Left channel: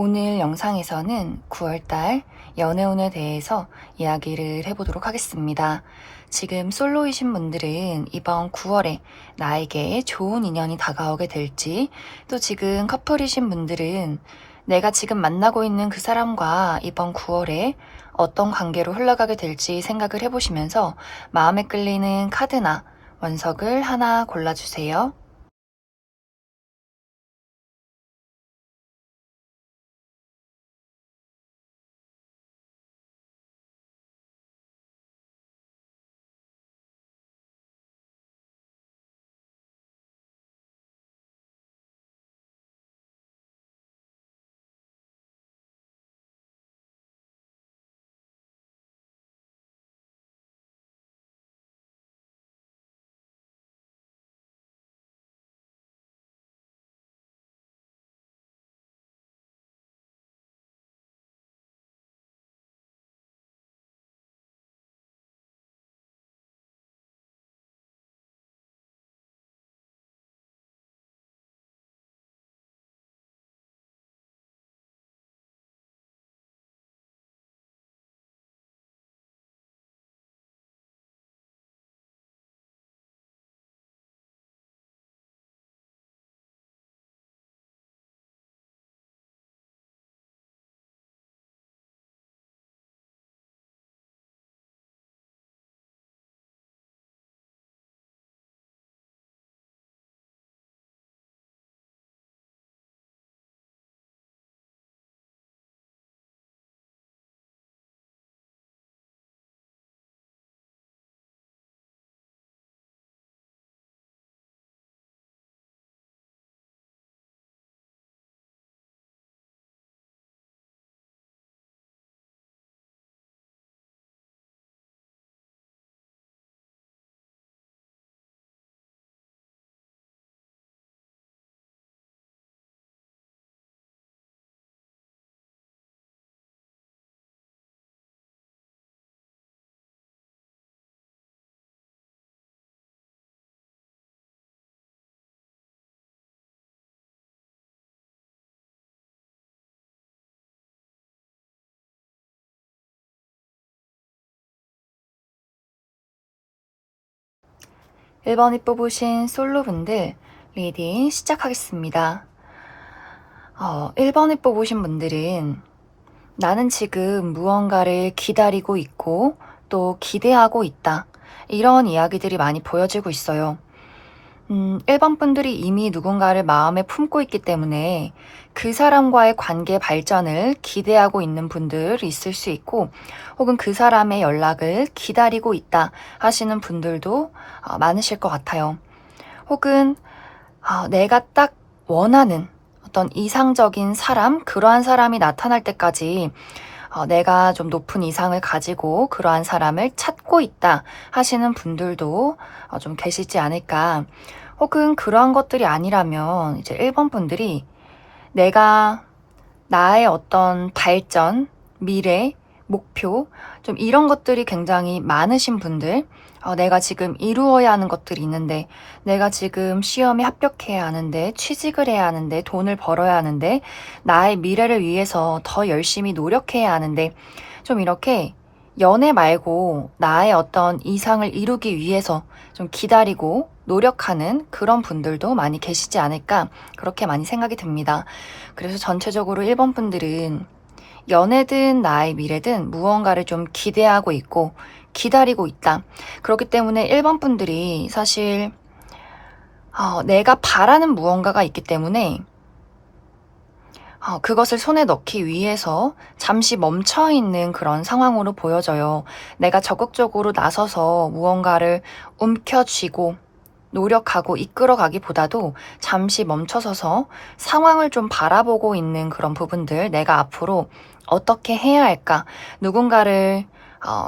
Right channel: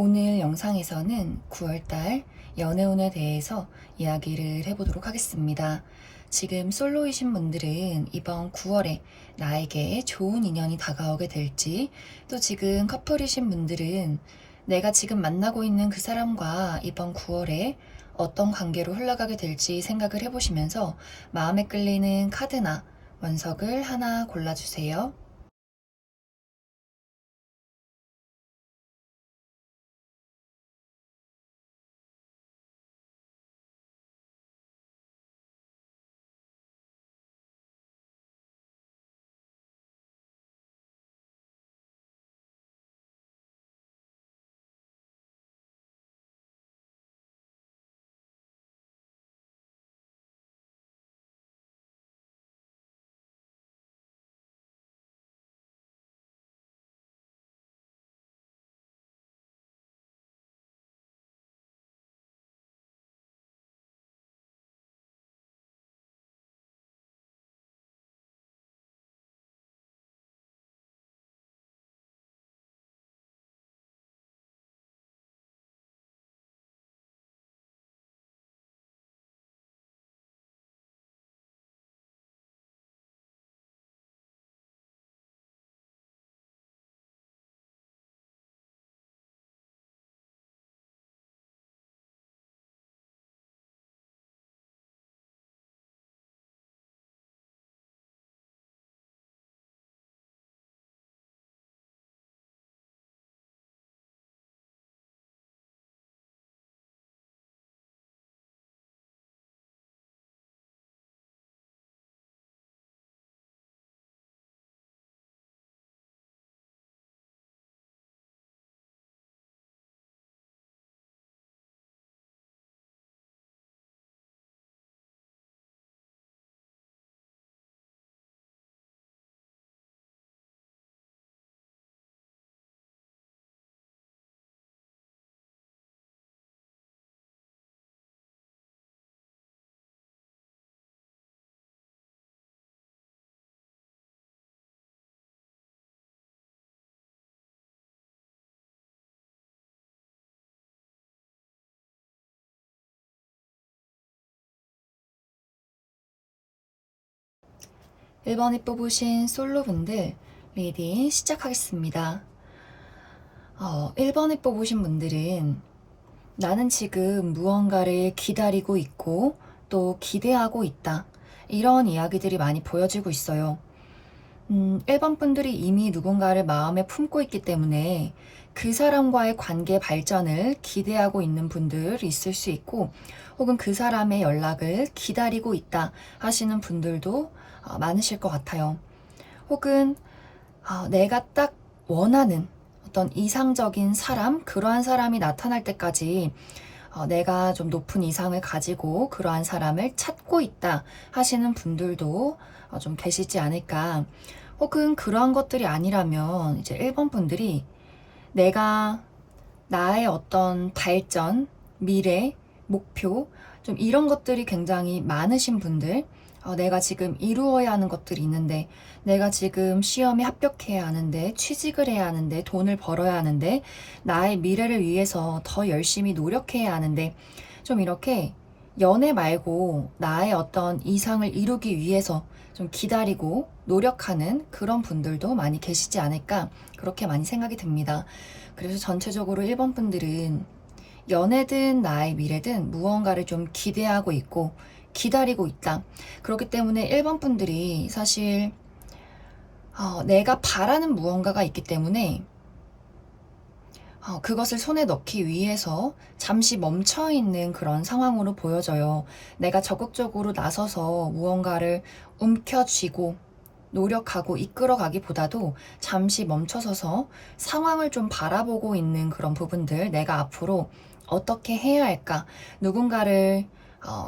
오늘 영상에서는 9월달 연애운에 대해서 이야기를 해보도록 하겠습니다. 지금 솔로이신 분들은 이번 9월에 나에게 좋은 인연이 다가오게 될지, 또 지금 커플이신 분들은 내가 지금 만나고 있는 그 사람과 이번 9월에 어떤 관계로 흘러가게 될지 생각을 해보시면서 마음에 끌리는 카드나 원석을 하나 골라주세요. 1번이 뽑으신 솔로분들 리딩 시작하겠습니다. 1번이 뽑으신 분들은 나는 지금 무언가를 기다리고 있고 또 기대하고 있다. 이런 이야기들이 많이 보여지고 있어요. 1번 분들이 이미 누군가를 마음에 품고 있기 때문에 그 사람과의 관계 발전을 기대하고 있는 분들 있을 수 있고, 혹은 그 사람의 연락을 기다리고 있다 하시는 분들도 많으실 것 같아요. 혹은 내가 딱 원하는 어떤 이상적인 사람, 그러한 사람이 나타날 때까지 내가 좀 높은 이상을 가지고 그러한 사람을 찾고 있다 하시는 분들도 좀 계시지 않을까. 혹은 그러한 것들이 아니라면 이제 1번 분들이 내가 나의 어떤 발전, 미래, 목표, 좀 이런 것들이 굉장히 많으신 분들, 내가 지금 이루어야 하는 것들이 있는데, 내가 지금 시험에 합격해야 하는데, 취직을 해야 하는데, 돈을 벌어야 하는데, 나의 미래를 위해서 더 열심히 노력해야 하는데, 좀 이렇게 연애 말고 나의 어떤 이상을 이루기 위해서 좀 기다리고 노력하는 그런 분들도 많이 계시지 않을까, 그렇게 많이 생각이 듭니다. 그래서 전체적으로 1번 분들은 연애든 나의 미래든 무언가를 좀 기대하고 있고 기다리고 있다. 그렇기 때문에 1번 분들이 사실 내가 바라는 무언가가 있기 때문에 그것을 손에 넣기 위해서 잠시 멈춰 있는 그런 상황으로 보여져요. 내가 적극적으로 나서서 무언가를 움켜쥐고 노력하고 이끌어가기보다도 잠시 멈춰서서 상황을 좀 바라보고 있는 그런 부분들, 내가 앞으로 어떻게 해야 할까? 누군가를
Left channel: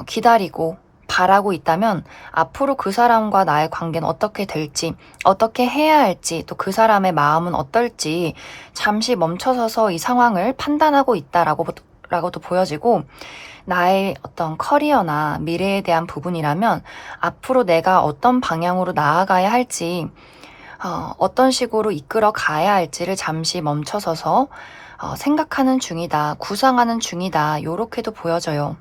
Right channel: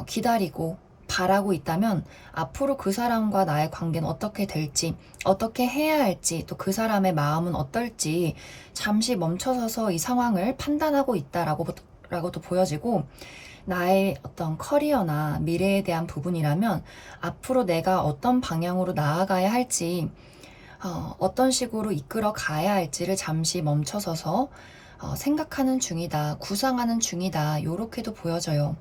기다리고 바라고 있다면 앞으로 그 사람과 나의 관계는 어떻게 될지, 어떻게 해야 할지, 또 그 사람의 마음은 어떨지 잠시 멈춰서서 이 상황을 판단하고 있다라고도 보여지고, 나의 어떤 커리어나 미래에 대한 부분이라면 앞으로 내가 어떤 방향으로 나아가야 할지, 어떤 식으로 이끌어 가야 할지를 잠시 멈춰서서 생각하는 중이다, 구상하는 중이다, 요렇게도 보여져요.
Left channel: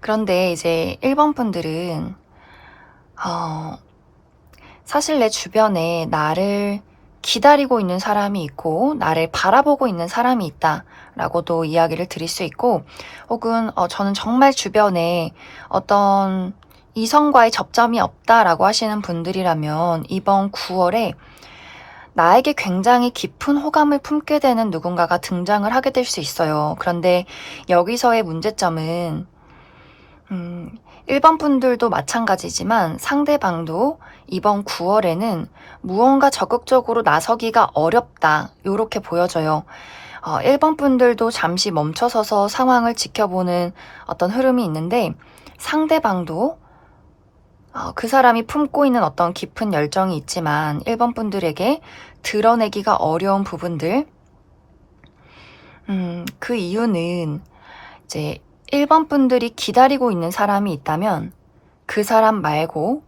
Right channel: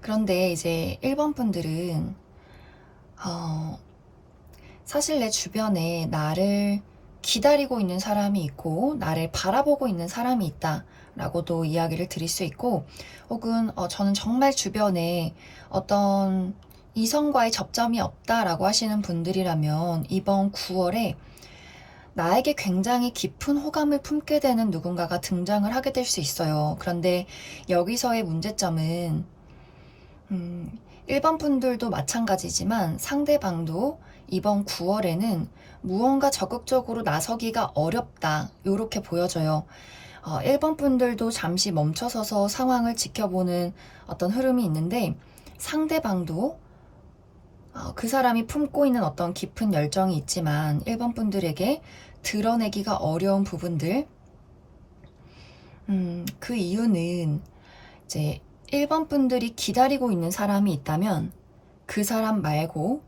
그런데 이제 1번 분들은 사실 내 주변에 나를 기다리고 있는 사람이 있고 나를 바라보고 있는 사람이 있다라고도 이야기를 드릴 수 있고, 혹은 저는 정말 주변에 어떤 이성과의 접점이 없다라고 하시는 분들이라면 이번 9월에 나에게 굉장히 깊은 호감을 품게 되는 누군가가 등장을 하게 될 수 있어요. 그런데 여기서의 문제점은 1번 분들도 마찬가지지만 상대방도 이번 9월에는 무언가 적극적으로 나서기가 어렵다, 요렇게 보여져요. 1번 분들도 잠시 멈춰서서 상황을 지켜보는 어떤 흐름이 있는데, 상대방도 그 사람이 품고 있는 어떤 깊은 열정이 있지만 1번 분들에게 드러내기가 어려운 부분들, 그 이유는 이제 1번 분들이 기다리고 있는 사람이 있다면 그 사람 말고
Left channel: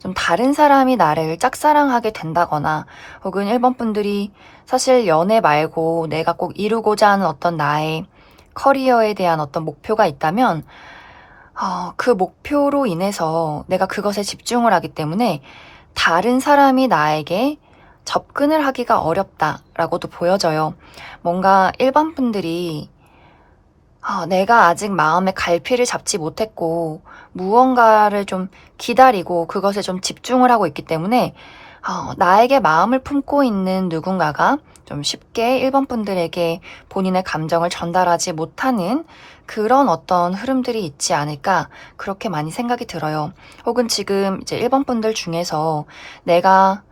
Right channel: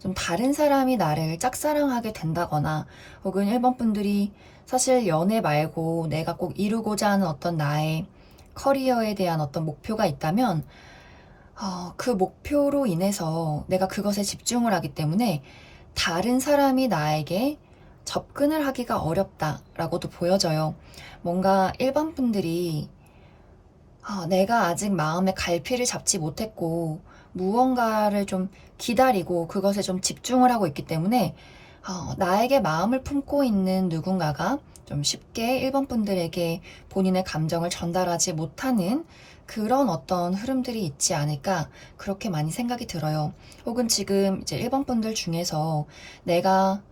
좀 다른 사람이 나를 짝사랑하게 된다거나, 혹은 1번 분들이 사실 연애 말고 내가 꼭 이루고자 하는 어떤 나의 커리어에 대한 어떤 목표가 있다면 그 목표로 인해서 내가 그것에 집중을 하기 때문에 다른 사람이 나에게 접근을 하기가 어렵다라고도 보여져요. 뭔가 1번 분들이 내가 아직 마음의 갈피를 잡지 못했고 무언가를 좀 기다리고 그것에 좀 집중을 하고 있기 때문에 나에게 마음을 품고 있는 누군가가 좀 쉽게 1번 분들에게 본인의 감정을 전달하지 못하는 그런 어떤 흐름들이 있지 않을까, 그렇게 많이 생각이 들어요. 혹은 지금 이제 1번 분들 중에서 내가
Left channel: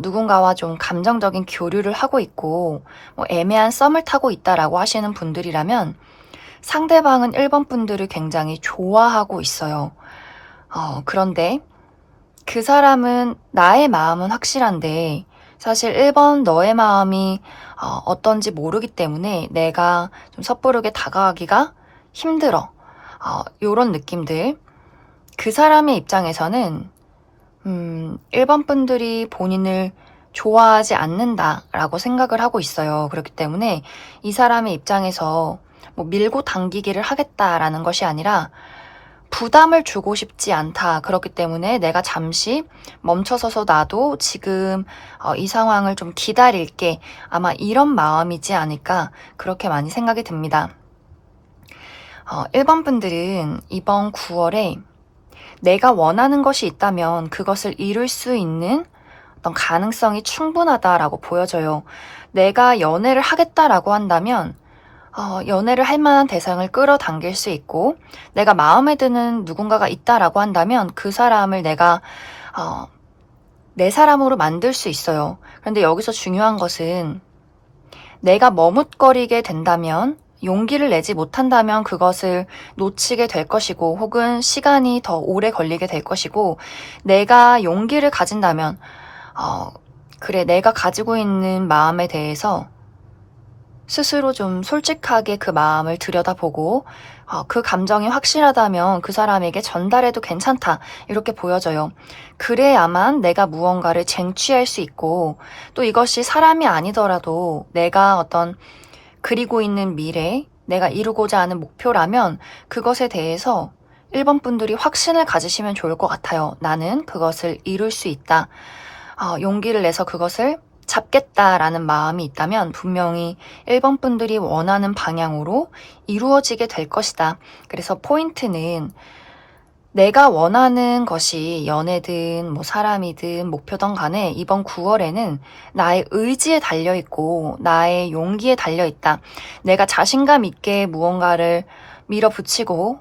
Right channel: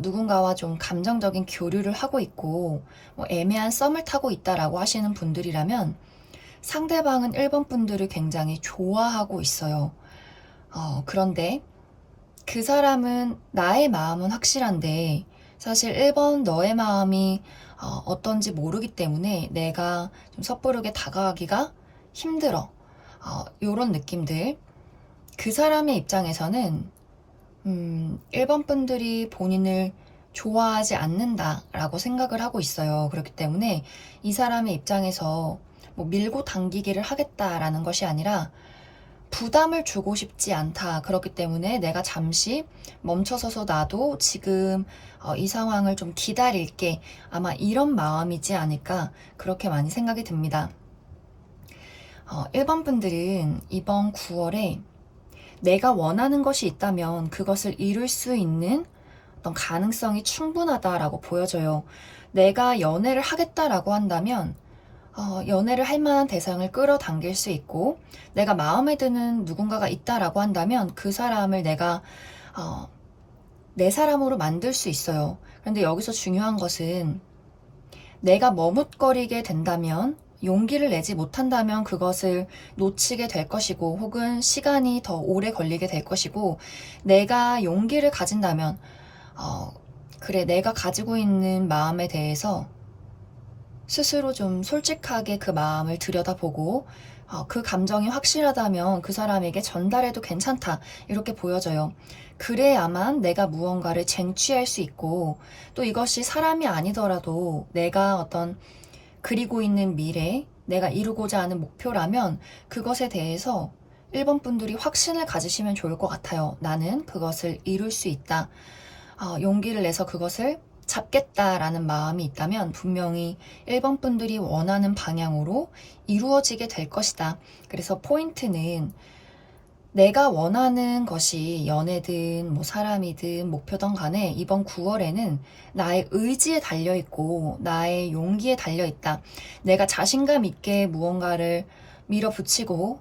누군가와 좀 감정적인 교류를 하고 있고 뭐 애매한 썸을 타고 있다라고 하시는 분들이라면 상대방은 1번 분들을 굉장히 좋아하고 있어요. 그런데 그 사람은 나의 마음은 확실한데 사실 1번 너의 마음이 어떤지 모르기 때문에 내가 좀 섣부르게 다가가기가 힘들어. 요런 느낌들. 그 사람의 입장에서는 1번 분들이 본인을 좋아하지 않는다라고 생각을 하고 있어요. 그렇기 때문에 이 사람의 입장에서 뭐 밀고 당기기를 하겠다라는 것이 아니라 부담을 주고 싶지 않다. 그렇기 때문에 내가 잠시 멈춰서서 나도 지금 이 상황을 좀 기다릴게. 아마 이런 마음이지 않을까, 그렇게 많이 생각이 듭니다. 1번 분들은 이번 9월에 내가 원하는 것이 있다면 그것을 이룰 수 있는 어떤 가능성이 충분하다라고 보여져요. 내가 연애를 하겠다라고 한다면 연애를 할 만한 대상을 끌어당길 수 있고, 내가 마음에 드는 누군가가 있다라고 한다면 그 사람을 내가 내 사람으로 만들 수 있어요. 그런데 여기서 중요한 것은 내가 머뭇거리게 된다면, 용기를 내지 못한다면 그것을 놓치게 될 것이고, 혹은 시간이 더 오래 걸리게 될 것이고, 내가 용기를 가진다면 그래, 내가 가지고 있는 마음에 대해서 스스로 좀 솔직하게 그 마음을 들여다보고 그 감정이 확실하다면 그 사람에게 전달해도 괜찮다, 이렇게 보여져요. 그래야만 내가 무언가를 쟁취할 수 있고, 또 이것이 사람이 아니더라도 내가 어떤 그리고 있는 미래, 내가 이루고자 하는 목표라면 그것에 대해서 1번 분들이 확신을 가지시면 좋을 것 같아요. 나는 그것을 이룰 수 있다. 용기를 내서 그것을 잡겠다라는 마음이 있다면 분명히 1번 분들이 원하는 방향으로 이루어지게 될 것이다. 그래서 포인트는 내가 원하는 것이 연애든 뭐 사람이든 목표든 간에 이번 9월에는 나의 의지에 달려있고 나의 용기에 달려있다. 내가 자신감 있게 무언가를 밀어붙이고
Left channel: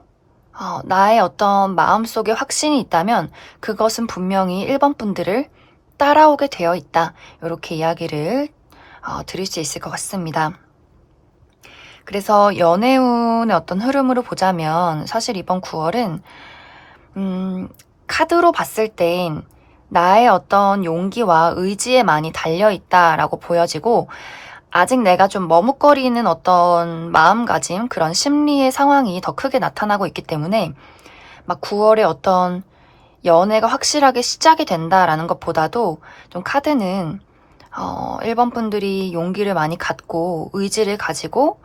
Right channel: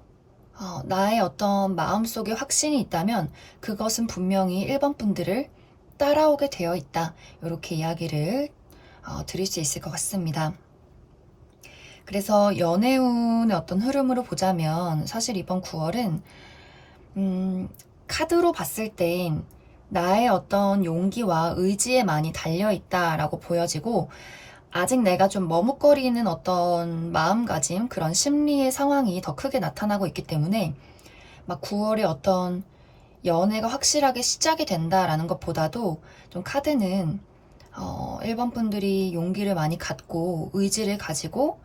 나의 어떤 마음속에 확신이 있다면 그것은 분명히 1번 분들을 따라오게 되어 있다. 이렇게 이야기를 드릴 수 있을 것 같습니다. 그래서 연애운의 어떤 흐름으로 보자면 사실 이번 9월은 카드로 봤을 땐 나의 어떤 용기와 의지에 많이 달려있다라고 보여지고, 아직 내가 좀 머뭇거리는 어떤 마음가짐, 그런 심리의 상황이 더 크게 나타나고 있기 때문에 막 9월에 어떤 연애가 확실하게 시작이 된다라는 것보다도 좀 카드는 1번 분들이 용기를 많이 갖고 의지를 가지고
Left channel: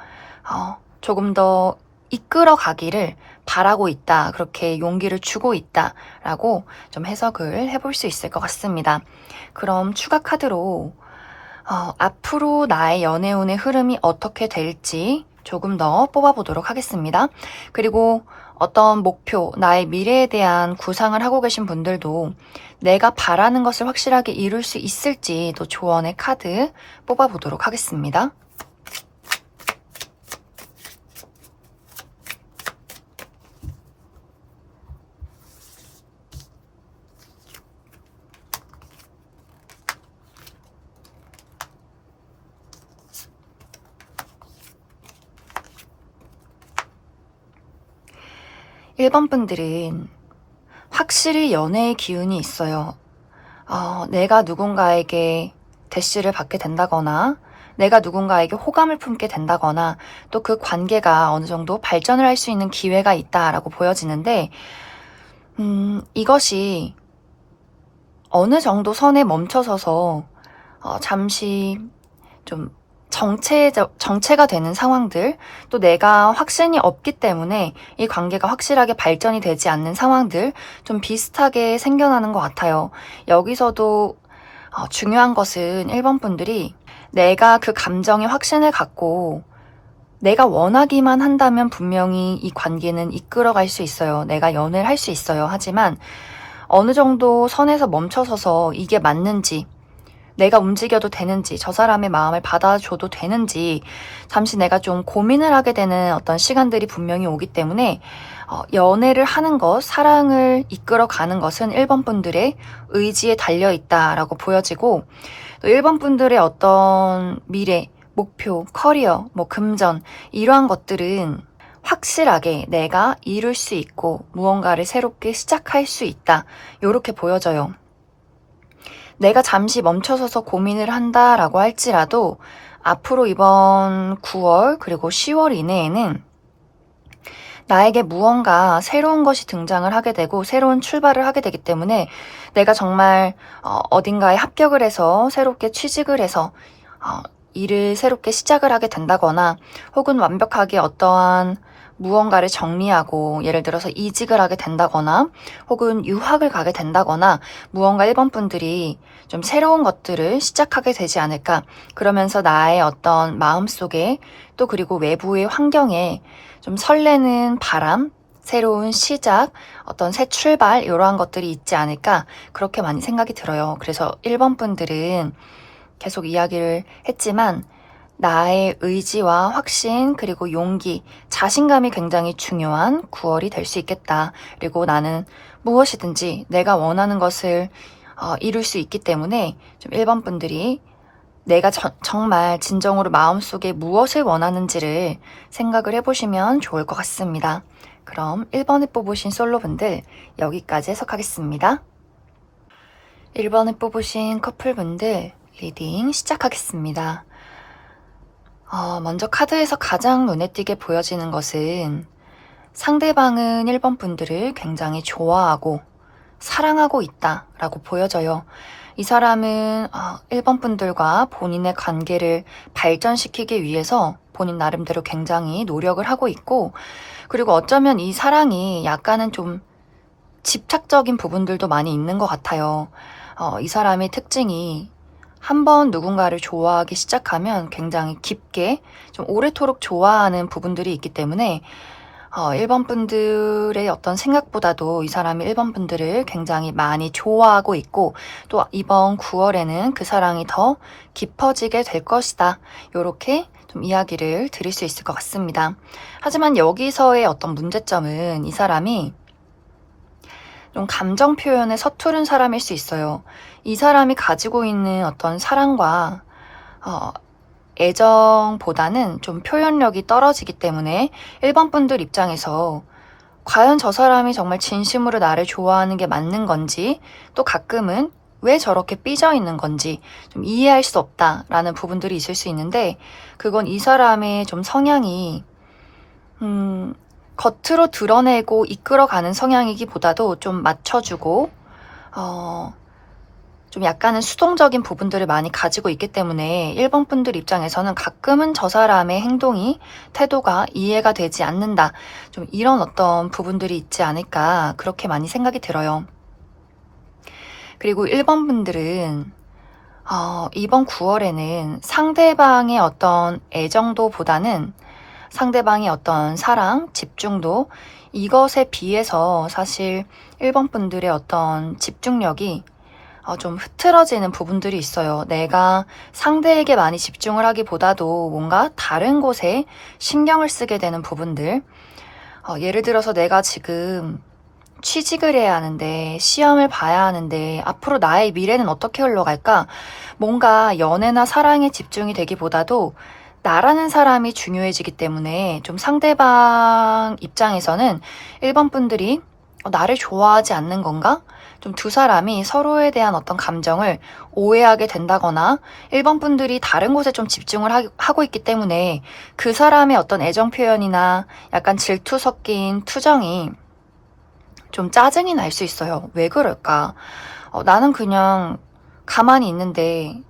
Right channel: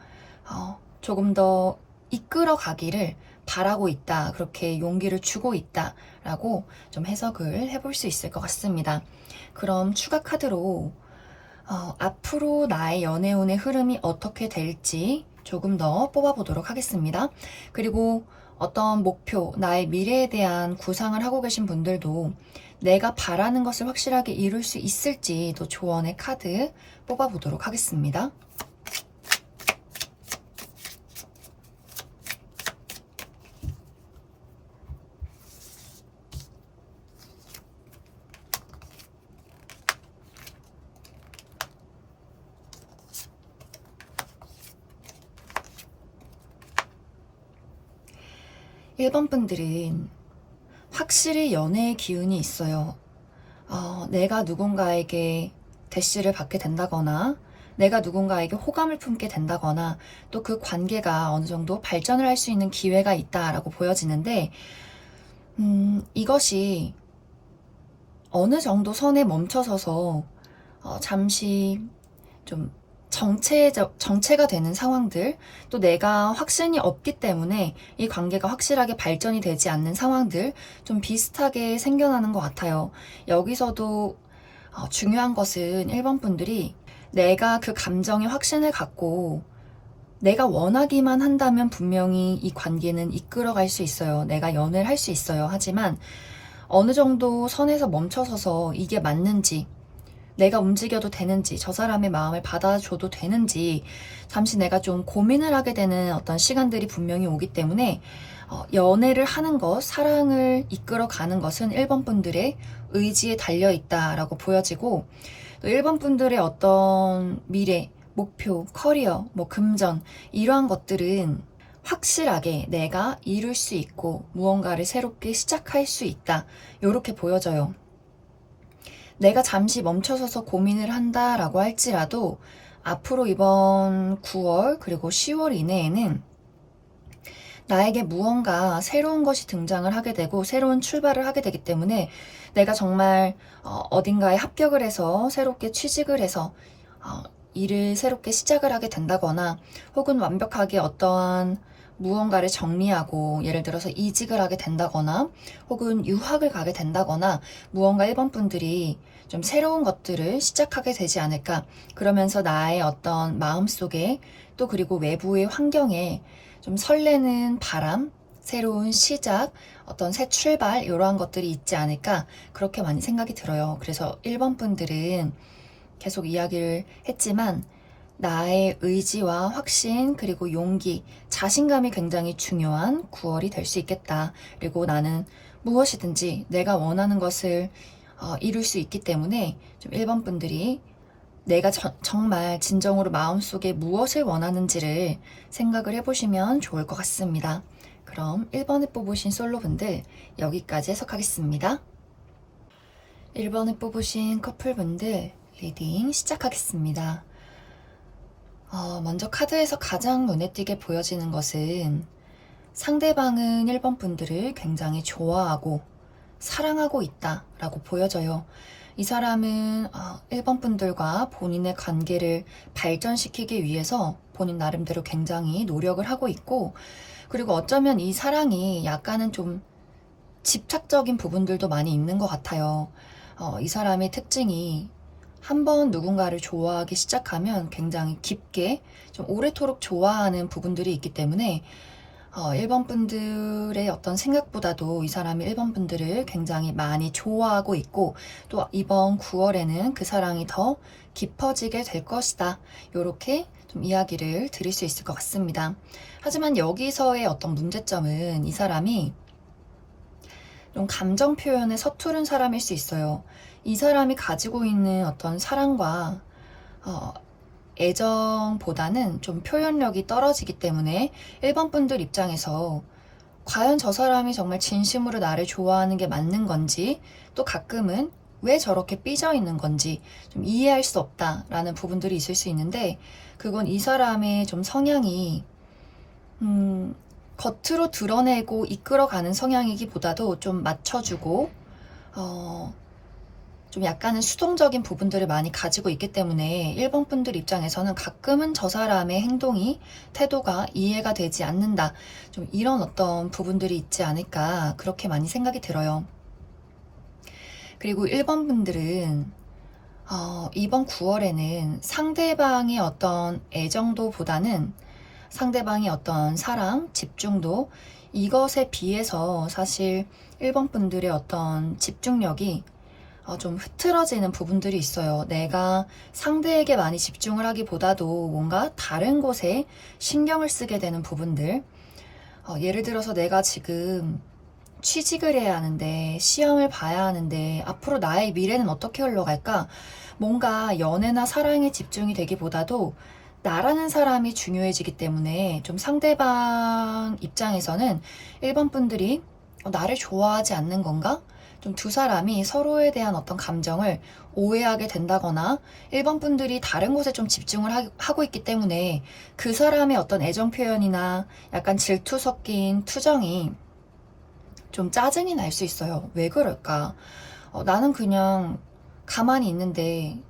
조금 더 이끌어 가기를 바라고 있다. 그렇게 용기를 주고 있다라고 좀 해석을 해볼 수 있을 것 같습니다. 그럼 추가 카드로 앞으로 나의 연애운의 흐름이 어떻게 될지 조금 더 뽑아보도록 하겠습니다. 그리고 어떤 목표, 나의 미래에 대한 구상을 하고 계신 분들도 내가 바라는 것을 확실하게 이룰 수 있을지 또 조언의 카드 뽑아보도록 하겠습니다. 1번 분들은 확실히 연애의 기운이 있어요. 내가 누군가에게 대시를 받게 된다거나 내가 누군가에게 호감을 품게 된다거나 또 그 관계가 어느 정도 발전을 할 수 있는 기회가 있다라고 보여지는데 이것이 어느 정도 선에 멈춰서서 잠시 좀 정체가 되는 상황들, 또 내가 확신이 없기 때문에 이 관계가 확실하게 발전이 되지 않는 상황들 좀 비슷하게 생겨나는 것 같아요. 여기서도 중요한 것은 1번 분들이 내가 그 감정에 확신을 갖고 내가 원하기만 한다면 분명히 이 관계는 이끌어갈 수 있어요. 내가 연애를 할 수 있어요. 하지만 어느 정도 선에서 멈춰서서 이게 맞는지, 내가 움직여도 되는지, 저 사람의 마음을 받아줘도 되는지 잠시 내가 좀 고민을 하게 되는 어떤 시간들이 분명히 오기 때문에 연애를 하는 것, 사랑을 이끌어가는 것은 1번 분들의 의지에 달려있다라고 보여지고 또 1번 분들의 어떤 미래, 목표, 커리어, 금전 이러한 것들은 확실하게 내가 이룰 수 있고 무언가를 새롭게 시작할 수 있다. 이렇게 보여져요. 내가 잠시 멈춰서서 고민을 한다라고 할지라도 앞으로 이번 9월 그리고 10월 이내에는 나에게 무언가 새로운 것이 등장을 하게 되고 새로운 출발을 하게 되기 때문에 내가 정말 어딘가에 합격을 해서 새롭게 취직을 해서 일을 새롭게 시작을 하게 된다거나 혹은 완벽하게 어떠한 무언가를 정리하고 예를 들어서 이직을 하게 된다거나 혹은 유학을 가게 된다거나 무언가 1번 분들이 좀 새로운 것들을 시작하게 되지 않을까. 그러면서 나의 어떤 마음속에 또 그리고 외부의 환경에 좀 설레는 바람, 새로운 시작, 어떤 새 출발 이러한 것들이 있지 않을까 그렇게 많이 생각이 들어요. 그래서 1번 분들은 계속 이야기를 했지만 나의 의지와 확신 그리고 용기, 자신감이 굉장히 중요한 9월이 될 수 있겠다. 그리고 나는 무엇이든지 내가 원하는 것을 이룰 수 있기 때문에 좀 1번 분들이 내가 정말 진정으로 마음속에 무엇을 원하는지를 생각을 해보시면 좋을 것 같습니다. 그럼 1번을 뽑으신 솔로분들 여기까지 해석하겠습니다. 1번을 뽑으신 커플분들 리딩 시작하겠습니다. 먼저 카드에서 가장 눈에 띄게 보여지는 것은 상대방은 1번 분들을 굉장히 좋아하고 사랑하고 있다라고 보여져요. 이 사람은 1번 분들과 본인의 관계를 발전시키기 위해서 본인 나름대로 굉장히 노력을 하고 있고 그리고 어쩌면 이 사랑이 약간은 좀 집착적인 부분들도 많이 있는 것 같아요. 이 사람의 특징이 한번 누군가를 좋아하기 시작하면 굉장히 깊게 좀 오래도록 좋아하는 부분들이 있기 때문에 1번 분들의 어떤 생각보다도 이 사람이 1번 분들을 굉장히 많이 좋아하고 있고 또 이번 9월에는 그 사랑이 더 깊어지게 될 것이다. 이렇게 좀 이야기를 드릴 수 있을 것 같습니다. 하지만 여기서의 어떤 문제점은 이 사람이 좀 감정 표현에 서투른 사람일 수 있어요. 이 사람이 가지고 있는 어떤 사랑과 애정보다는 좀 표현력이 떨어지기 때문에 1번 분들 입장에서 과연 저 사람이 정말 진심으로 나를 좋아하는 게 맞는 건지 또 가끔은 왜 저렇게 삐져 있는 건지 좀 이해할 수 없다라는 부분들이 있을 수 있는데 그건 이 사람의 좀 성향이 겉으로 드러내고 이끌어가는 성향이기보다도 좀 맞춰주고 좀 약간은 수동적인 부분들을 많이 가지고 있기 때문에 1번 분들 입장에서는 가끔은 저 사람의 행동이, 태도가 이해가 되지 않는다. 좀 이런 어떤 부분들이 있지 않을까 그렇게 많이 생각이 들어요. 그리고 1번 분들은 이번 9월에는 상대방의 어떤 애정도보다는 상대방의 어떤 사랑, 집중도 이것에 비해서 사실 1번 분들의 어떤 집중력이 좀 흐트러지는 부분들이 있어요. 내가 상대에게 많이 집중을 하기보다도 뭔가 다른 곳에 신경을 쓰게 되는 부분들. 예를 들어서 내가 지금 취직을 해야 하는데, 시험을 봐야 하는데, 앞으로 나의 미래는 어떻게 흘러갈까? 뭔가 연애나 사랑에 집중이 되기보다도 나라는 사람이 중요해지기 때문에 좀 상대방 입장에서는 1번 분들이 나를 좋아하지 않는 건가? 좀 두 사람이 서로에 대한 어떤 감정을 오해하게 된다거나 1번 분들이 다른 곳에 좀 집중을 하고 있기 때문에 그 사람의 어떤 애정 표현이나 약간 질투 섞인 투정이 좀 짜증이 날 수 있어요. 왜 그럴까? 나는 그냥 가만히 있는데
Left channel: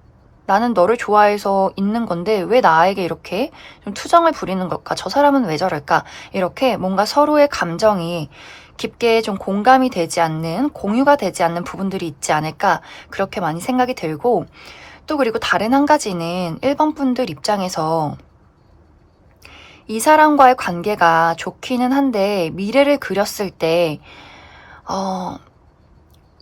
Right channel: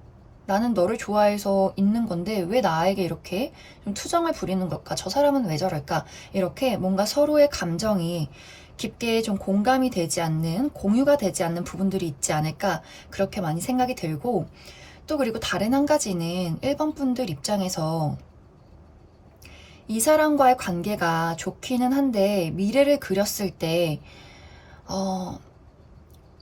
나는 너를 좋아해서 있는 건데 왜 나에게 이렇게 좀 투정을 부리는 걸까? 저 사람은 왜 저럴까? 이렇게 뭔가 서로의 감정이 깊게 좀 공감이 되지 않는, 공유가 되지 않는 부분들이 있지 않을까? 그렇게 많이 생각이 들고, 또 그리고 다른 한 가지는 1번 분들 입장에서 이 사람과의 관계가 좋기는 한데 미래를 그렸을 때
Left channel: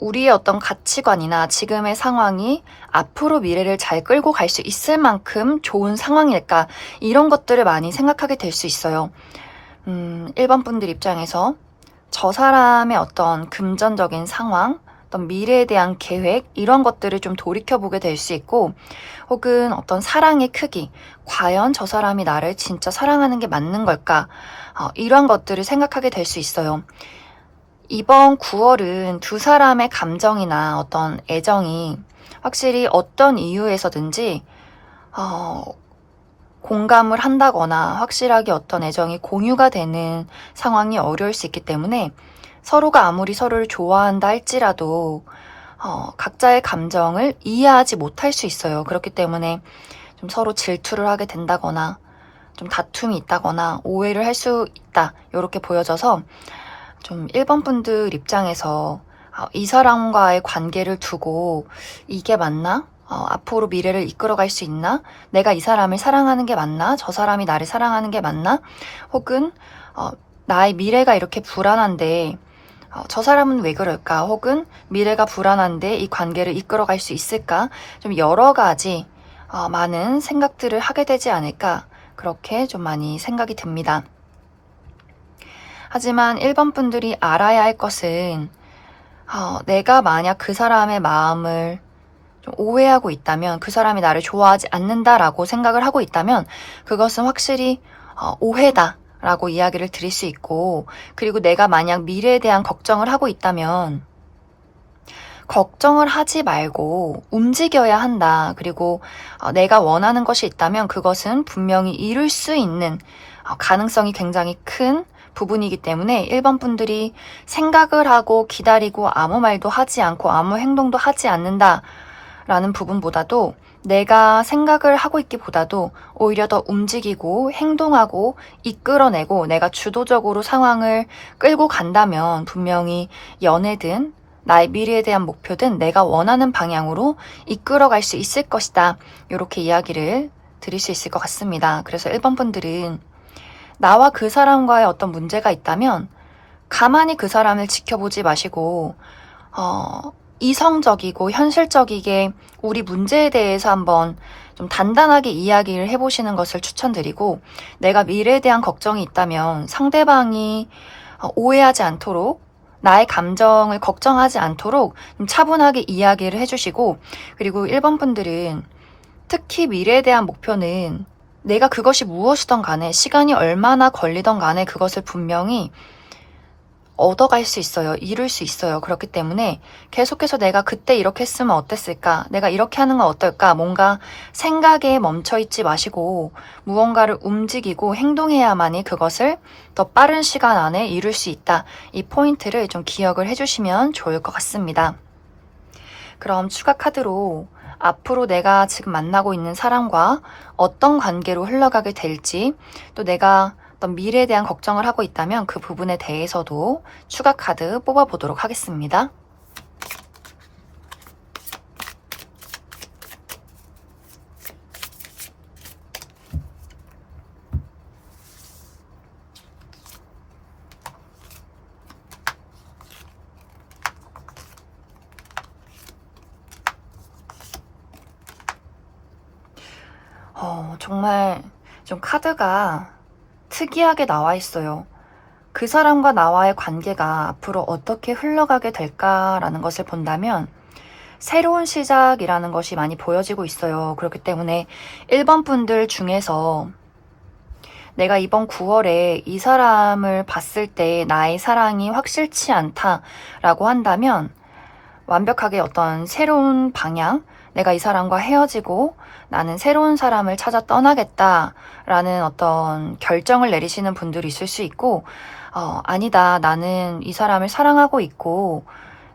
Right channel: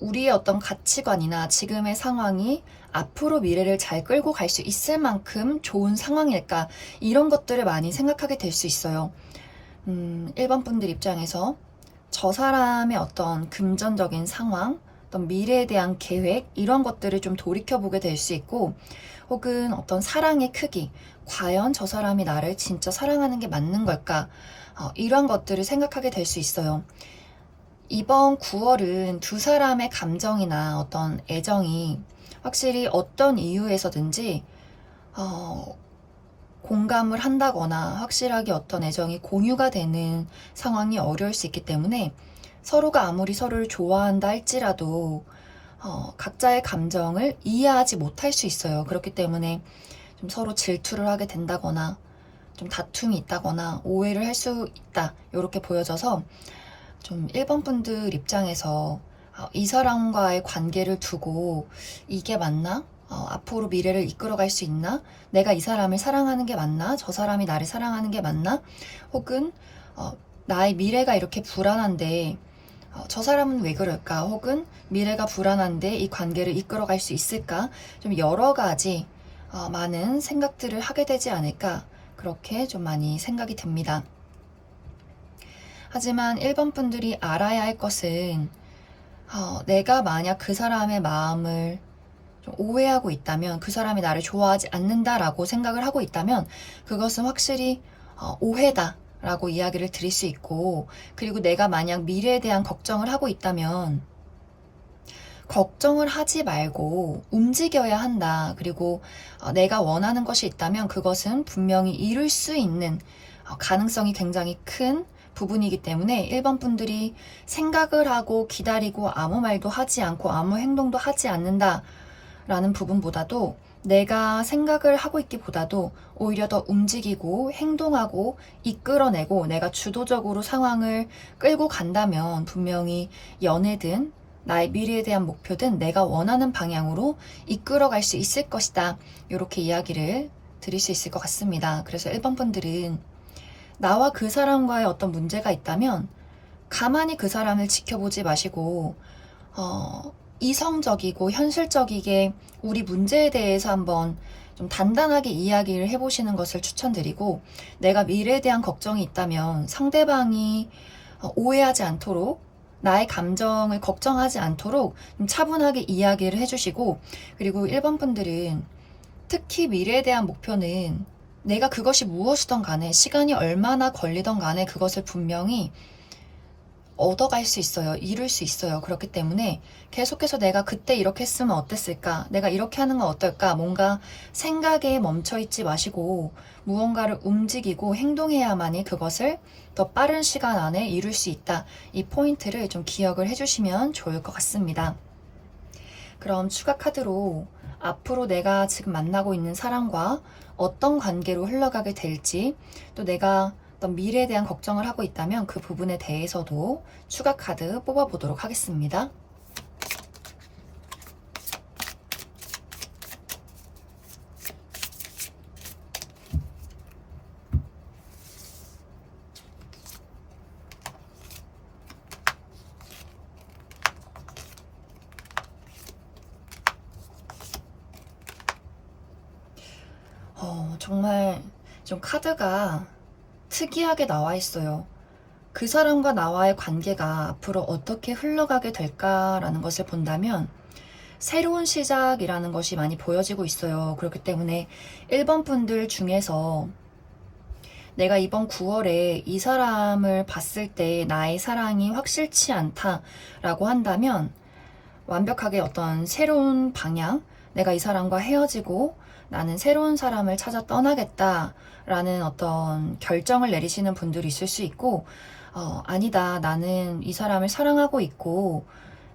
우리의 어떤 가치관이나 지금의 상황이 앞으로 미래를 잘 끌고 갈 수 있을 만큼 좋은 상황일까? 이런 것들을 많이 생각하게 될 수 있어요. 1번 분들 입장에서 저 사람의 어떤 금전적인 상황, 어떤 미래에 대한 계획, 이런 것들을 좀 돌이켜보게 될 수 있고, 혹은 어떤 사랑의 크기, 과연 저 사람이 나를 진짜 사랑하는 게 맞는 걸까? 이런 것들을 생각하게 될 수 있어요. 이번 9월은 두 사람의 감정이나 어떤 애정이 확실히 어떤 이유에서든지 공감을 한다거나 확실하게 어떤 애정이 공유가 되는 상황이 어려울 수 있기 때문에 서로가 아무리 서로를 좋아한다 할지라도 각자의 감정을 이해하지 못할 수 있어요. 그렇기 때문에 좀 서로 질투를 하게 된다거나 좀 다툼이 있다거나 오해를 할 수 있다. 이렇게 보여져서 좀 1번 분들 입장에서 이 사람과의 관계를 두고 이게 맞나? 앞으로 미래를 이끌어갈 수 있나? 내가 이 사람을 사랑하는 게 맞나? 저 사람이 나를 사랑하는 게 맞나? 혹은 나의 미래가 이렇게 불안한데 저 사람은 왜 그럴까? 혹은 미래가 불안한데 이 관계를 이끌어갈 수 있을까? 좀 여러 가지 많은 생각들을 하게 되지 않을까? 그렇게 좀 많이 생각이 듭니다. 하지만 1번 분들이 알아야 할 것은 내가 만약 그 사람의 마음을 좀 오해하고 있다면, 그 사람이 나를 좋아하지 않는다라고 생각을 하고 있다면 그것은 확실히 오해다라고 이야기를 드릴 수 있고, 그리고 내가 만약 미래에 대한 걱정을 하고 있다면 걱정을 하지 말고 움직여야 한다. 그리고 내가 원하는 것이 있다면 그것은 분명히 이룰 수 있는 가능성이 굉장히 큰 부분이기 때문에 1번 분들이 생각을 하고 기다리고 아무 말도 하지 않고 아무 행동도 하지 않는다라는 부분보다도 내가 생각을 하고 있기보다도 오히려 더 움직이고 행동하고 이끌어내고 내가 주도적으로 상황을 끌고 간다면 분명히 연애든 나의 미래에 대한 목표든 내가 원하는 방향으로 이끌어갈 수 있을 것이다. 이렇게 이야기를 드릴 수 있을 것 같습니다. 그래서 1번 분들은 나와 그 사람과의 어떤 문제가 있다면 가만히 그 사람을 지켜보지 마시고 이성적이고 현실적이게 우리 문제에 대해서 한번 좀 단단하게 이야기를 해보시는 것을 추천드리고, 내가 미래에 대한 걱정이 있다면 상대방이 오해하지 않도록, 나의 감정을 걱정하지 않도록 좀 차분하게 이야기를 해주시고, 그리고 1번 분들은 특히 미래에 대한 목표는 내가 그것이 무엇이든 간에 시간이 얼마나 걸리던 간에 그것을 분명히 얻어갈 수 있어요. 이룰 수 있어요. 그렇기 때문에 계속해서 내가 그때 이렇게 했으면 어땠을까? 내가 이렇게 하는 건 어떨까? 뭔가 생각에 멈춰 있지 마시고 무언가를 움직이고 행동해야만이 그것을 더 빠른 시간 안에 이룰 수 있다. 이 포인트를 좀 기억을 해주시면 좋을 것 같습니다. 그럼 추가 카드로 앞으로 내가 지금 만나고 있는 사람과 어떤 관계로 흘러가게 될지, 또 내가 어떤 미래에 대한 걱정을 하고 있다면 그 부분에 대해서도 추가 카드 뽑아보도록 하겠습니다. 정말 좀 카드가 특이하게 나와 있어요. 그 사람과 나와의 관계가 앞으로 어떻게 흘러가게 될까라는 것을 본다면 새로운 시작이라는 것이 많이 보여지고 있어요. 그렇기 때문에 1번 분들 중에서 내가 이번 9월에 이 사람을 봤을 때 나의 사랑이 확실치 않다라고 한다면 완벽하게 어떤 새로운 방향, 내가 이 사람과 헤어지고 나는 새로운 사람을 찾아 떠나겠다라는 어떤 결정을 내리시는 분들이 있을 수 있고, 아니다, 나는 이 사람을 사랑하고 있고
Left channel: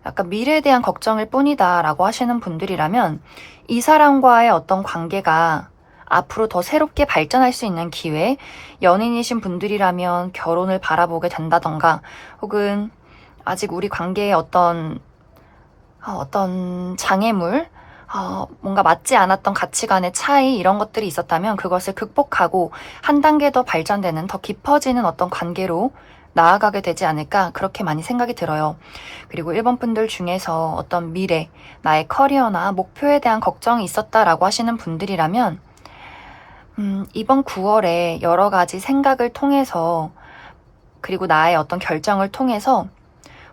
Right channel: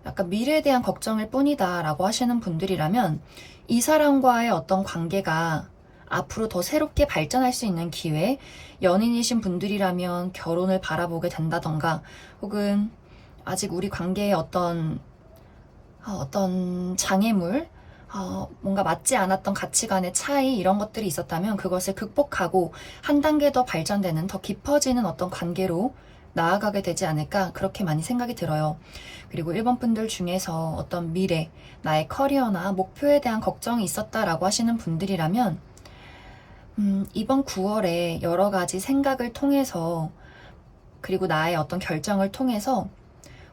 약간 미래에 대한 걱정일 뿐이다 라고 하시는 분들이라면 이 사람과의 어떤 관계가 앞으로 더 새롭게 발전할 수 있는 기회, 연인이신 분들이라면 결혼을 바라보게 된다던가, 혹은 아직 우리 관계에 어떤 장애물, 뭔가 맞지 않았던 가치관의 차이, 이런 것들이 있었다면 그것을 극복하고 한 단계 더 발전되는, 더 깊어지는 어떤 관계로 나아가게 되지 않을까, 그렇게 많이 생각이 들어요. 그리고 1번 분들 중에서 어떤 미래, 나의 커리어나 목표에 대한 걱정이 있었다라고 하시는 분들이라면 이번 9월에 여러 가지 생각을 통해서, 그리고 나의 어떤 결정을 통해서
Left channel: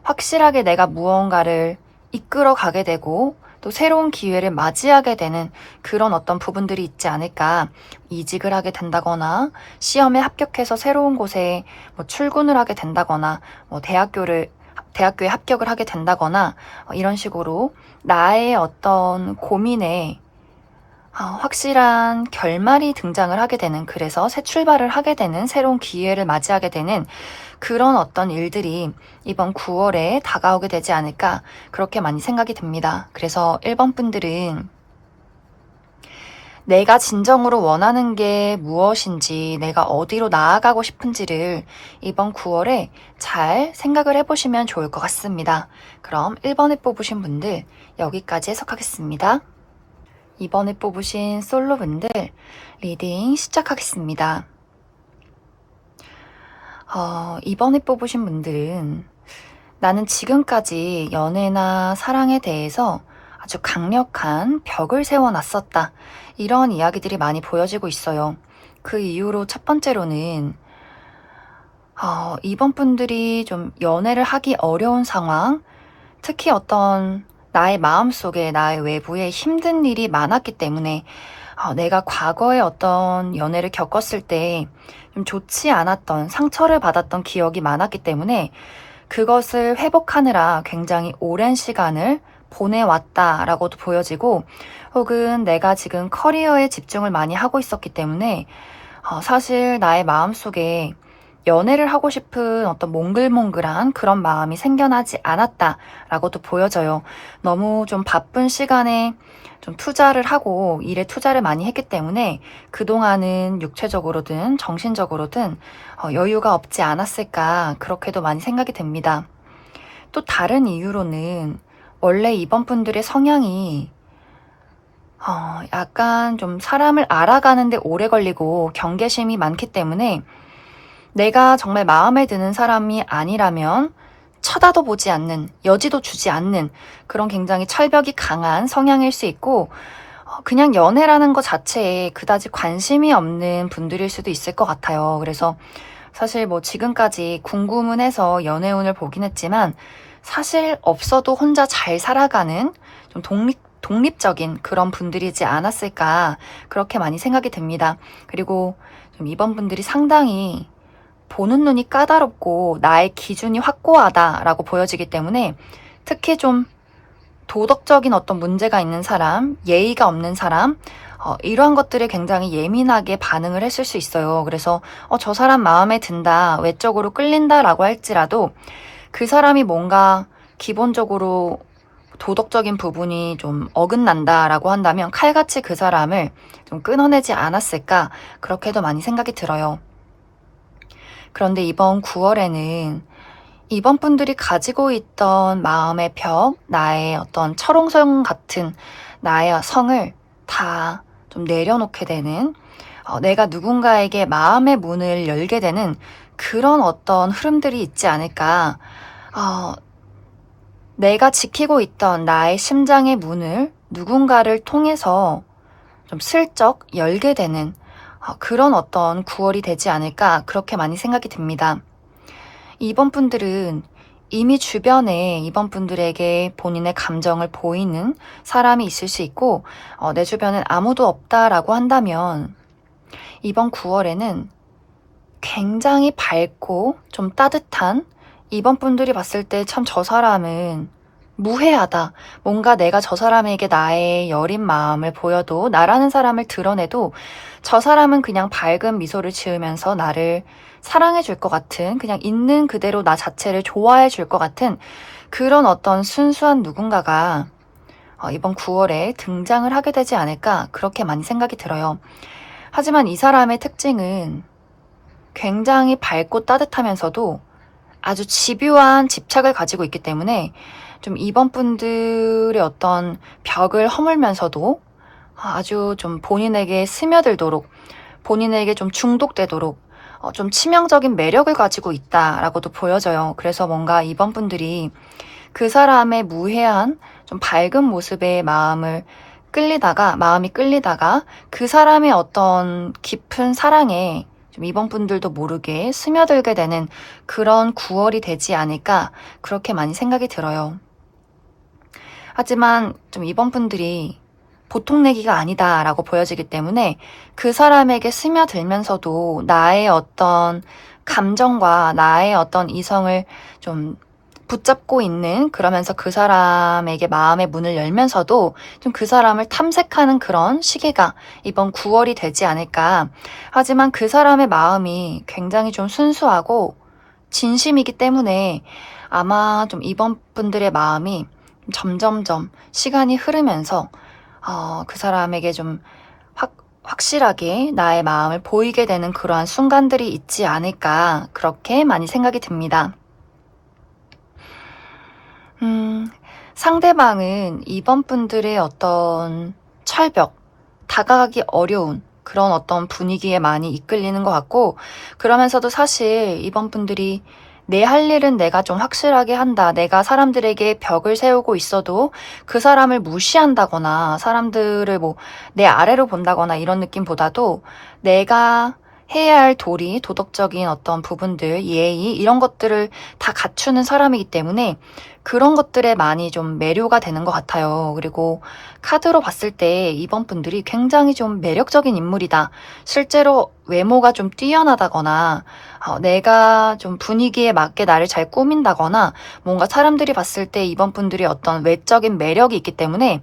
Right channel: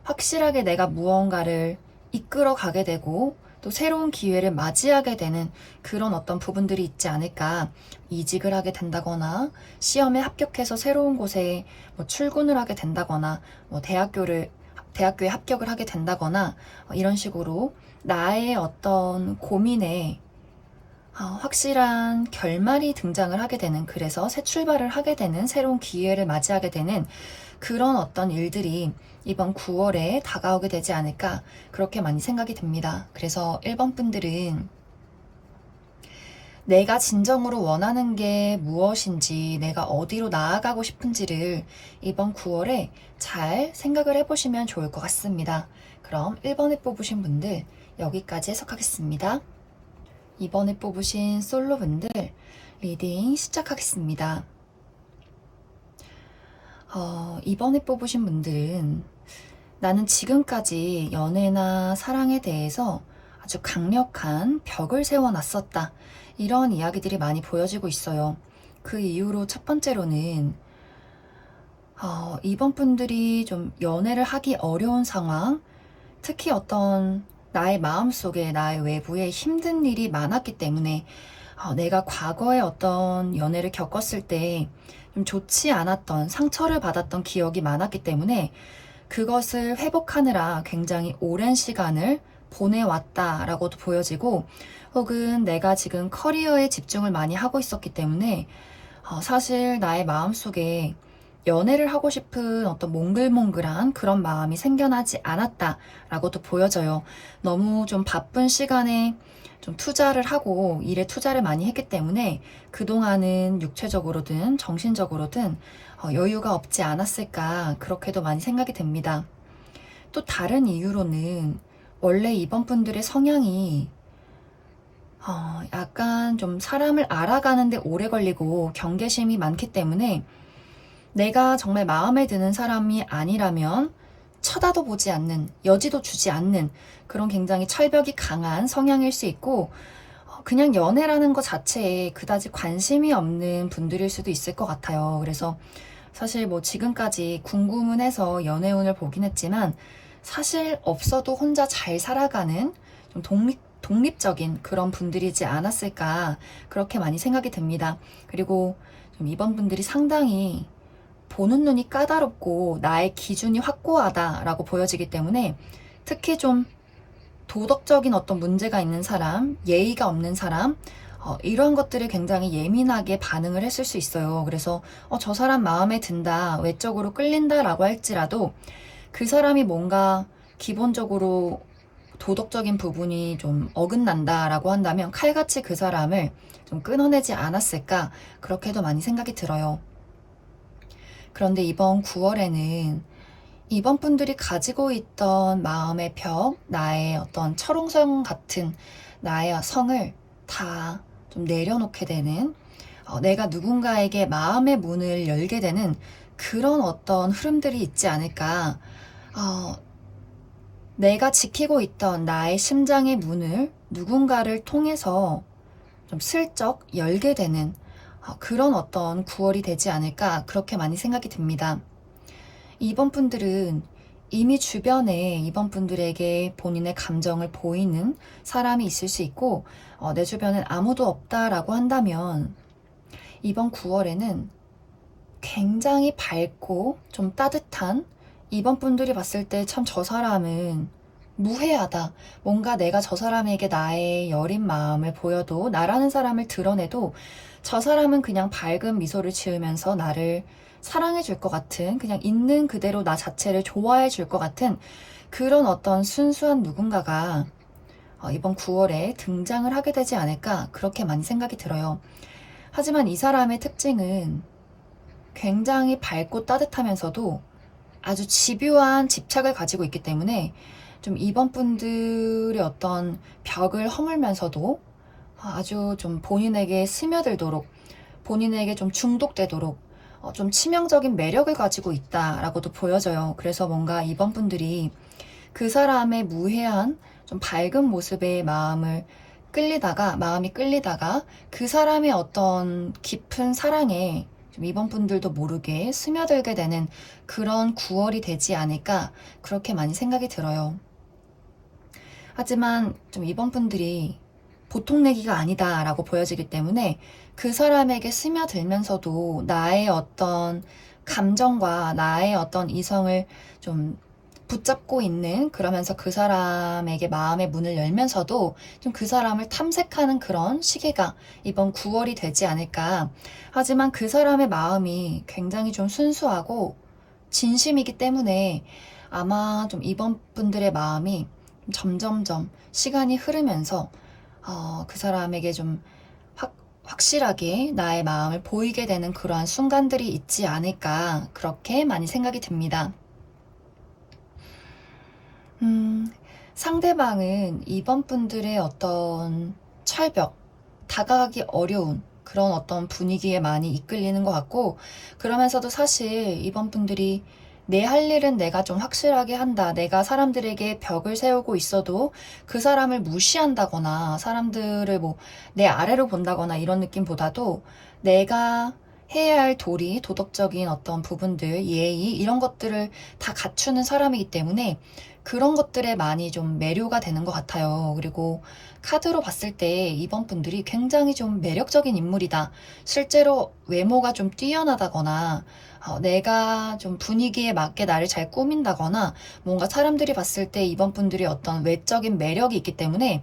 확실하게 내가 무언가를 이끌어 가게 되고 또 새로운 기회를 맞이하게 되는 그런 어떤 부분들이 있지 않을까. 이직을 하게 된다거나, 시험에 합격해서 새로운 곳에 출근을 하게 된다거나, 대학교에 합격을 하게 된다거나, 이런 식으로 나의 어떤 고민에 확실한 결말이 등장을 하게 되는, 그래서 새 출발을 하게 되는, 새로운 기회를 맞이하게 되는 그런 어떤 일들이 이번 9월에 다가오게 되지 않을까, 그렇게 많이 생각이 듭니다. 그래서 1번 분들은 내가 진정으로 원하는 게 무엇인지, 내가 어디로 나아가고 싶은지를 이번 9월에 잘 생각을 해보시면 좋을 것 같습니다. 그럼 1번에 뽑으신 분들 여기까지 해석하겠습니다. 이번에 뽑으신 솔로분들 리딩 시작하겠습니다. 이번에 뽑으신 분들은 나는 지금까지 연애나 사랑에 대해서 아주 강력한 벽을 세워놨었다, 이런 이야기들이 많이 보여지고 있어요. 그 이유로 첫 번째로는 이번 분들이 좀 연애를 하기 어려운 상황, 특히 어떤 나의 마음속에, 나의 외부에 힘든 일이 많았기 때문에, 내가 과거에 어떤 연애를 겪었을 때 좀 좋지 않았던, 상처를 받았던 기억이 많았기 때문에 그것을 회복하느라 굉장히 오랜 시간을 보내왔다라고도 보여지고, 혹은 내가 지금 커리어에 집중을 많이 하고 있었기 때문에 사실 나의 마음속에 연애를 하고 싶은 어떤 몽글몽글한 그런 마음이 생겨나지 않았다라고도 보여져요. 너무 좀 바쁜 시간에 좀 투자를 하고 일에 투자를 많이 했기 때문에 그동안은 육체적으로든 정신적으로든 여유가 없지 않았을까, 그렇게도 많이 생각이 됩니다. 또 다른 이유로는 원래 이번 분들의 성향이 약간 좀 사람을 알아가는데 오래 걸리고 경계심이 많기 때문에 내가 정말 마음에 드는 사람이 아니라면 쳐다도 보지 않는, 여지도 주지 않는 그런 굉장히 철벽이 강한 성향일 수 있고, 그냥 연애라는 것 자체에 그다지 관심이 없는 분들일 수도 있을 것 같아요. 그래서 사실 지금까지 궁금은 해서 연애운을 보긴 했지만 사실 없어도 혼자 잘 살아가는 좀 독립적인 그런 분들이지 않았을까, 그렇게 많이 생각이 됩니다. 그리고 좀 이번 분들이 상당히 보는 눈이 까다롭고 나의 기준이 확고하다라고 보여지기 때문에 특히 좀 도덕적인 어떤 문제가 있는 사람, 예의가 없는 사람, 이러한 것들에 굉장히 예민하게 반응을 했을 수 있어요. 그래서 저 사람 마음에 든다, 외적으로 끌린다라고 할지라도 그 사람이 뭔가 기본적으로 도덕적인 부분이 좀 어긋난다라고 한다면 칼같이 그 사람을 좀 끊어내지 않았을까, 그렇게도 많이 생각이 들어요. 그런데 이번 9월에는 이번 분들이 가지고 있던 마음의 벽, 나의 어떤 철옹성 같은 나의 성을 다 좀 내려놓게 되는, 내가 누군가에게 마음의 문을 열게 되는 그런 어떤 흐름들이 있지 않을까. 내가 지키고 있던 나의 심장의 문을 누군가를 통해서 좀 슬쩍 열게 되는 그런 어떤 9월이 되지 않을까, 그렇게 많이 생각이 듭니다. 이번 분들은 이미 주변에 이번 분들에게 본인의 감정을 보이는 사람이 있을 수 있고, 내 주변엔 아무도 없다라고 한다면 이번 9월에는 굉장히 밝고 좀 따뜻한, 이번 분들이 봤을 때 참 저 사람은 무해하다. 뭔가 내가 저 사람에게 나의 여린 마음을 보여도, 나라는 사람을 드러내도 저 사람은 그냥 밝은 미소를 지으면서 나를 사랑해 줄 것 같은, 그냥 있는 그대로 나 자체를 좋아해 줄 것 같은 그런 어떤 순수한 누군가가 이번 9월에 등장을 하게 되지 않을까, 그렇게 많이 생각이 들어요. 하지만 이 사람의 특징은 굉장히 밝고 따뜻하면서도 아주 집요한 집착을 가지고 있기 때문에 좀 이번 분들의 어떤 벽을 허물면서도 아주 좀 본인에게 스며들도록, 본인에게 좀 중독되도록 좀 치명적인 매력을 가지고 있다라고도 보여져요. 그래서 뭔가 이번 분들이 그 사람의 무해한 좀 밝은 모습에 마음이 끌리다가 그 사람의 어떤 깊은 사랑에 좀 이번 분들도 모르게 스며들게 되는 그런 9월이 되지 않을까, 그렇게 많이 생각이 들어요. 하지만 좀 이번 분들이 보통 내기가 아니다라고 보여지기 때문에 그 사람에게 스며들면서도 나의 어떤 감정과 나의 어떤 이성을 좀 붙잡고 있는, 그러면서 그 사람에게 마음의 문을 열면서도 좀 그 사람을 탐색하는 그런 시기가 이번 9월이 되지 않을까. 하지만 그 사람의 마음이 굉장히 좀 순수하고 진심이기 때문에 아마 좀 이번 분들의 마음이 점점점 시간이 흐르면서 그 사람에게 좀 확실하게 나의 마음을 보이게 되는 그러한 순간들이 있지 않을까, 그렇게 많이 생각이 듭니다. 상대방은 이번 분들의 어떤 철벽, 다가가기 어려운 그런 어떤 분위기에 많이 이끌리는 것 같고, 그러면서도 사실 이번 분들이 내 할 일은 내가 좀 확실하게 한다, 내가 사람들에게 벽을 세우고 있어도 그 사람을 무시한다거나 사람들을 뭐 내 아래로 본다거나 이런 느낌보다도 내가 해야 할 도리, 도덕적인 어떤 부분들, 예의, 이런 것들을 다 갖추는 사람이기 때문에 그런 것들에 많이 좀 매료가 되는 것 같아요. 그리고 카드로 봤을 때 이번 분들이 굉장히 좀 매력적인 인물이다. 실제로 외모가 좀 뛰어나다거나, 내가 좀 분위기에 맞게 나를 잘 꾸민다거나, 뭔가 사람들이 봤을 때 이번 분들이 어떤 외적인 매력이 있기 때문에,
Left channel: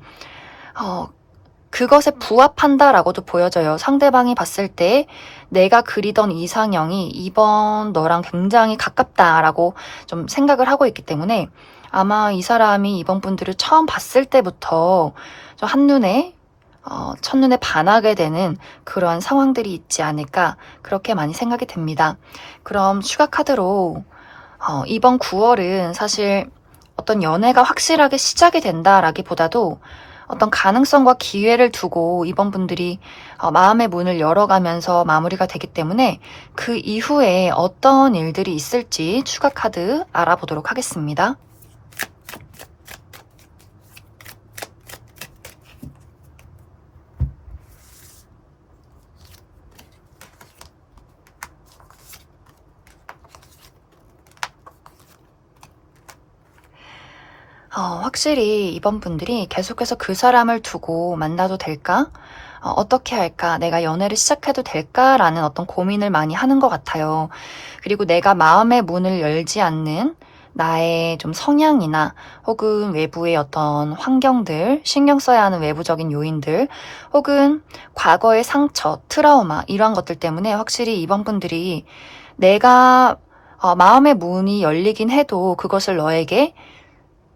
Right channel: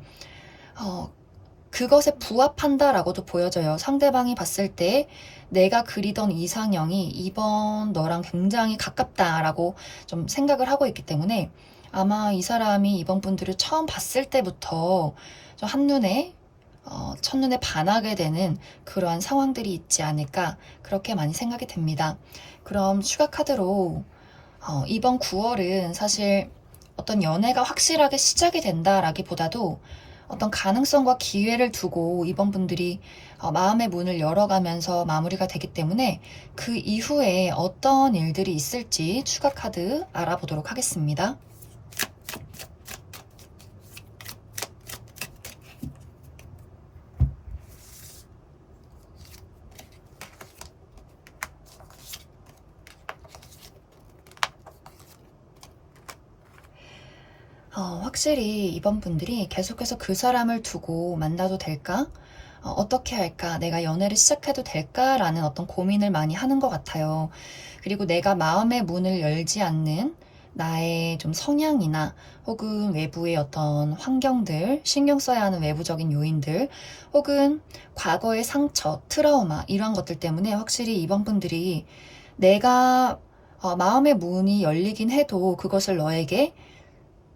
그것에 부합한다라고도 보여져요. 상대방이 봤을 때 내가 그리던 이상형이 이번 너랑 굉장히 가깝다라고 좀 생각을 하고 있기 때문에 아마 이 사람이 이번 분들을 처음 봤을 때부터 좀 첫눈에 반하게 되는 그런 상황들이 있지 않을까, 그렇게 많이 생각이 됩니다. 그럼 추가 카드로 이번 9월은 사실 어떤 연애가 확실하게 시작이 된다라기보다도 어떤 가능성과 기회를 두고 이번 분들이 마음의 문을 열어가면서 마무리가 되기 때문에 그 이후에 어떤 일들이 있을지 추가 카드 알아보도록 하겠습니다. 확실히 이번 분들이 계속해서 그 사람을 두고 만나도 될까? 어떻게 할까? 내가 연애를 시작해도 될까라는 어떤 고민을 많이 하는 것 같아요. 그리고 내가 마음의 문을 열지 않는 나의 좀 성향이나 혹은 외부의 어떤 환경들, 신경 써야 하는 외부적인 요인들, 혹은 과거의 상처, 트라우마, 이러한 것들 때문에 확실히 이번 분들이 내가 마음의 문이 열리긴 해도 그것을 너에게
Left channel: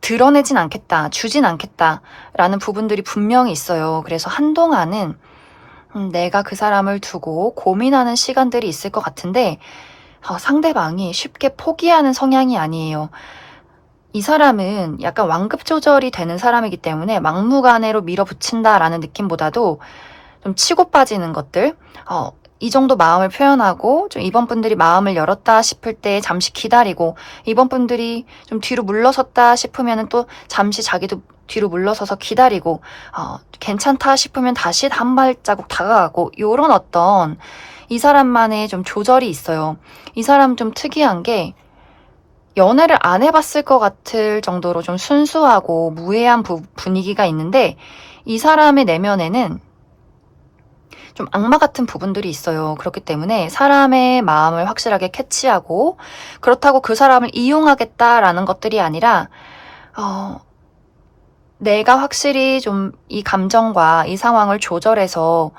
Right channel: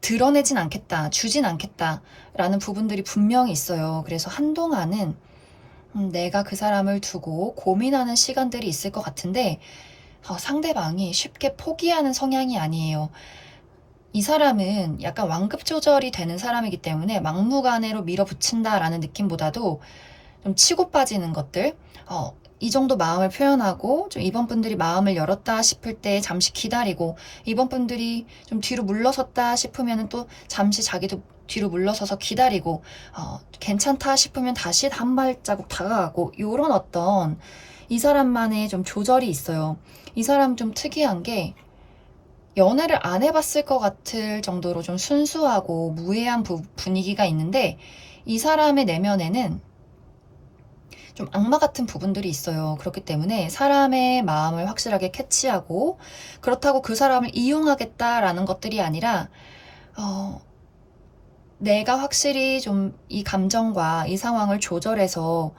드러내진 않겠다, 주진 않겠다라는 부분들이 분명히 있어요. 그래서 한동안은 내가 그 사람을 두고 고민하는 시간들이 있을 것 같은데 상대방이 쉽게 포기하는 성향이 아니에요. 이 사람은 약간 완급 조절이 되는 사람이기 때문에 막무가내로 밀어붙인다라는 느낌보다도 좀 치고 빠지는 것들, 이 정도 마음을 표현하고 좀 이번 분들이 마음을 열었다 싶을 때 잠시 기다리고, 이번 분들이 좀 뒤로 물러섰다 싶으면 또 잠시 자기도 뒤로 물러서서 기다리고, 괜찮다 싶으면 다시 한 발자국 다가가고, 요런 어떤 이 사람만의 좀 조절이 있어요. 이 사람 좀 특이한 게 연애를 안 해봤을 것 같을 정도로 좀 순수하고 무해한 분위기가 있는데, 이 사람의 내면에는 좀 악마 같은 부분들이 있어요. 그렇기 때문에 사람의 마음을 확실하게 캐치하고, 그렇다고 그 사람을 이용하겠다라는 것들이 아니라 내가 확실히 좀 이 감정과 이 상황을 조절해서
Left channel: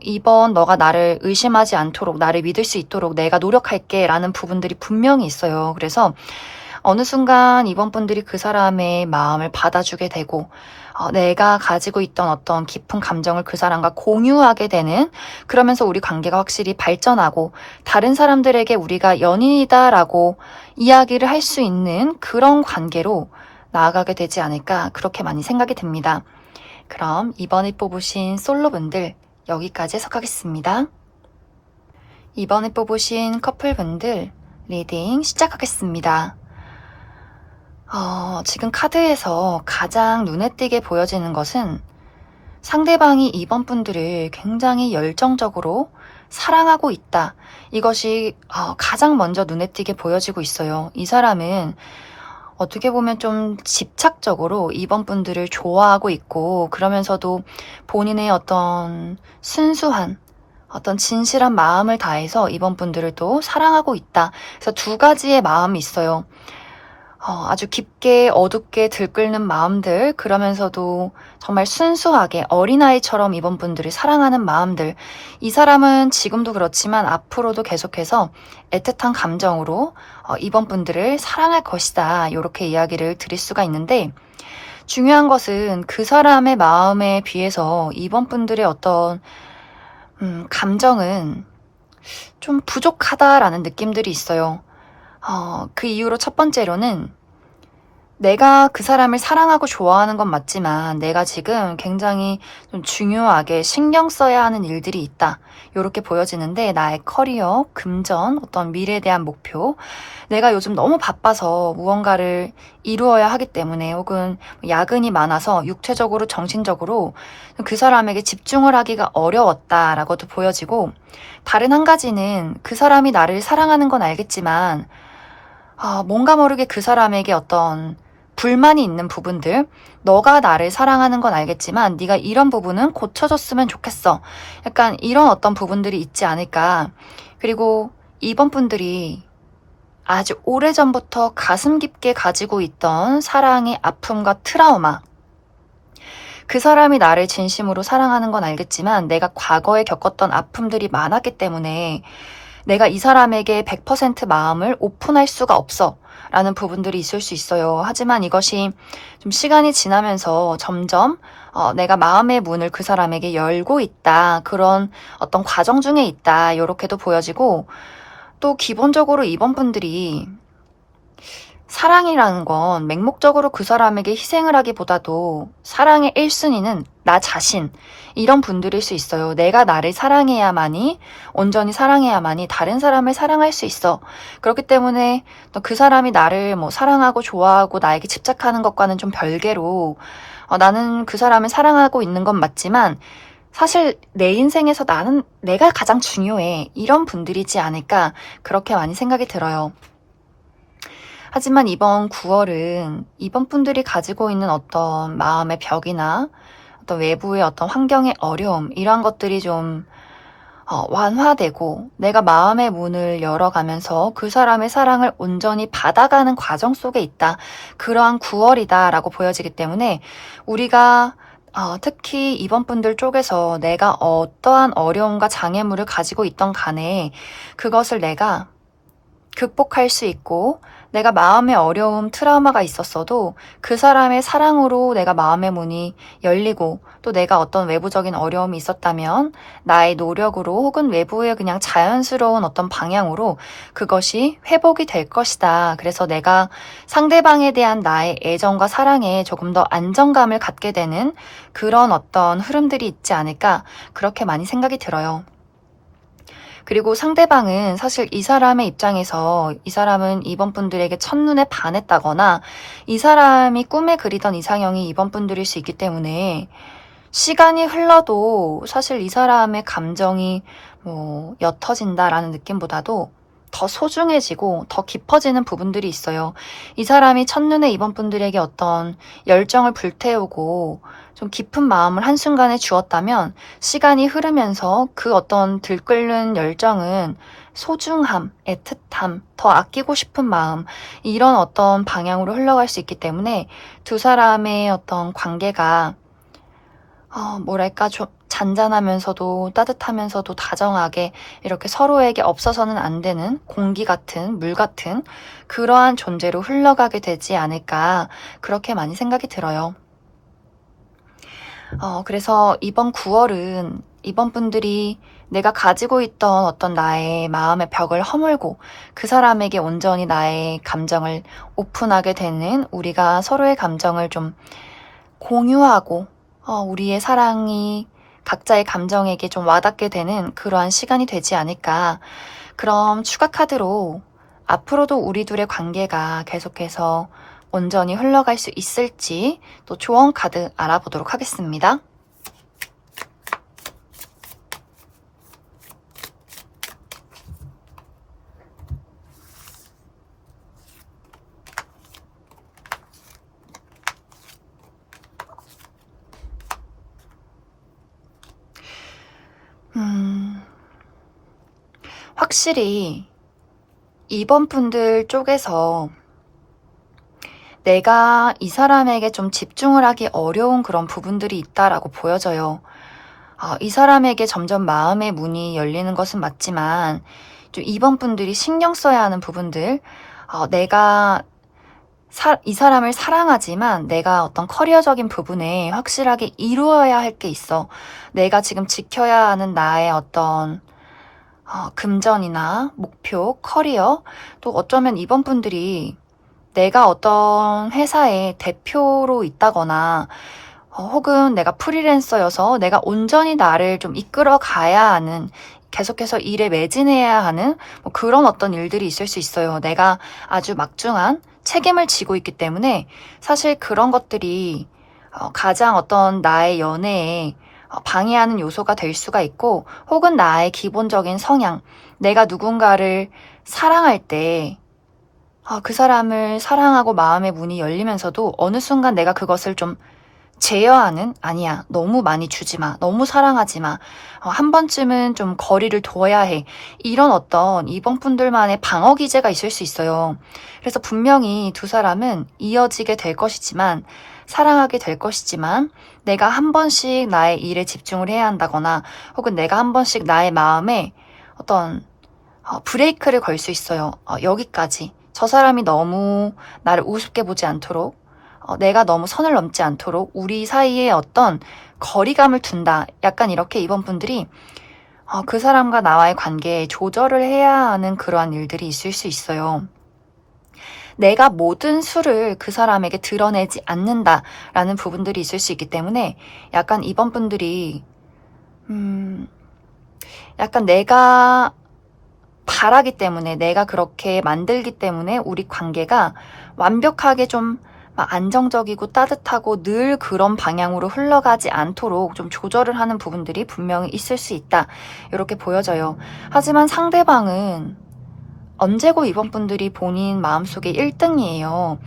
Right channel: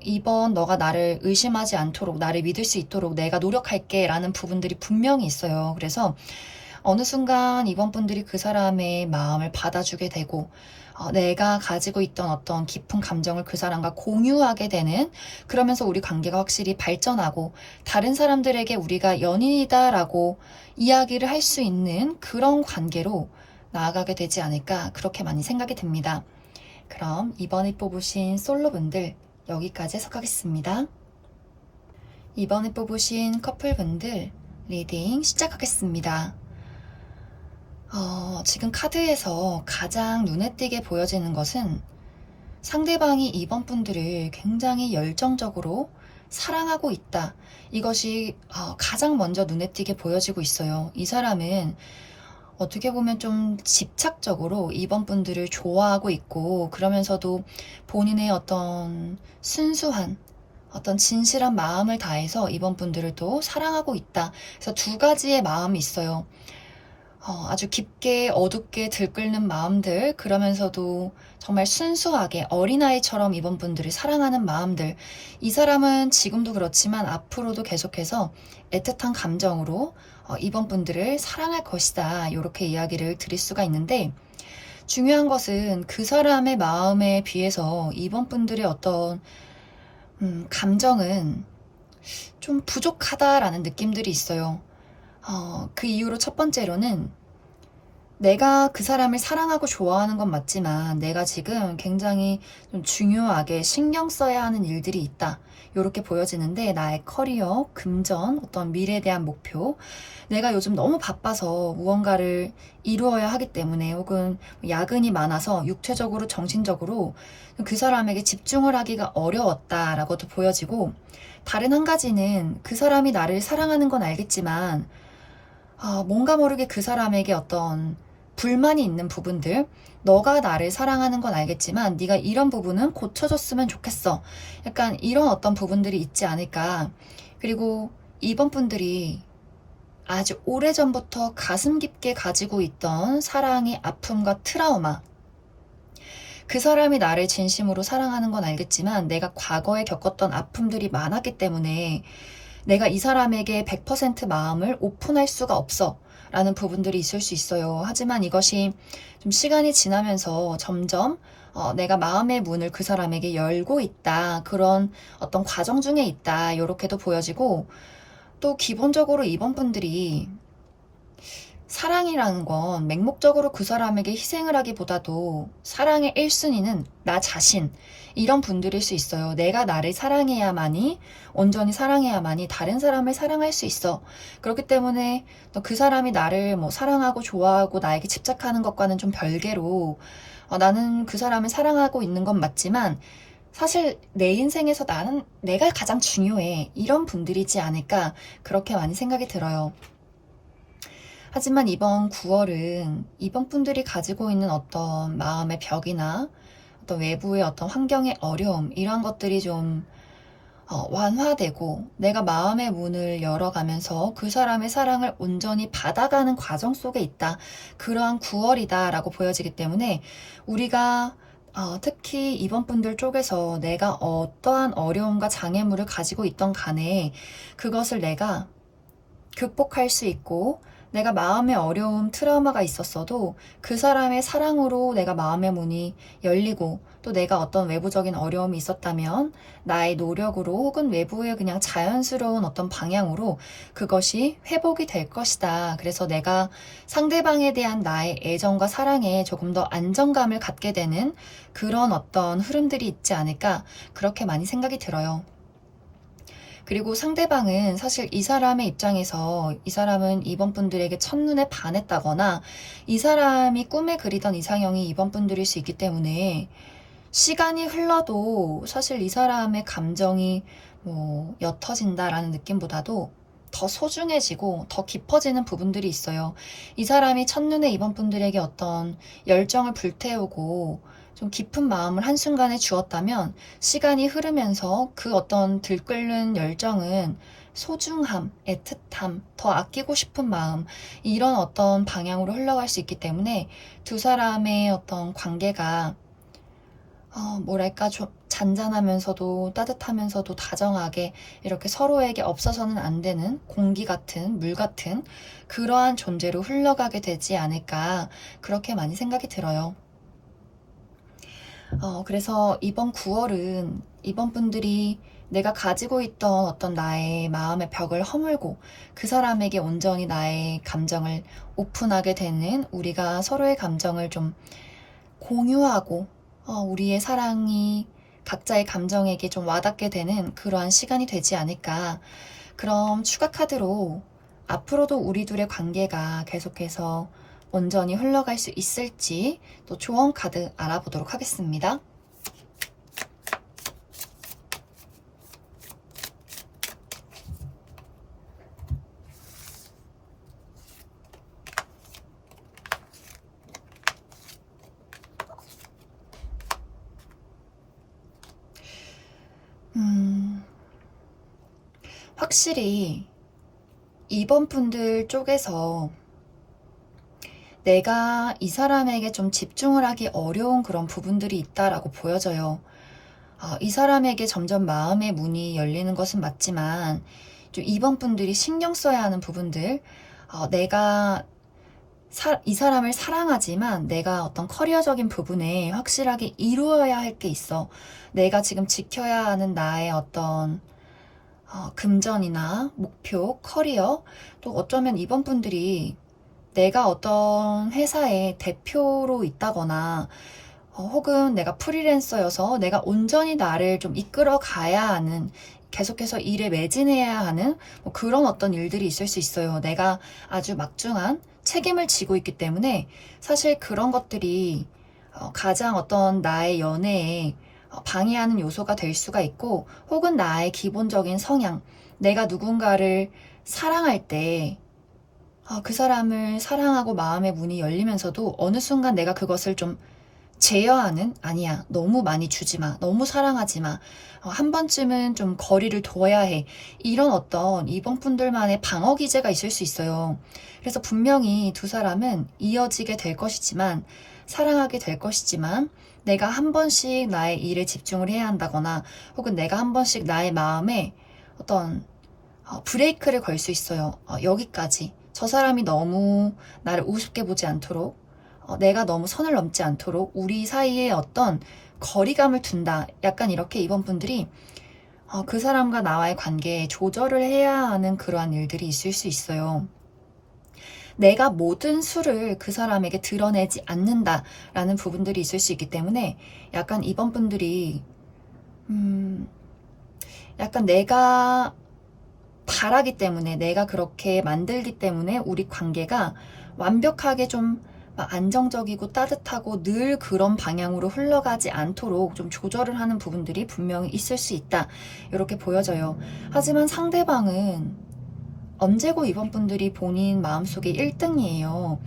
이번 너가 나를 의심하지 않도록, 나를 믿을 수 있도록 내가 노력할게 라는 부분들이 분명히 있어요. 그래서 어느 순간 이번 분들이 그 사람의 마음을 받아주게 되고, 내가 가지고 있던 어떤 깊은 감정을 그 사람과 공유하게 되는, 그러면서 우리 관계가 확실히 발전하고 다른 사람들에게 우리가 연인이다라고 이야기를 할 수 있는 그런 관계로 나아가게 되지 않을까, 그렇게 많이 생각이 듭니다. 그럼 이번에 뽑으신 솔로분들 여기까지 해석하겠습니다. 이번에 뽑으신 커플분들 리딩 시작하겠습니다. 지금 카드에서 가장 눈에 띄게 보여지는 것은 상대방이 이번 분들을 굉장히 열정적으로 사랑하고 있다. 이것이 가장 먼저 눈에 띄게 보여지고 있어요. 이 사람은 어떻게 보면 좀 집착적으로 이번 분들을 좋아하고 있고, 그러면서도 본인의 어떤 순수한 어떤 진실한 마음을 다해서 이번 분들을 또 사랑하고 있다. 그래서 두 가지의 마음이 있어요. 아주 깊게 어둡게 들끓는 마음들, 그러면서도 정말 순수하게 어린아이처럼 이번 분들이 사랑하는 마음들. 이 사람은 지금도 그렇지만 앞으로도 계속해서 애틋한 감정으로 이번 분들을 사랑할 것이다, 이렇게 이야기를 드릴 수가 있는데, 중요한 것은 그 사람의 마음에 비해서 이번 분들의 어떤 감정은 좀 부족하다라는 느낌들이 있어요. 그 이유로 첫 번째로는 내가 그 사람을 사랑하고 좋아하는 건 맞지만 내가 지금 굉장히 좀 중요하게 신경 써야 하는 일들이 있다, 이렇게 보여지는데, 나의 커리어, 금전, 어떤 미래에 대한 목표, 내가 요즘 너무 바빠서 무언가를 이루어야 하기 때문에, 혹은 야근이 많아서 육체적으로 정신적으로 그 사람에게 집중을 하기가 어려웠다라고도 보여지고, 다른 한 가지는 그 사람이 나를 사랑하는 건 알겠지만 뭔가 모르게 그 사람에게 어떤 불만이 있는 부분들, 너가 나를 사랑하는 건 알겠지만 네가 이런 부분은 고쳐줬으면 좋겠어, 약간 이런 어떤 부분들이 있지 않을까. 그리고 이번 분들이 아주 오래전부터 가슴 깊게 가지고 있던 사랑의 아픔과 트라우마, 그 사람이 나를 진심으로 사랑하는 건 알겠지만 내가 과거에 겪었던 아픔들이 많았기 때문에 내가 이 사람에게 100% 마음을 오픈할 수가 없어 라는 부분들이 있을 수 있어요. 하지만 이것이 좀 시간이 지나면서 점점 내가 마음의 문을 그 사람에게 열고 있다, 그런 어떤 과정 중에 있다, 이렇게도 보여지고, 또 기본적으로 이번 분들이 사랑이라는 건 맹목적으로 그 사람에게 희생을 하기보다도 사랑의 1순위는 나 자신, 이런 분들일 수 있어요. 내가 나를 사랑해야만이, 온전히 사랑해야만이 다른 사람을 사랑할 수 있어. 그렇기 때문에 그 사람이 나를 사랑하고 좋아하고 나에게 집착하는 것과는 좀 별개로 나는 그 사람을 사랑하고 있는 건 맞지만 사실 내 인생에서 나는 내가 가장 중요해, 이런 분들이지 않을까, 그렇게 많이 생각이 들어요. 하지만 이번 9월은 이번 분들이 가지고 있는 어떤 마음의 벽이나 어떤 외부의 어떤 환경의 어려움, 이러한 것들이 좀 완화되고 내가 마음의 문을 열어가면서 그 사람의 사랑을 온전히 받아가는 과정 속에 있다, 그러한 9월이다 라고 보여지기 때문에, 우리가 특히 이번 분들 쪽에서 내가 어떠한 어려움과 장애물을 가지고 있던 간에 그것을 내가 극복할 수 있고 내가 마음의 어려움, 트라우마가 있었어도 그 사람의 사랑으로 내가 마음의 문이 열리고 또 내가 어떤 외부적인 어려움이 있었다면 나의 노력으로 혹은 외부의 그냥 자연스러운 어떤 방향으로 그것이 회복이 될 것이다. 그래서 내가 상대방에 대한 나의 애정과 사랑에 조금 더 안정감을 갖게 되는 그런 어떤 흐름들이 있지 않을까 그렇게 많이 생각이 들어요. 그리고 상대방은 사실 이 사람의 입장에서 이 사람은 이번 분들에게 첫눈에 반했다거나 이 사람이 꿈에 그리던 이상형이 이번 분들일 수 있기 때문에 시간이 흘러도 사실 이 사람의 감정이 옅어진다라는 느낌보다도 더 소중해지고 더 깊어지는 부분들이 있어요. 이 사람이 첫눈에 이번 분들에게 어떤 열정을 불태우고 좀 깊은 마음을 한순간에 주었다면 시간이 흐르면서 그 어떤 들끓는 열정은 소중함, 애틋함, 더 아끼고 싶은 마음, 이런 어떤 방향으로 흘러갈 수 있기 때문에 두 사람의 어떤 관계가 뭐랄까, 좀 잔잔하면서도 따뜻하면서도 다정하게 이렇게 서로에게 없어서는 안 되는 공기 같은, 물 같은 그러한 존재로 흘러가게 되지 않을까, 그렇게 많이 생각이 들어요. 그래서 이번 9월은 이번 분들이 내가 가지고 있던 어떤 나의 마음의 벽을 허물고 그 사람에게 온전히 나의 감정을 오픈하게 되는, 우리가 서로의 감정을 좀 공유하고 우리의 사랑이 각자의 감정에게 좀 와닿게 되는 그러한 시간이 되지 않을까. 그럼 추가 카드로 앞으로도 우리 둘의 관계가 계속해서 온전히 흘러갈 수 있을지 또 조언 카드 알아보도록 하겠습니다. 확실히 이번 분들 쪽에서 내가 이 사람에게 좀 집중을 하기 어려운 그런 부분들이 있다라고 보여져요. 이 사람에게 점점 마음의 문이 열리는 것은 맞지만 좀 이번 분들이 신경 써야 하는 부분들, 내가 이 사람을 사랑하지만 내가 어떤 커리어적인 부분에 확실하게 이루어야 할 게 있어. 내가 지금 지켜야 하는 나의 어떤 금전이나 목표, 커리어, 또 어쩌면 이번 분들이 내가 어떤 회사의 대표로 있다거나 혹은 내가 프리랜서여서 내가 온전히 나를 좀 이끌어 가야 하는, 계속해서 일에 매진해야 하는 그런 어떤 일들이 있을 수 있어요. 내가 아주 막중한 책임을 지고 있기 때문에 사실 그런 것들이 가장 어떤 나의 연애에 방해하는 요소가 될 수가 있고, 혹은 나의 기본적인 성향, 내가 누군가를 사랑할 때 그 사람을 사랑하고 마음의 문이 열리면서도 어느 순간 내가 그것을 좀 제어하는, 아니야, 너무 많이 주지 마, 너무 사랑하지 마, 한 번쯤은 좀 거리를 둬야 해, 이런 어떤 이번 분들만의 방어 기제가 있을 수 있어요. 그래서 분명히 두 사람은 이어지게 될 것이지만, 사랑하게 될 것이지만, 내가 한 번씩 나의 일에 집중을 해야 한다거나 혹은 내가 한 번씩 나의 마음에 어떤 브레이크를 걸 수 있어요. 여기까지, 저 사람이 너무 나를 우습게 보지 않도록, 내가 너무 선을 넘지 않도록 우리 사이에 어떤 거리감을 둔다. 약간 이렇게 이번 분들이 그 사람과 나와의 관계에 조절을 해야 하는 그러한 일들이 있을 수 있어요. 내가 모든 수를 그 사람에게 드러내지 않는다라는 부분들이 있을 수 있기 때문에 약간 이번 분들이 약간 내가 바라기 때문에, 내가 그렇게 만들기 때문에 우리 관계가 완벽하게 좀 안정적이고 따뜻하고 늘 그런 방향으로 흘러가지 않도록 좀 조절을 하는 부분들이 분명히 있을 수 있다, 이렇게 보여져요. 하지만 상대방은 언제고 이번 분들이 본인 마음속에 1등이에요.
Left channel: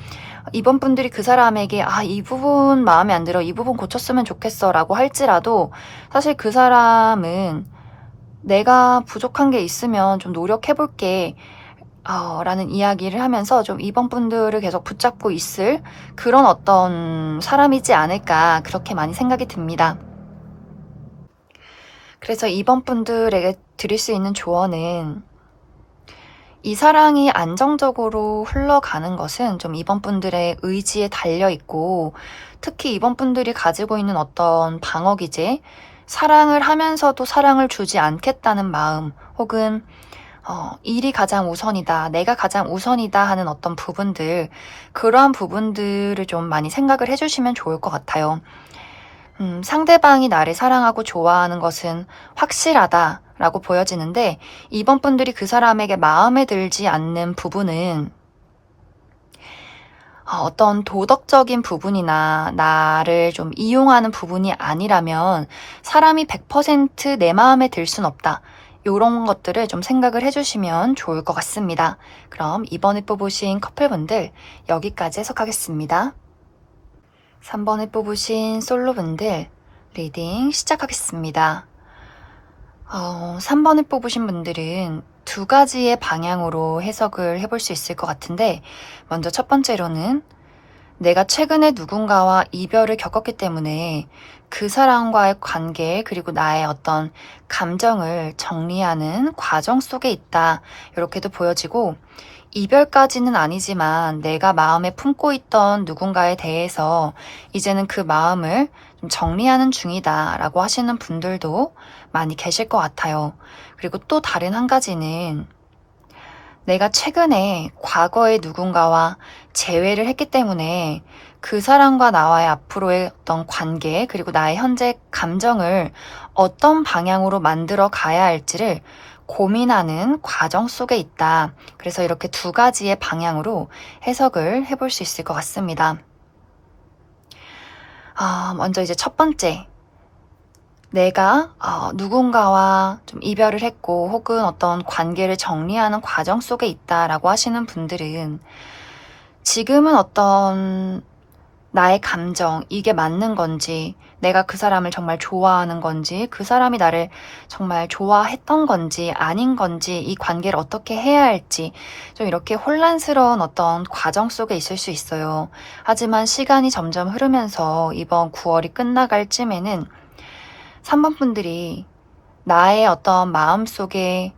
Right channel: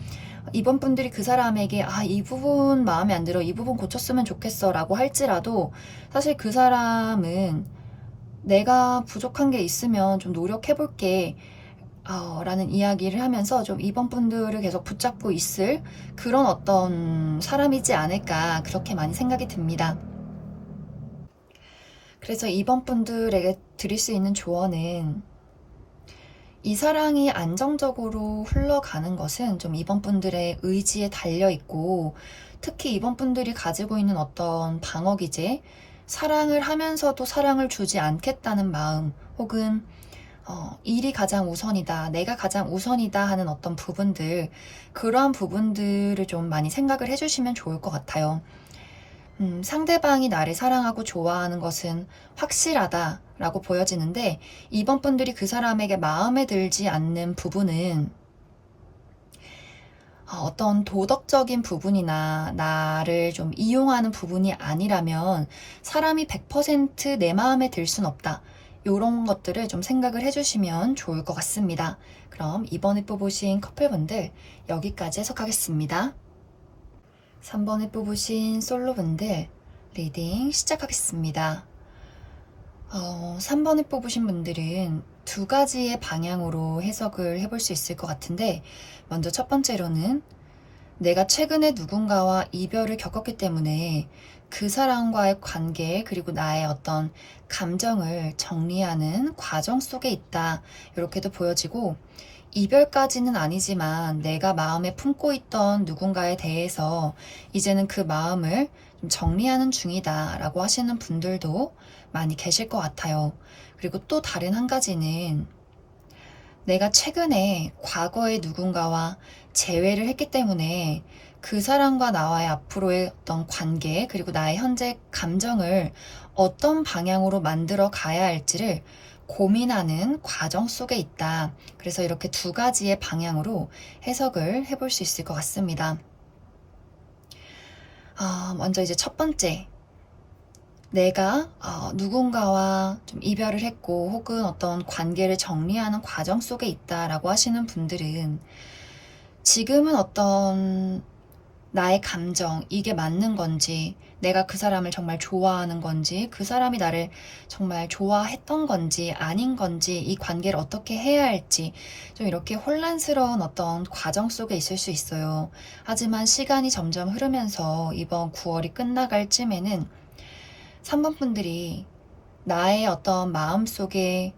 이번 분들이 그 사람에게 이 부분 마음에 안 들어, 이 부분 고쳤으면 좋겠어 라고 할지라도 사실 그 사람은 내가 부족한 게 있으면 좀 노력해볼게 라는 이야기를 하면서 좀 이번 분들을 계속 붙잡고 있을 그런 어떤 사람이지 않을까, 그렇게 많이 생각이 듭니다. 그래서 이번 분들에게 드릴 수 있는 조언은, 이 사랑이 안정적으로 흘러가는 것은 좀 이번 분들의 의지에 달려 있고, 특히 이번 분들이 가지고 있는 어떤 방어 기제, 사랑을 하면서도 사랑을 주지 않겠다는 마음, 혹은 일이 가장 우선이다, 내가 가장 우선이다 하는 어떤 부분들, 그러한 부분들을 좀 많이 생각을 해주시면 좋을 것 같아요. 상대방이 나를 사랑하고 좋아하는 것은 확실하다라고 보여지는데, 이번 분들이 그 사람에게 마음에 들지 않는 부분은 어떤 도덕적인 부분이나 나를 좀 이용하는 부분이 아니라면 사람이 100% 내 마음에 들 순 없다. 이런 것들을 좀 생각을 해주시면 좋을 것 같습니다. 그럼 이번에 뽑으신 커플분들 여기까지 해석하겠습니다. 3번에 뽑으신 솔로분들 리딩 시작하겠습니다. 3번을 뽑으신 분들은 두 가지의 방향으로 해석을 해볼 수 있을 것 같은데, 먼저 첫 번째로는 내가 최근에 누군가와 이별을 겪었기 때문에 그 사람과의 관계 그리고 나의 어떤 감정을 정리하는 과정 속에 있다, 이렇게도 보여지고, 이별까지는 아니지만 내가 마음에 품고 있던 누군가에 대해서 이제는 그 마음을 좀 정리하는 중이다 라고 하시는 분들도 많이 계실 것 같아요. 그리고 또 다른 한 가지는 내가 최근에 과거의 누군가와 재회를 했기 때문에 그 사람과 나와의 앞으로의 어떤 관계 그리고 나의 현재 감정을 어떤 방향으로 만들어 가야 할지를 고민하는 과정 속에 있다. 그래서 이렇게 두 가지의 방향으로 해석을 해볼 수 있을 것 같습니다. 먼저 이제 첫 번째, 내가 누군가와 좀 이별을 했고 혹은 어떤 관계를 정리하는 과정 속에 있다라고 하시는 분들은 지금은 어떤 나의 감정, 이게 맞는 건지, 내가 그 사람을 정말 좋아하는 건지, 그 사람이 나를 정말 좋아했던 건지, 아닌 건지, 이 관계를 어떻게 해야 할지, 좀 이렇게 혼란스러운 어떤 과정 속에 있을 수 있어요. 하지만 시간이 점점 흐르면서 이번 9월이 끝나갈 쯤에는 3번 분들이 나의 어떤 마음속에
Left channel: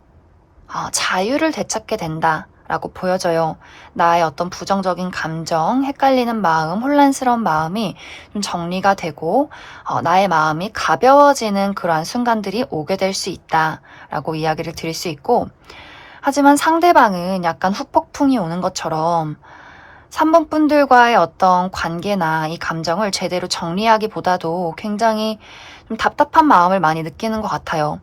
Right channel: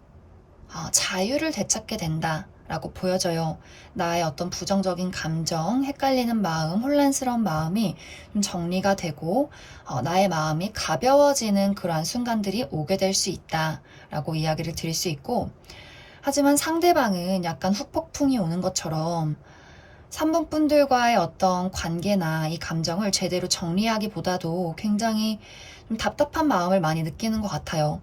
자유를 되찾게 된다 라고 보여져요. 나의 어떤 부정적인 감정, 헷갈리는 마음, 혼란스러운 마음이 좀 정리가 되고 나의 마음이 가벼워지는 그러한 순간들이 오게 될 수 있다 라고 이야기를 드릴 수 있고, 하지만 상대방은 약간 후폭풍이 오는 것처럼 3번 분들과의 어떤 관계나 이 감정을 제대로 정리하기보다도 굉장히 좀 답답한 마음을 많이 느끼는 것 같아요.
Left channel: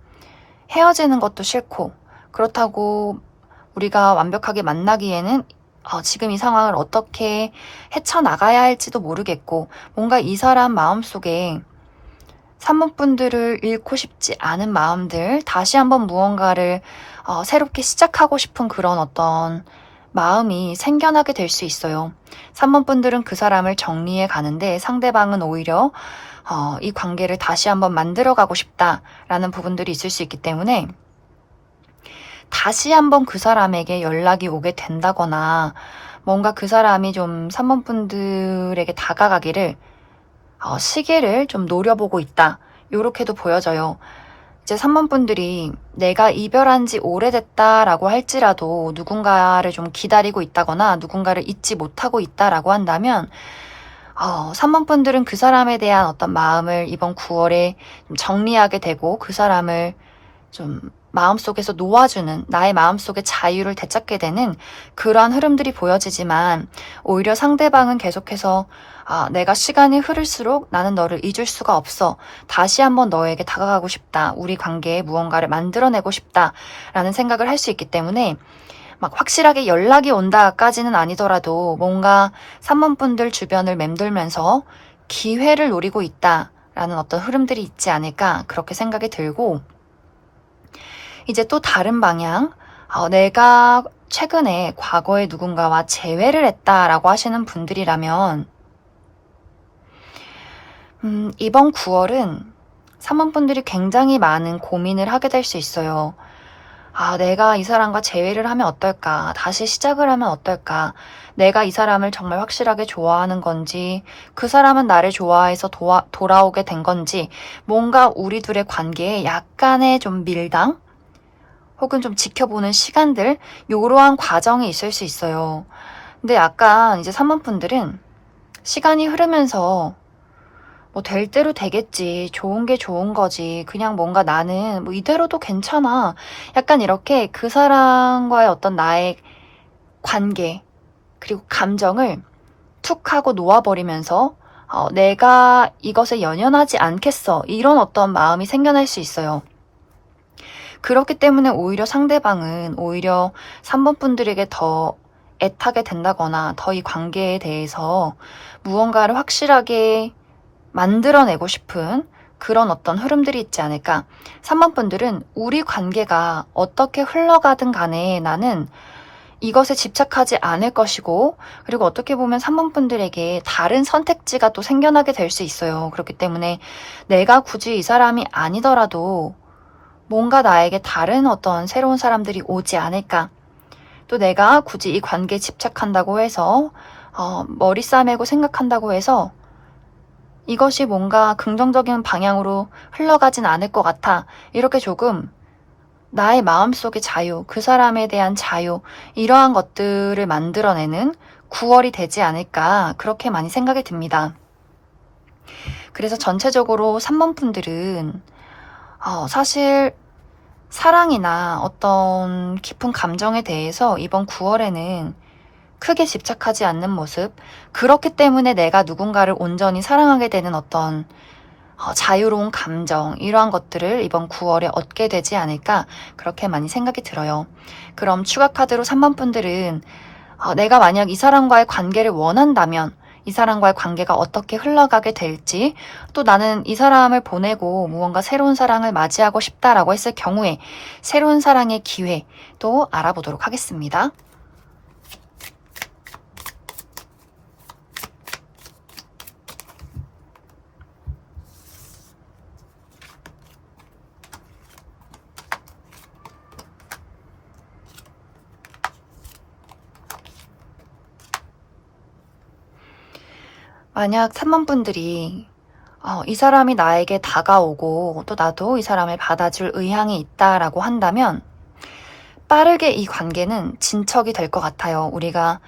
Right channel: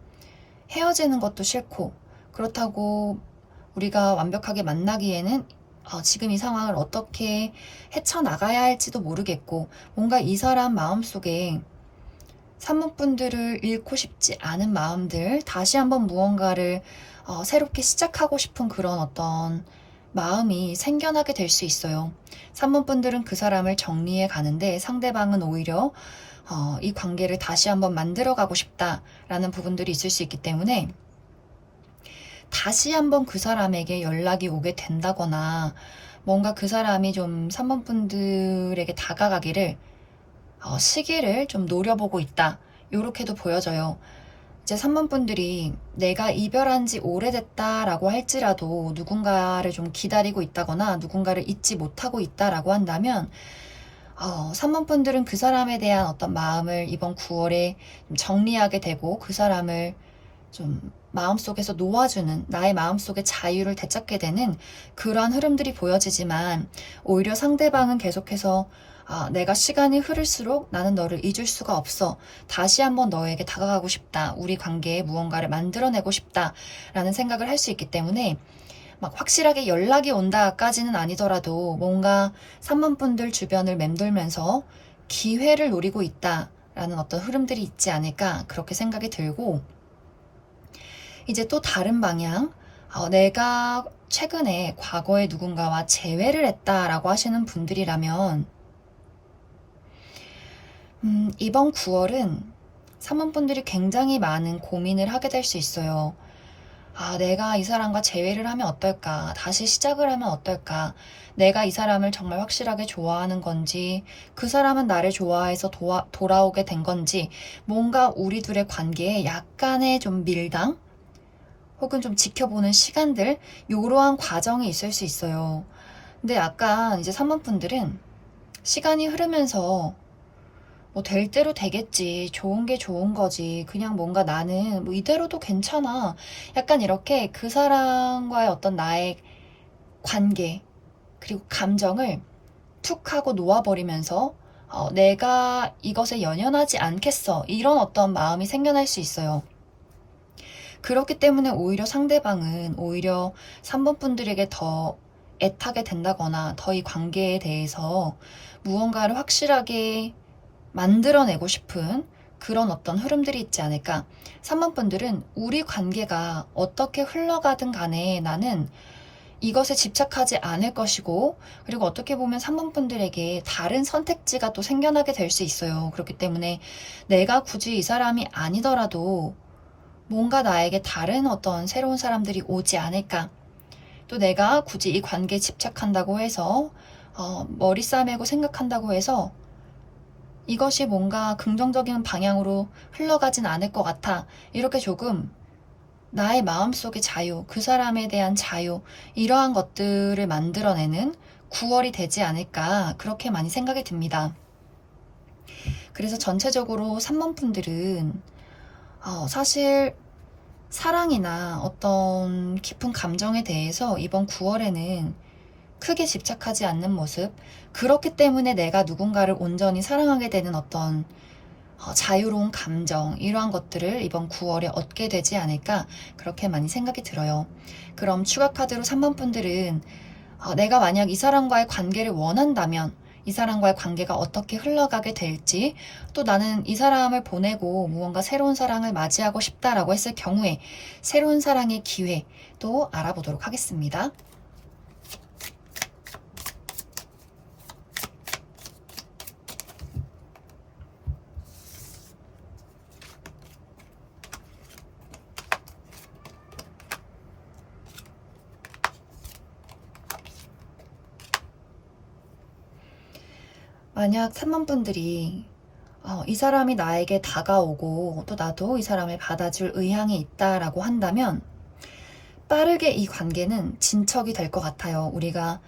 헤어지는 것도 싫고, 그렇다고 우리가 완벽하게 만나기에는 지금 이 상황을 어떻게 헤쳐나가야 할지도 모르겠고, 뭔가 이 사람 마음속에 3번 분들을 잃고 싶지 않은 마음들, 다시 한번 무언가를 새롭게 시작하고 싶은 그런 어떤 마음이 생겨나게 될 수 있어요. 3번 분들은 그 사람을 정리해 가는데 상대방은 오히려 이 관계를 다시 한번 만들어가고 싶다라는 부분들이 있을 수 있기 때문에 다시 한번 그 사람에게 연락이 오게 된다거나 뭔가 그 사람이 좀 3번 분들에게 다가가기를 시기를 좀 노려보고 있다. 요렇게도 보여져요. 이제 3번 분들이 내가 이별한 지 오래됐다라고 할지라도 누군가를 좀 기다리고 있다거나 누군가를 잊지 못하고 있다라고 한다면 3번 분들은 그 사람에 대한 어떤 마음을 이번 9월에 좀 정리하게 되고 그 사람을 좀 마음속에서 놓아주는, 나의 마음속의 자유를 되찾게 되는 그러한 흐름들이 보여지지만, 오히려 상대방은 계속해서 내가 시간이 흐를수록 나는 너를 잊을 수가 없어. 다시 한번 너에게 다가가고 싶다. 우리 관계에 무언가를 만들어내고 싶다. 라는 생각을 할 수 있기 때문에 막 확실하게 연락이 온다까지는 아니더라도 뭔가 3번 분들 주변을 맴돌면서 기회를 노리고 있다라는 어떤 흐름들이 있지 않을까 그렇게 생각이 들고, 이제 또 다른 방향, 내가 최근에 과거에 누군가와 재회를 했다라고 하시는 분들이라면 이번 9월은 3번 분들이 굉장히 많은 고민을 하게 될 수 있어요. 내가 이 사람과 재회를 하면 어떨까? 다시 시작을 하면 어떨까? 내가 이 사람을 정말 확실하게 좋아하는 건지, 그 사람은 나를 좋아해서 돌아오게 된 건지, 뭔가 우리 둘의 관계에 약간의 좀 밀당? 혹은 좀 지켜보는 시간들, 요러한 과정이 있을 수 있어요. 근데 약간 이제 3번 분들은 시간이 흐르면서 뭐 될 대로 되겠지. 좋은 게 좋은 거지. 그냥 뭔가 나는 뭐 이대로도 괜찮아. 약간 이렇게 그 사람과의 어떤 나의 관계, 그리고 감정을 툭 하고 놓아버리면서 내가 이것에 연연하지 않겠어. 이런 어떤 마음이 생겨날 수 있어요. 그렇기 때문에 오히려 상대방은 오히려 3번 분들에게 더 애타게 된다거나 더 이 관계에 대해서 무언가를 확실하게 만들어내고 싶은 그런 어떤 흐름들이 있지 않을까. 3번 분들은 우리 관계가 어떻게 흘러가든 간에 나는 이것에 집착하지 않을 것이고, 그리고 어떻게 보면 3번 분들에게 다른 선택지가 또 생겨나게 될 수 있어요. 그렇기 때문에 내가 굳이 이 사람이 아니더라도 뭔가 나에게 다른 어떤 새로운 사람들이 오지 않을까. 또 내가 굳이 이 관계에 집착한다고 해서 머리 싸매고 생각한다고 해서 이것이 뭔가 긍정적인 방향으로 흘러가진 않을 것 같아. 이렇게 조금 나의 마음속의 자유, 그 사람에 대한 자유, 이러한 것들을 만들어내는 9월이 되지 않을까, 그렇게 많이 생각이 듭니다. 그래서 전체적으로 3번 분들은 사실 사랑이나 어떤 깊은 감정에 대해서 이번 9월에는 크게 집착하지 않는 모습, 그렇기 때문에 내가 누군가를 온전히 사랑하게 되는 어떤 자유로운 감정, 이러한 것들을 이번 9월에 얻게 되지 않을까, 그렇게 많이 생각이 들어요. 그럼 추가 카드로 3번 분들은 내가 만약 이 사람과의 관계를 원한다면 이 사람과의 관계가 어떻게 흘러가게 될지, 또 나는 이 사람을 보내고 무언가 새로운 사랑을 맞이하고 싶다라고 했을 경우에 새로운 사랑의 기회 또 알아보도록 하겠습니다. 만약 3번 분들이 이 사람이 나에게 다가오고 또 나도 이 사람을 받아줄 의향이 있다라고 한다면 빠르게 이 관계는 진척이 될 것 같아요. 우리가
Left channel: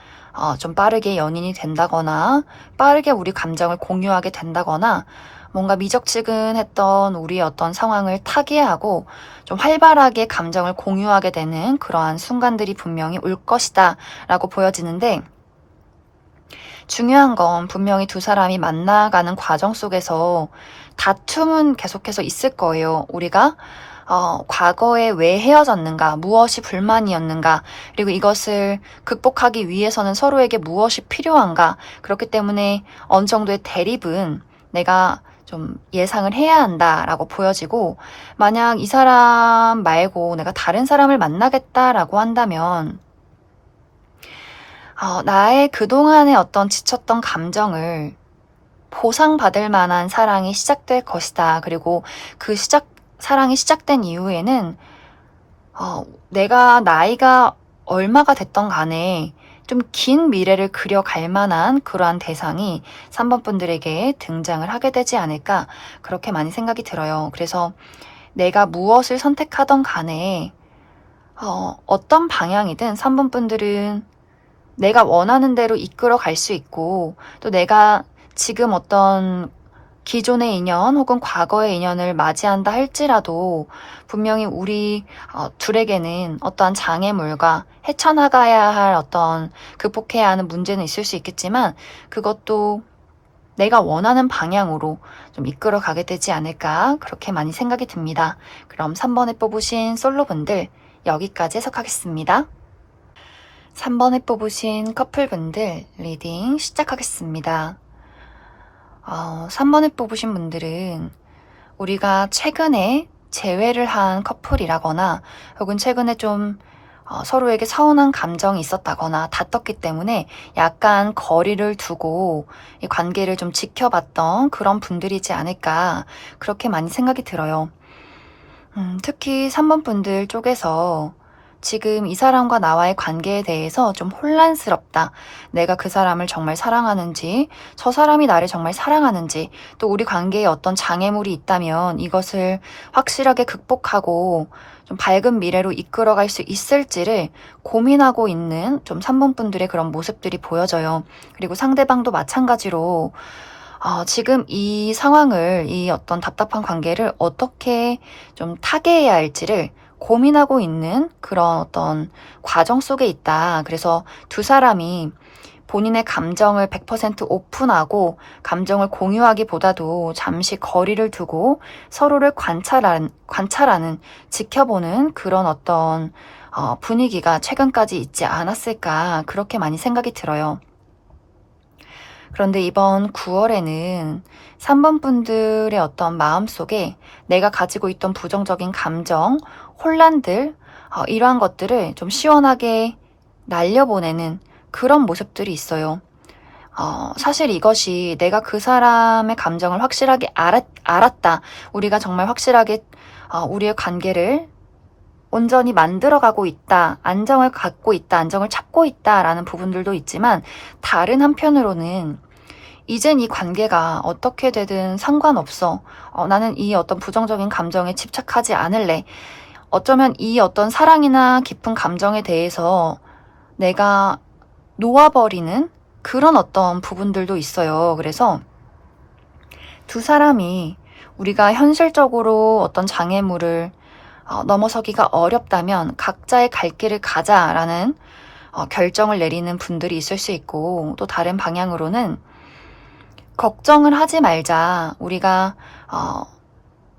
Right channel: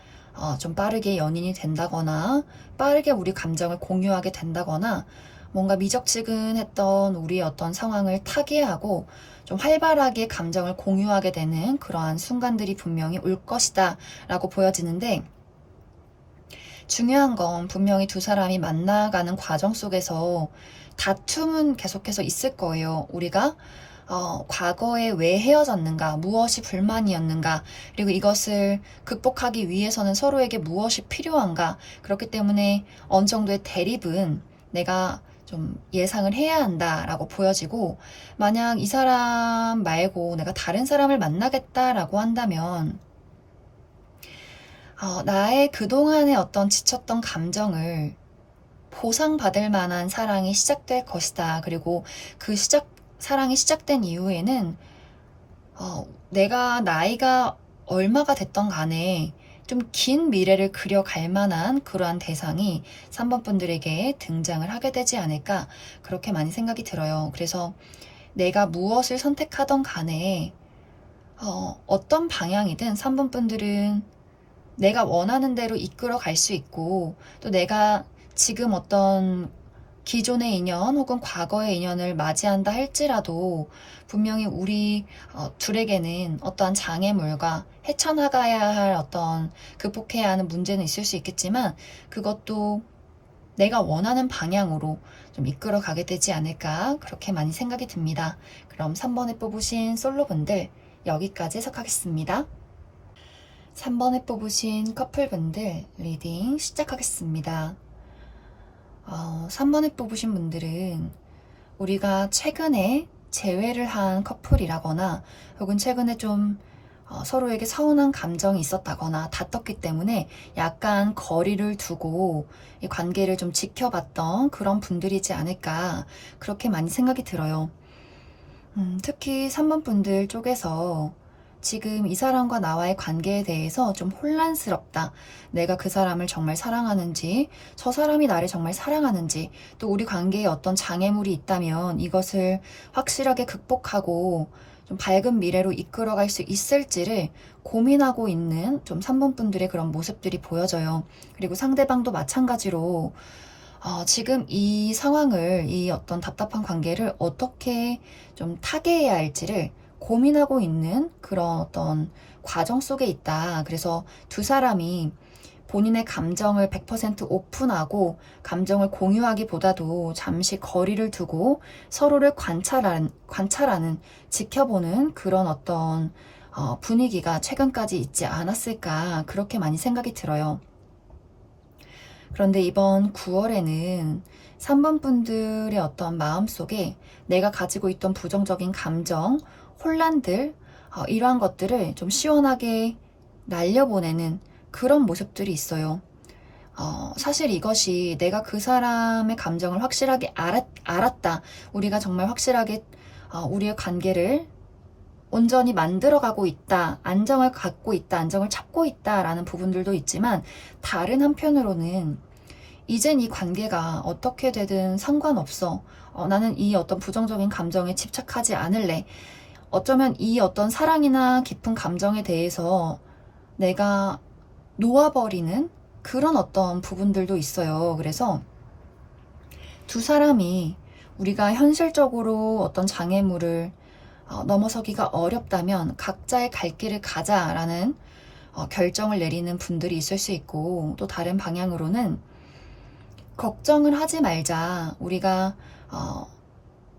좀 빠르게 연인이 된다거나 빠르게 우리 감정을 공유하게 된다거나 뭔가 미적지근했던 우리의 어떤 상황을 타개하고 좀 활발하게 감정을 공유하게 되는 그러한 순간들이 분명히 올 것이다 라고 보여지는데, 중요한 건 분명히 두 사람이 만나가는 과정 속에서 다툼은 계속해서 있을 거예요. 우리가 과거에 왜 헤어졌는가, 무엇이 불만이었는가, 그리고 이것을 극복하기 위해서는 서로에게 무엇이 필요한가. 그렇기 때문에 어느 정도의 대립은 내가 좀 예상을 해야 한다라고 보여지고, 만약 이 사람 말고 내가 다른 사람을 만나겠다라고 한다면 나의 그동안의 어떤 지쳤던 감정을 보상받을 만한 사랑이 시작될 것이다. 그리고 그 사랑이 시작된 이후에는 내가 나이가 얼마가 됐던 간에 좀 긴 미래를 그려갈 만한 그러한 대상이 3번 분들에게 등장을 하게 되지 않을까, 그렇게 많이 생각이 들어요. 그래서 내가 무엇을 선택하던 간에 어떤 방향이든 3번 분들은 내가 원하는 대로 이끌어 갈 수 있고, 또 내가 지금 어떤 기존의 인연 혹은 과거의 인연을 맞이한다 할지라도 분명히 우리 둘에게는 어떠한 장애물과 헤쳐나가야 할 어떤 극복해야 하는 문제는 있을 수 있겠지만, 그것도 내가 원하는 방향으로 좀 이끌어 가게 되지 않을까, 그렇게 많이 생각이 듭니다. 그럼 3번에 뽑으신 솔로분들 여기까지 해석하겠습니다. 3번에 뽑으신 커플분들 리딩 시작하겠습니다. 3번에 뽑으신 분들은 우리가 최근에 재회를 한 커플이라거나 혹은 최근에 좀 서로에게 서운한 감정이 있었다거나 다퉜기 때문에 약간 거리를 두고 이 관계를 좀 지켜봤던 그런 분들이지 않을까, 그렇게 많이 생각이 들어요. 특히 3번 분들 쪽에서 지금 이 사람과 나와의 관계에 대해서 좀 혼란스럽다. 내가 그 사람을 정말 사랑하는지, 저 사람이 나를 정말 사랑하는지, 또 우리 관계에 어떤 장애물이 있다면 이것을 확실하게 극복하고 좀 밝은 미래로 이끌어갈 수 있을지를 고민하고 있는 좀 3번 분들의 그런 모습들이 보여져요. 그리고 상대방도 마찬가지로 지금 이 상황을, 이 어떤 답답한 관계를 어떻게 좀 타개해야 할지를 고민하고 있는 그런 어떤 과정 속에 있다. 그래서 두 사람이 본인의 감정을 100% 오픈하고 감정을 공유하기보다도 잠시 거리를 두고 서로를 관찰하는, 지켜보는 그런 어떤 분위기가 최근까지 있지 않았을까, 그렇게 많이 생각이 들어요. 그런데 이번 9월에는 3번 분들의 어떤 마음속에 내가 가지고 있던 부정적인 감정, 혼란들, 이러한 것들을 좀 시원하게 날려보내는 그런 모습들이 있어요. 사실 이것이 내가 그 사람의 감정을 확실하게 알았다. 우리가 정말 확실하게 우리의 관계를 온전히 만들어가고 있다. 안정을 갖고 있다. 안정을 찾고 있다라는 부분들도 있지만, 다른 한편으로는 이젠 이 관계가 어떻게 되든 상관없어. 나는 이 어떤 부정적인 감정에 집착하지 않을래. 어쩌면 이 어떤 사랑이나 깊은 감정에 대해서 내가 놓아버리는 그런 어떤 부분들도 있어요. 그래서 두 사람이 우리가 현실적으로 어떤 장애물을 넘어서기가 어렵다면 각자의 갈 길을 가자라는 결정을 내리는 분들이 있을 수 있고, 또 다른 방향으로는 걱정을 하지 말자. 우리가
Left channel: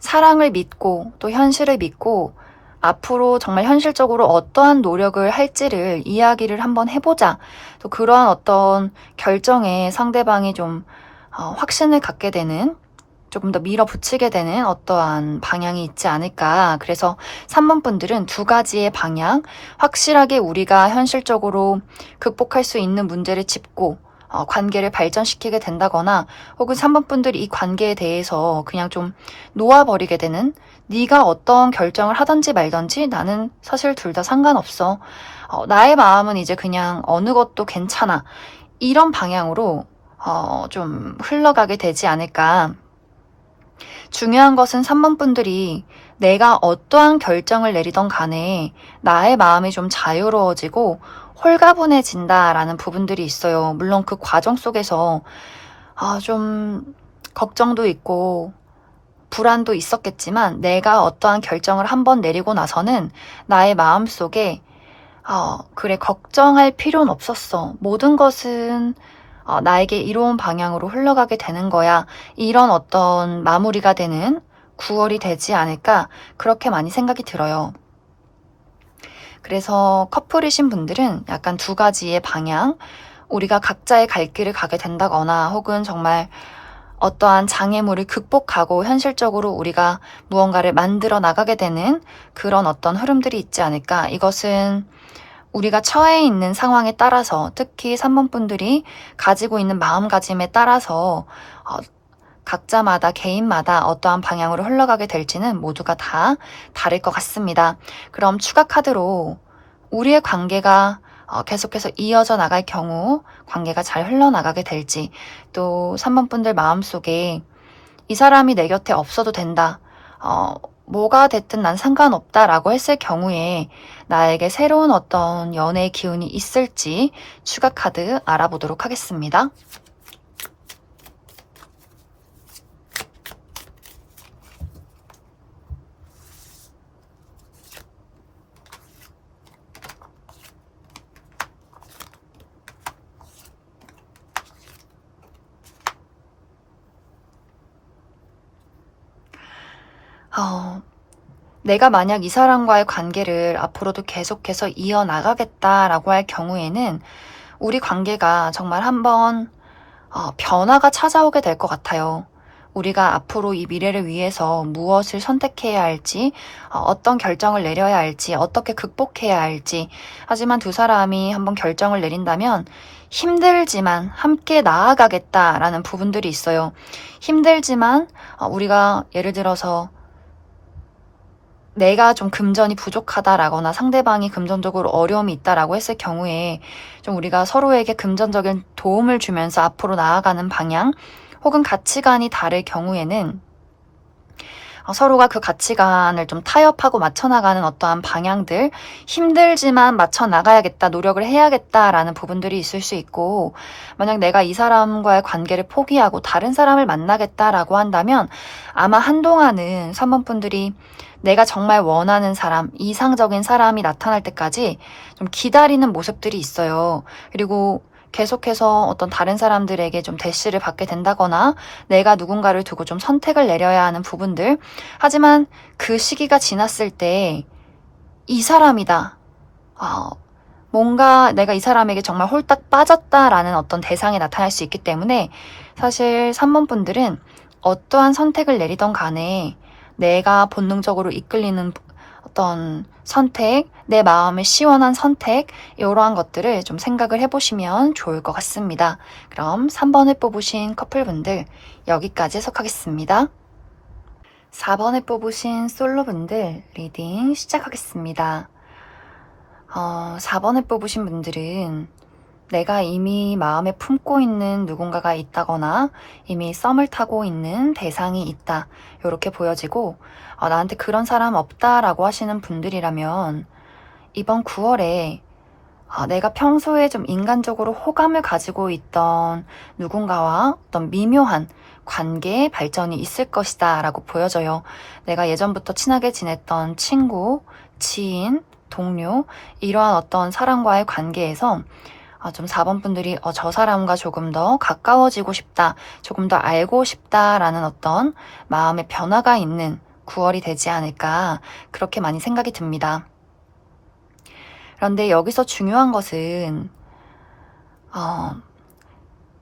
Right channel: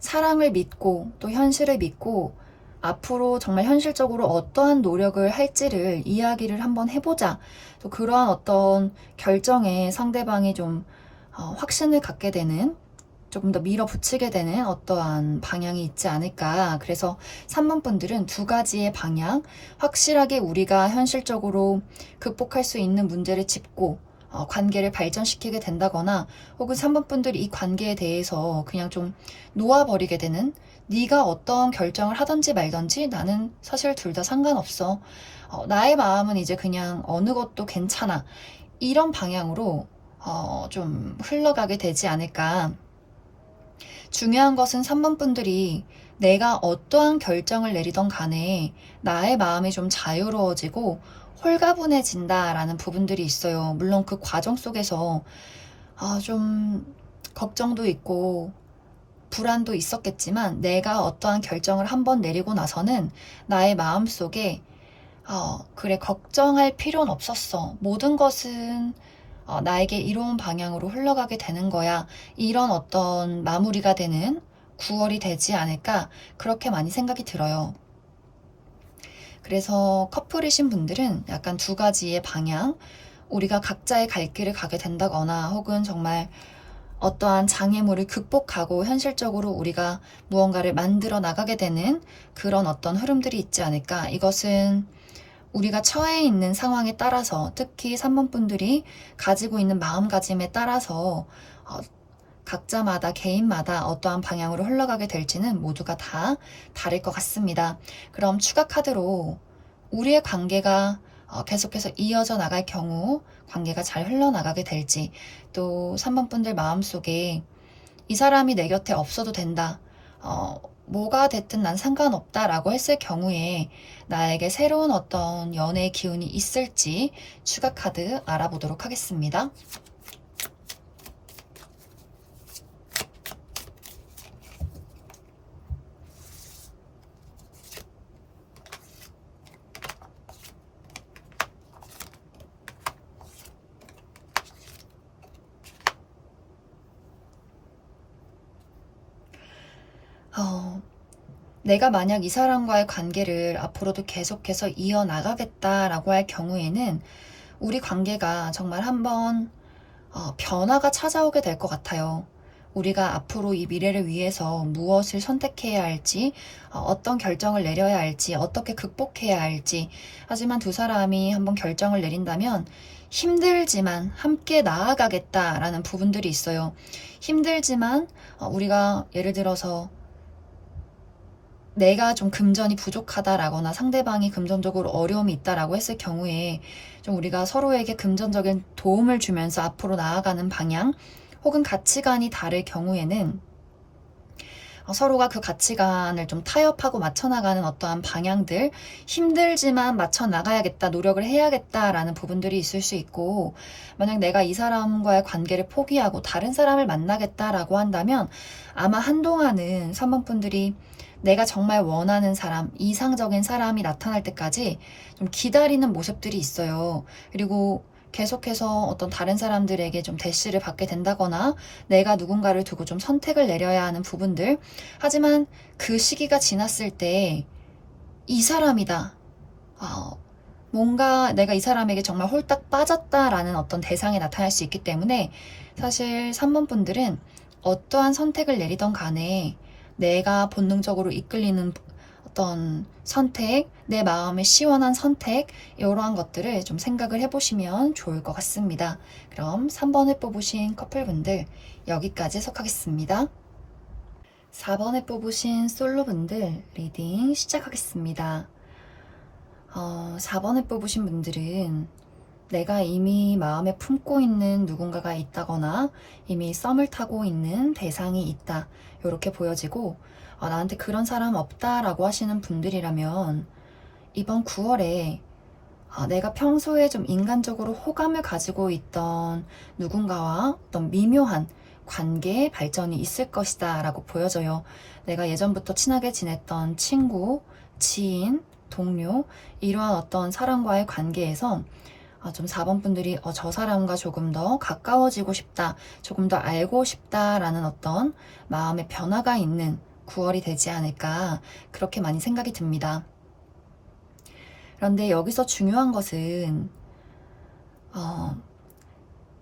사랑을 믿고 또 현실을 믿고 앞으로 정말 현실적으로 어떠한 노력을 할지를 이야기를 한번 해보자. 또 그러한 어떤 결정에 상대방이 좀 확신을 갖게 되는, 조금 더 밀어붙이게 되는 어떠한 방향이 있지 않을까. 그래서 3번 분들은 두 가지의 방향, 확실하게 우리가 현실적으로 극복할 수 있는 문제를 짚고 관계를 발전시키게 된다거나, 혹은 3번 분들이 이 관계에 대해서 그냥 좀 놓아버리게 되는, 네가 어떤 결정을 하든지 말든지 나는 사실 둘 다 상관없어. 나의 마음은 이제 그냥 어느 것도 괜찮아. 이런 방향으로 좀 흘러가게 되지 않을까. 중요한 것은 3번 분들이 내가 어떠한 결정을 내리던 간에 나의 마음이 좀 자유로워지고 홀가분해진다라는 부분들이 있어요. 물론 그 과정 속에서 좀 걱정도 있고 불안도 있었겠지만, 내가 어떠한 결정을 한번 내리고 나서는 나의 마음속에 그래, 걱정할 필요는 없었어. 모든 것은 나에게 이로운 방향으로 흘러가게 되는 거야. 이런 어떤 마무리가 되는 9월이 되지 않을까, 그렇게 많이 생각이 들어요. 그래서 커플이신 분들은 약간 두 가지의 방향, 우리가 각자의 갈 길을 가게 된다거나, 혹은 정말 어떠한 장애물을 극복하고 현실적으로 우리가 무언가를 만들어 나가게 되는 그런 어떤 흐름들이 있지 않을까. 이것은 우리가 처해 있는 상황에 따라서, 특히 3번 분들이 가지고 있는 마음가짐에 따라서 각자마다, 개인마다 어떠한 방향으로 흘러가게 될지는 모두가 다 다를 것 같습니다. 그럼 추가 카드로 우리의 관계가 계속해서 이어져 나갈 경우 관계가 잘 흘러나가게 될지, 또 3번 분들 마음속에 이 사람이 내 곁에 없어도 된다, 뭐가 됐든 난 상관없다라고 했을 경우에 나에게 새로운 어떤 연애의 기운이 있을지 추가 카드 알아보도록 하겠습니다. 내가 만약 이 사람과의 관계를 앞으로도 계속해서 이어나가겠다라고 할 경우에는 우리 관계가 정말 한번 변화가 찾아오게 될 것 같아요. 우리가 앞으로 이 미래를 위해서 무엇을 선택해야 할지, 어떤 결정을 내려야 할지, 어떻게 극복해야 할지. 하지만 두 사람이 한번 결정을 내린다면 힘들지만 함께 나아가겠다라는 부분들이 있어요. 힘들지만 우리가 예를 들어서 내가 좀 금전이 부족하다라거나 상대방이 금전적으로 어려움이 있다라고 했을 경우에 좀 우리가 서로에게 금전적인 도움을 주면서 앞으로 나아가는 방향 혹은 가치관이 다를 경우에는 서로가 그 가치관을 좀 타협하고 맞춰나가는 어떠한 방향들, 힘들지만 맞춰나가야겠다, 노력을 해야겠다라는 부분들이 있을 수 있고, 만약 내가 이 사람과의 관계를 포기하고 다른 사람을 만나겠다라고 한다면 아마 한동안은 3번 분들이 내가 정말 원하는 사람, 이상적인 사람이 나타날 때까지 좀 기다리는 모습들이 있어요. 그리고 계속해서 어떤 다른 사람들에게 좀 대시를 받게 된다거나 내가 누군가를 두고 좀 선택을 내려야 하는 부분들. 하지만 그 시기가 지났을 때 이 사람이다. 뭔가 내가 이 사람에게 정말 홀딱 빠졌다라는 어떤 대상이 나타날 수 있기 때문에 사실 3번 분들은 어떠한 선택을 내리던 간에 내가 본능적으로 이끌리는 어떤 선택, 내 마음에 시원한 선택, 이러한 것들을 좀 생각을 해보시면 좋을 것 같습니다. 그럼 3번을 뽑으신 커플분들 여기까지 해석하겠습니다. 4번을 뽑으신 솔로분들 리딩 시작하겠습니다. 4번을 뽑으신 분들은 내가 이미 마음에 품고 있는 누군가가 있다거나 이미 썸을 타고 있는 대상이 있다. 이렇게 보여지고 나한테 그런 사람 없다라고 하시는 분들이라면 이번 9월에 내가 평소에 좀 인간적으로 호감을 가지고 있던 누군가와 어떤 미묘한 관계의 발전이 있을 것이다 라고 보여져요. 내가 예전부터 친하게 지냈던 친구, 지인, 동료 이러한 어떤 사람과의 관계에서 좀 4번 분들이 저 사람과 조금 더 가까워지고 싶다, 조금 더 알고 싶다라는 어떤 마음의 변화가 있는 9월이 되지 않을까 그렇게 많이 생각이 듭니다. 그런데 여기서 중요한 것은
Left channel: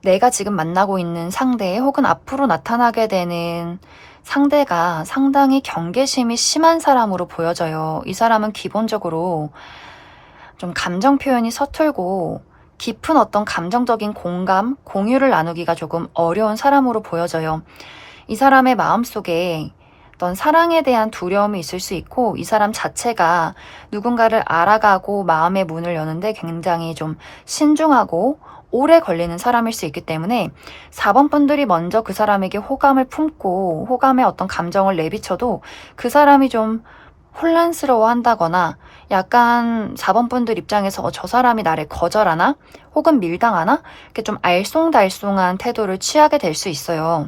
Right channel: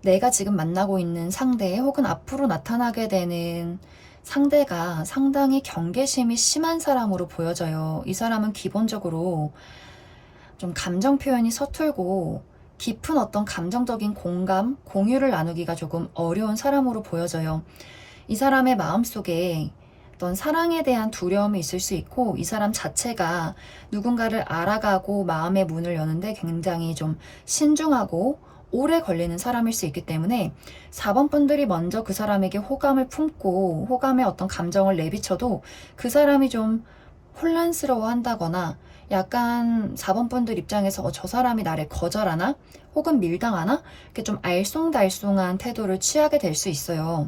내가 지금 만나고 있는 상대 혹은 앞으로 나타나게 되는 상대가 상당히 경계심이 심한 사람으로 보여져요. 이 사람은 기본적으로 좀 감정 표현이 서툴고 깊은 어떤 감정적인 공감, 공유를 나누기가 조금 어려운 사람으로 보여져요. 이 사람의 마음속에 어떤 사랑에 대한 두려움이 있을 수 있고 이 사람 자체가 누군가를 알아가고 마음의 문을 여는데 굉장히 좀 신중하고 오래 걸리는 사람일 수 있기 때문에 4번 분들이 먼저 그 사람에게 호감을 품고 호감의 어떤 감정을 내비쳐도 그 사람이 좀 혼란스러워 한다거나 약간 4번 분들 입장에서 저 사람이 나를 거절하나 혹은 밀당하나 이렇게 좀 알쏭달쏭한 태도를 취하게 될 수 있어요.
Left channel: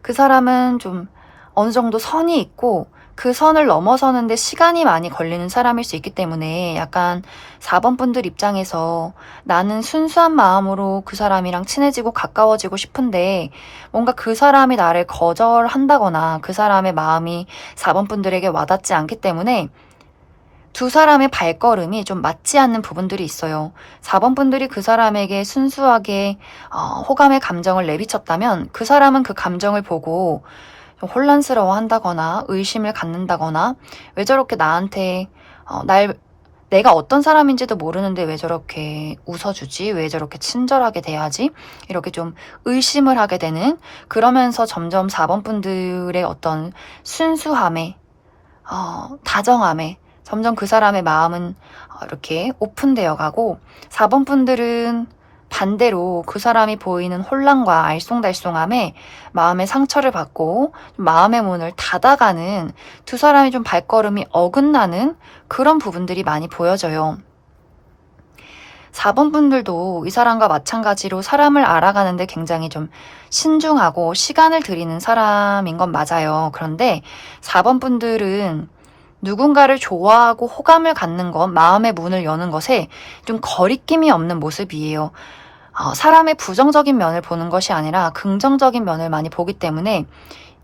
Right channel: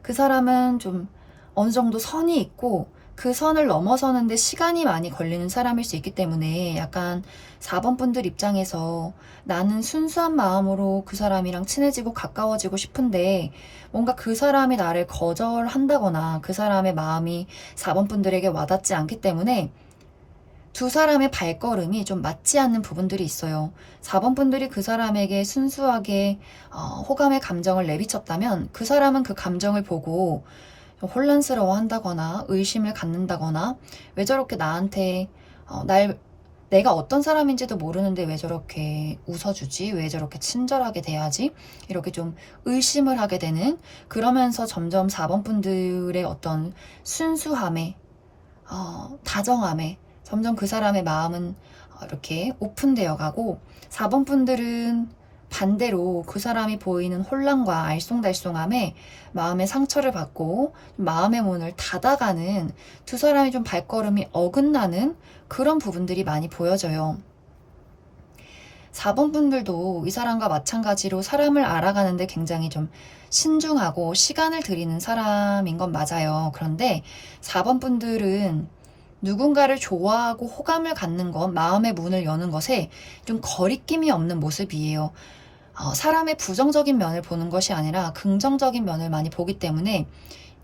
그 사람은 좀 어느 정도 선이 있고 그 선을 넘어서는데 시간이 많이 걸리는 사람일 수 있기 때문에 약간 4번 분들 입장에서 나는 순수한 마음으로 그 사람이랑 친해지고 가까워지고 싶은데 뭔가 그 사람이 나를 거절한다거나 그 사람의 마음이 4번 분들에게 와닿지 않기 때문에 두 사람의 발걸음이 좀 맞지 않는 부분들이 있어요. 4번 분들이 그 사람에게 순수하게 호감의 감정을 내비쳤다면 그 사람은 그 감정을 보고 좀 혼란스러워 한다거나 의심을 갖는다거나 왜 저렇게 나한테 내가 어떤 사람인지도 모르는데 왜 저렇게 웃어주지? 왜 저렇게 친절하게 대하지? 이렇게 좀 의심을 하게 되는 그러면서 점점 4번 분들의 어떤 순수함에 다정함에 점점 그 사람의 마음은 이렇게 오픈되어 가고 4번 분들은 반대로 그 사람이 보이는 혼란과 알쏭달쏭함에 마음의 상처를 받고 마음의 문을 닫아가는 두 사람이 좀 발걸음이 어긋나는 그런 부분들이 많이 보여져요. 4번 분들도 이 사람과 마찬가지로 사람을 알아가는데 굉장히 좀 신중하고 시간을 들이는 사람인 건 맞아요. 그런데 4번 분들은 누군가를 좋아하고 호감을 갖는 것, 마음의 문을 여는 것에 좀 거리낌이 없는 모습이에요. 사람의 부정적인 면을 보는 것이 아니라 긍정적인 면을 많이 보기 때문에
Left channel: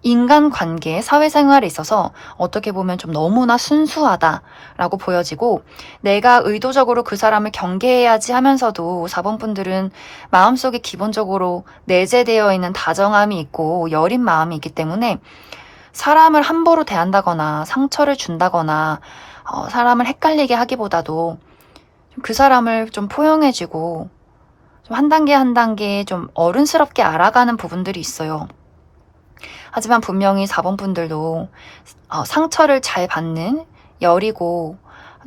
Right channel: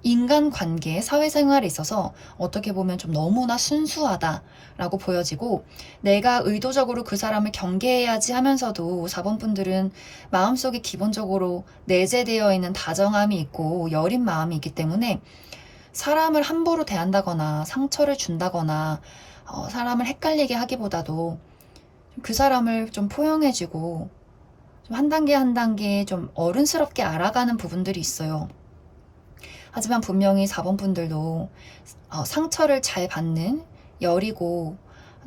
인간관계, 사회생활에 있어서 어떻게 보면 좀 너무나 순수하다라고 보여지고 내가 의도적으로 그 사람을 경계해야지 하면서도 4번 분들은 마음속에 기본적으로 내재되어 있는 다정함이 있고 여린 마음이 있기 때문에 사람을 함부로 대한다거나 상처를 준다거나 사람을 헷갈리게 하기보다도 그 사람을 좀 포용해주고 좀 한 단계 한 단계 좀 어른스럽게 알아가는 부분들이 있어요. 하지만 분명히 4번 분들도 상처를 잘 받는 여리고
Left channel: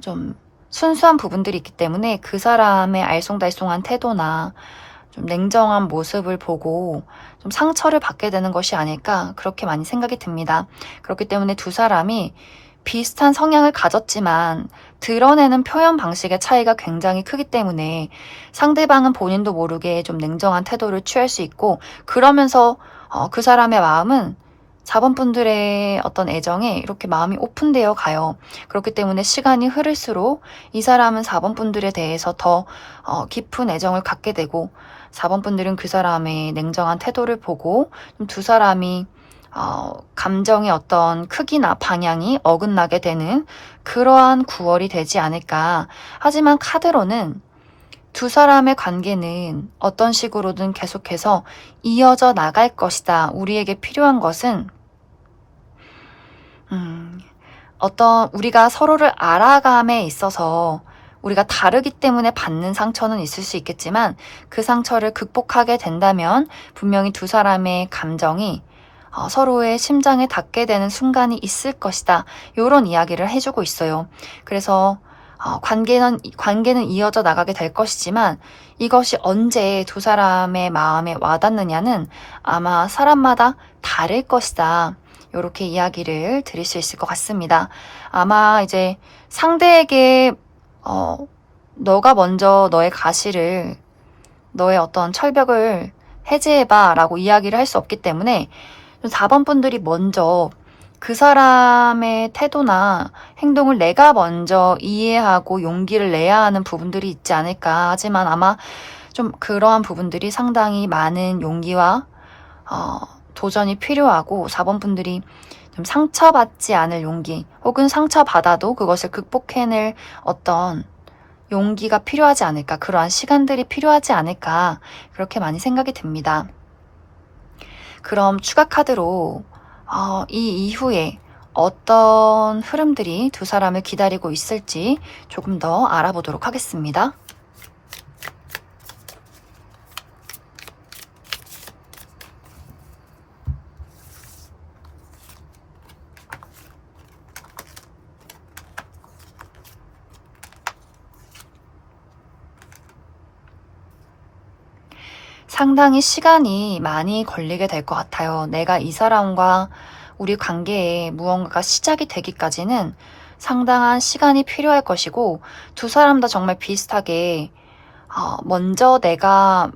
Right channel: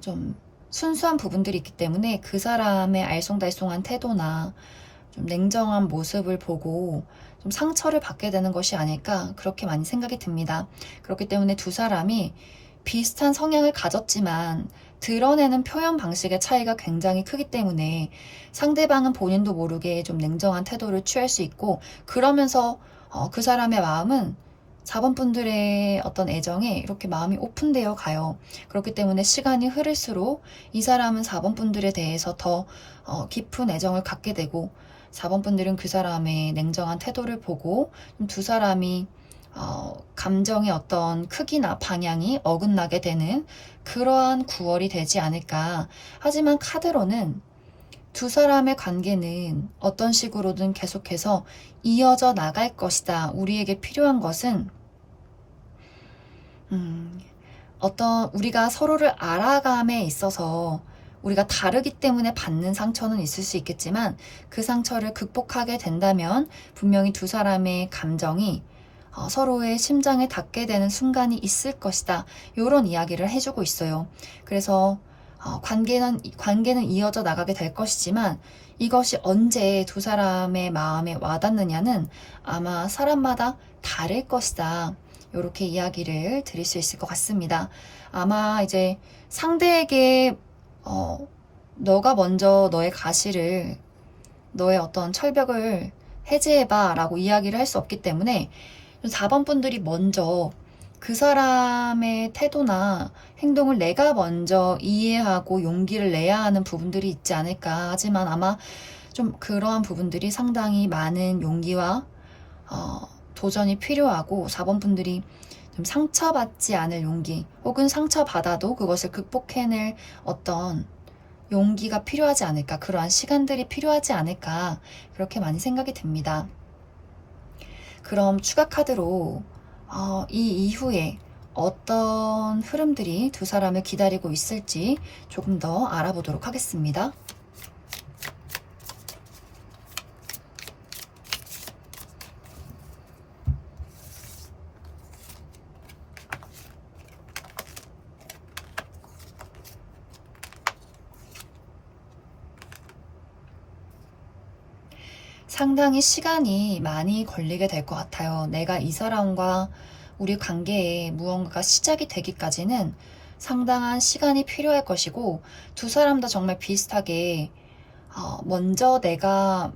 좀 순수한 부분들이 있기 때문에 그 사람의 알쏭달쏭한 태도나 좀 냉정한 모습을 보고 좀 상처를 받게 되는 것이 아닐까 그렇게 많이 생각이 듭니다. 그렇기 때문에 두 사람이 비슷한 성향을 가졌지만 드러내는 표현 방식의 차이가 굉장히 크기 때문에 상대방은 본인도 모르게 좀 냉정한 태도를 취할 수 있고 그러면서 그 사람의 마음은 4번 분들의 어떤 애정에 이렇게 마음이 오픈되어 가요. 그렇기 때문에 시간이 흐를수록 이 사람은 4번 분들에 대해서 더 깊은 애정을 갖게 되고 4번 분들은 그 사람의 냉정한 태도를 보고 좀 두 사람이 감정의 어떤 크기나 방향이 어긋나게 되는 그러한 9월이 되지 않을까. 하지만 카드로는 두 사람의 관계는 어떤 식으로든 계속해서 이어져 나갈 것이다. 우리에게 필요한 것은 어떤 우리가 서로를 알아감에 있어서 우리가 다르기 때문에 받는 상처는 있을 수 있겠지만 그 상처를 극복하게 된다면 분명히 두 사람의 감정이 서로의 심장에 닿게 되는 순간이 있을 것이다. 이런 이야기를 해주고 있어요. 그래서 관계는 이어져 나가게 될 것이지만 이것이 언제 두 사람의 마음에 와닿느냐는 아마 사람마다 다를 것이다. 이렇게 이야기를 드릴 수 있을 것 같습니다. 아마 이제 상대에게 너가 먼저 너의 가시를 너의 어떤 철벽을 해제해봐 라고 이야기를 할 수 없기 때문에 4번 분들이 먼저 그 사람의 태도나 행동을 내가 먼저 이해하고 용기를 내야 하는 부분들이 있지 않을까. 하지만 아마 좀 그러한 부분들이 상당히 많은 용기와 도전이 필요하고 4번 분들이 좀 상처받지 않을 용기 혹은 상처받아도 그것을 극복해낼 어떤 용기가 필요하지 않을까. 그러한 시간들이 필요하지 않을까. 그렇게 많이 생각이 듭니다. 그럼 추가 카드로 이 이후에 어떤 흐름들이 두 사람을 기다리고 있을지 조금 더 알아보도록 하겠습니다. 상당히 시간이 많이 걸리게 될 것 같아요. 내가 이 사람과 우리 관계에 무언가가 시작이 되기까지는 상당한 시간이 필요할 것이고 두 사람 다 정말 비슷하게 먼저 내가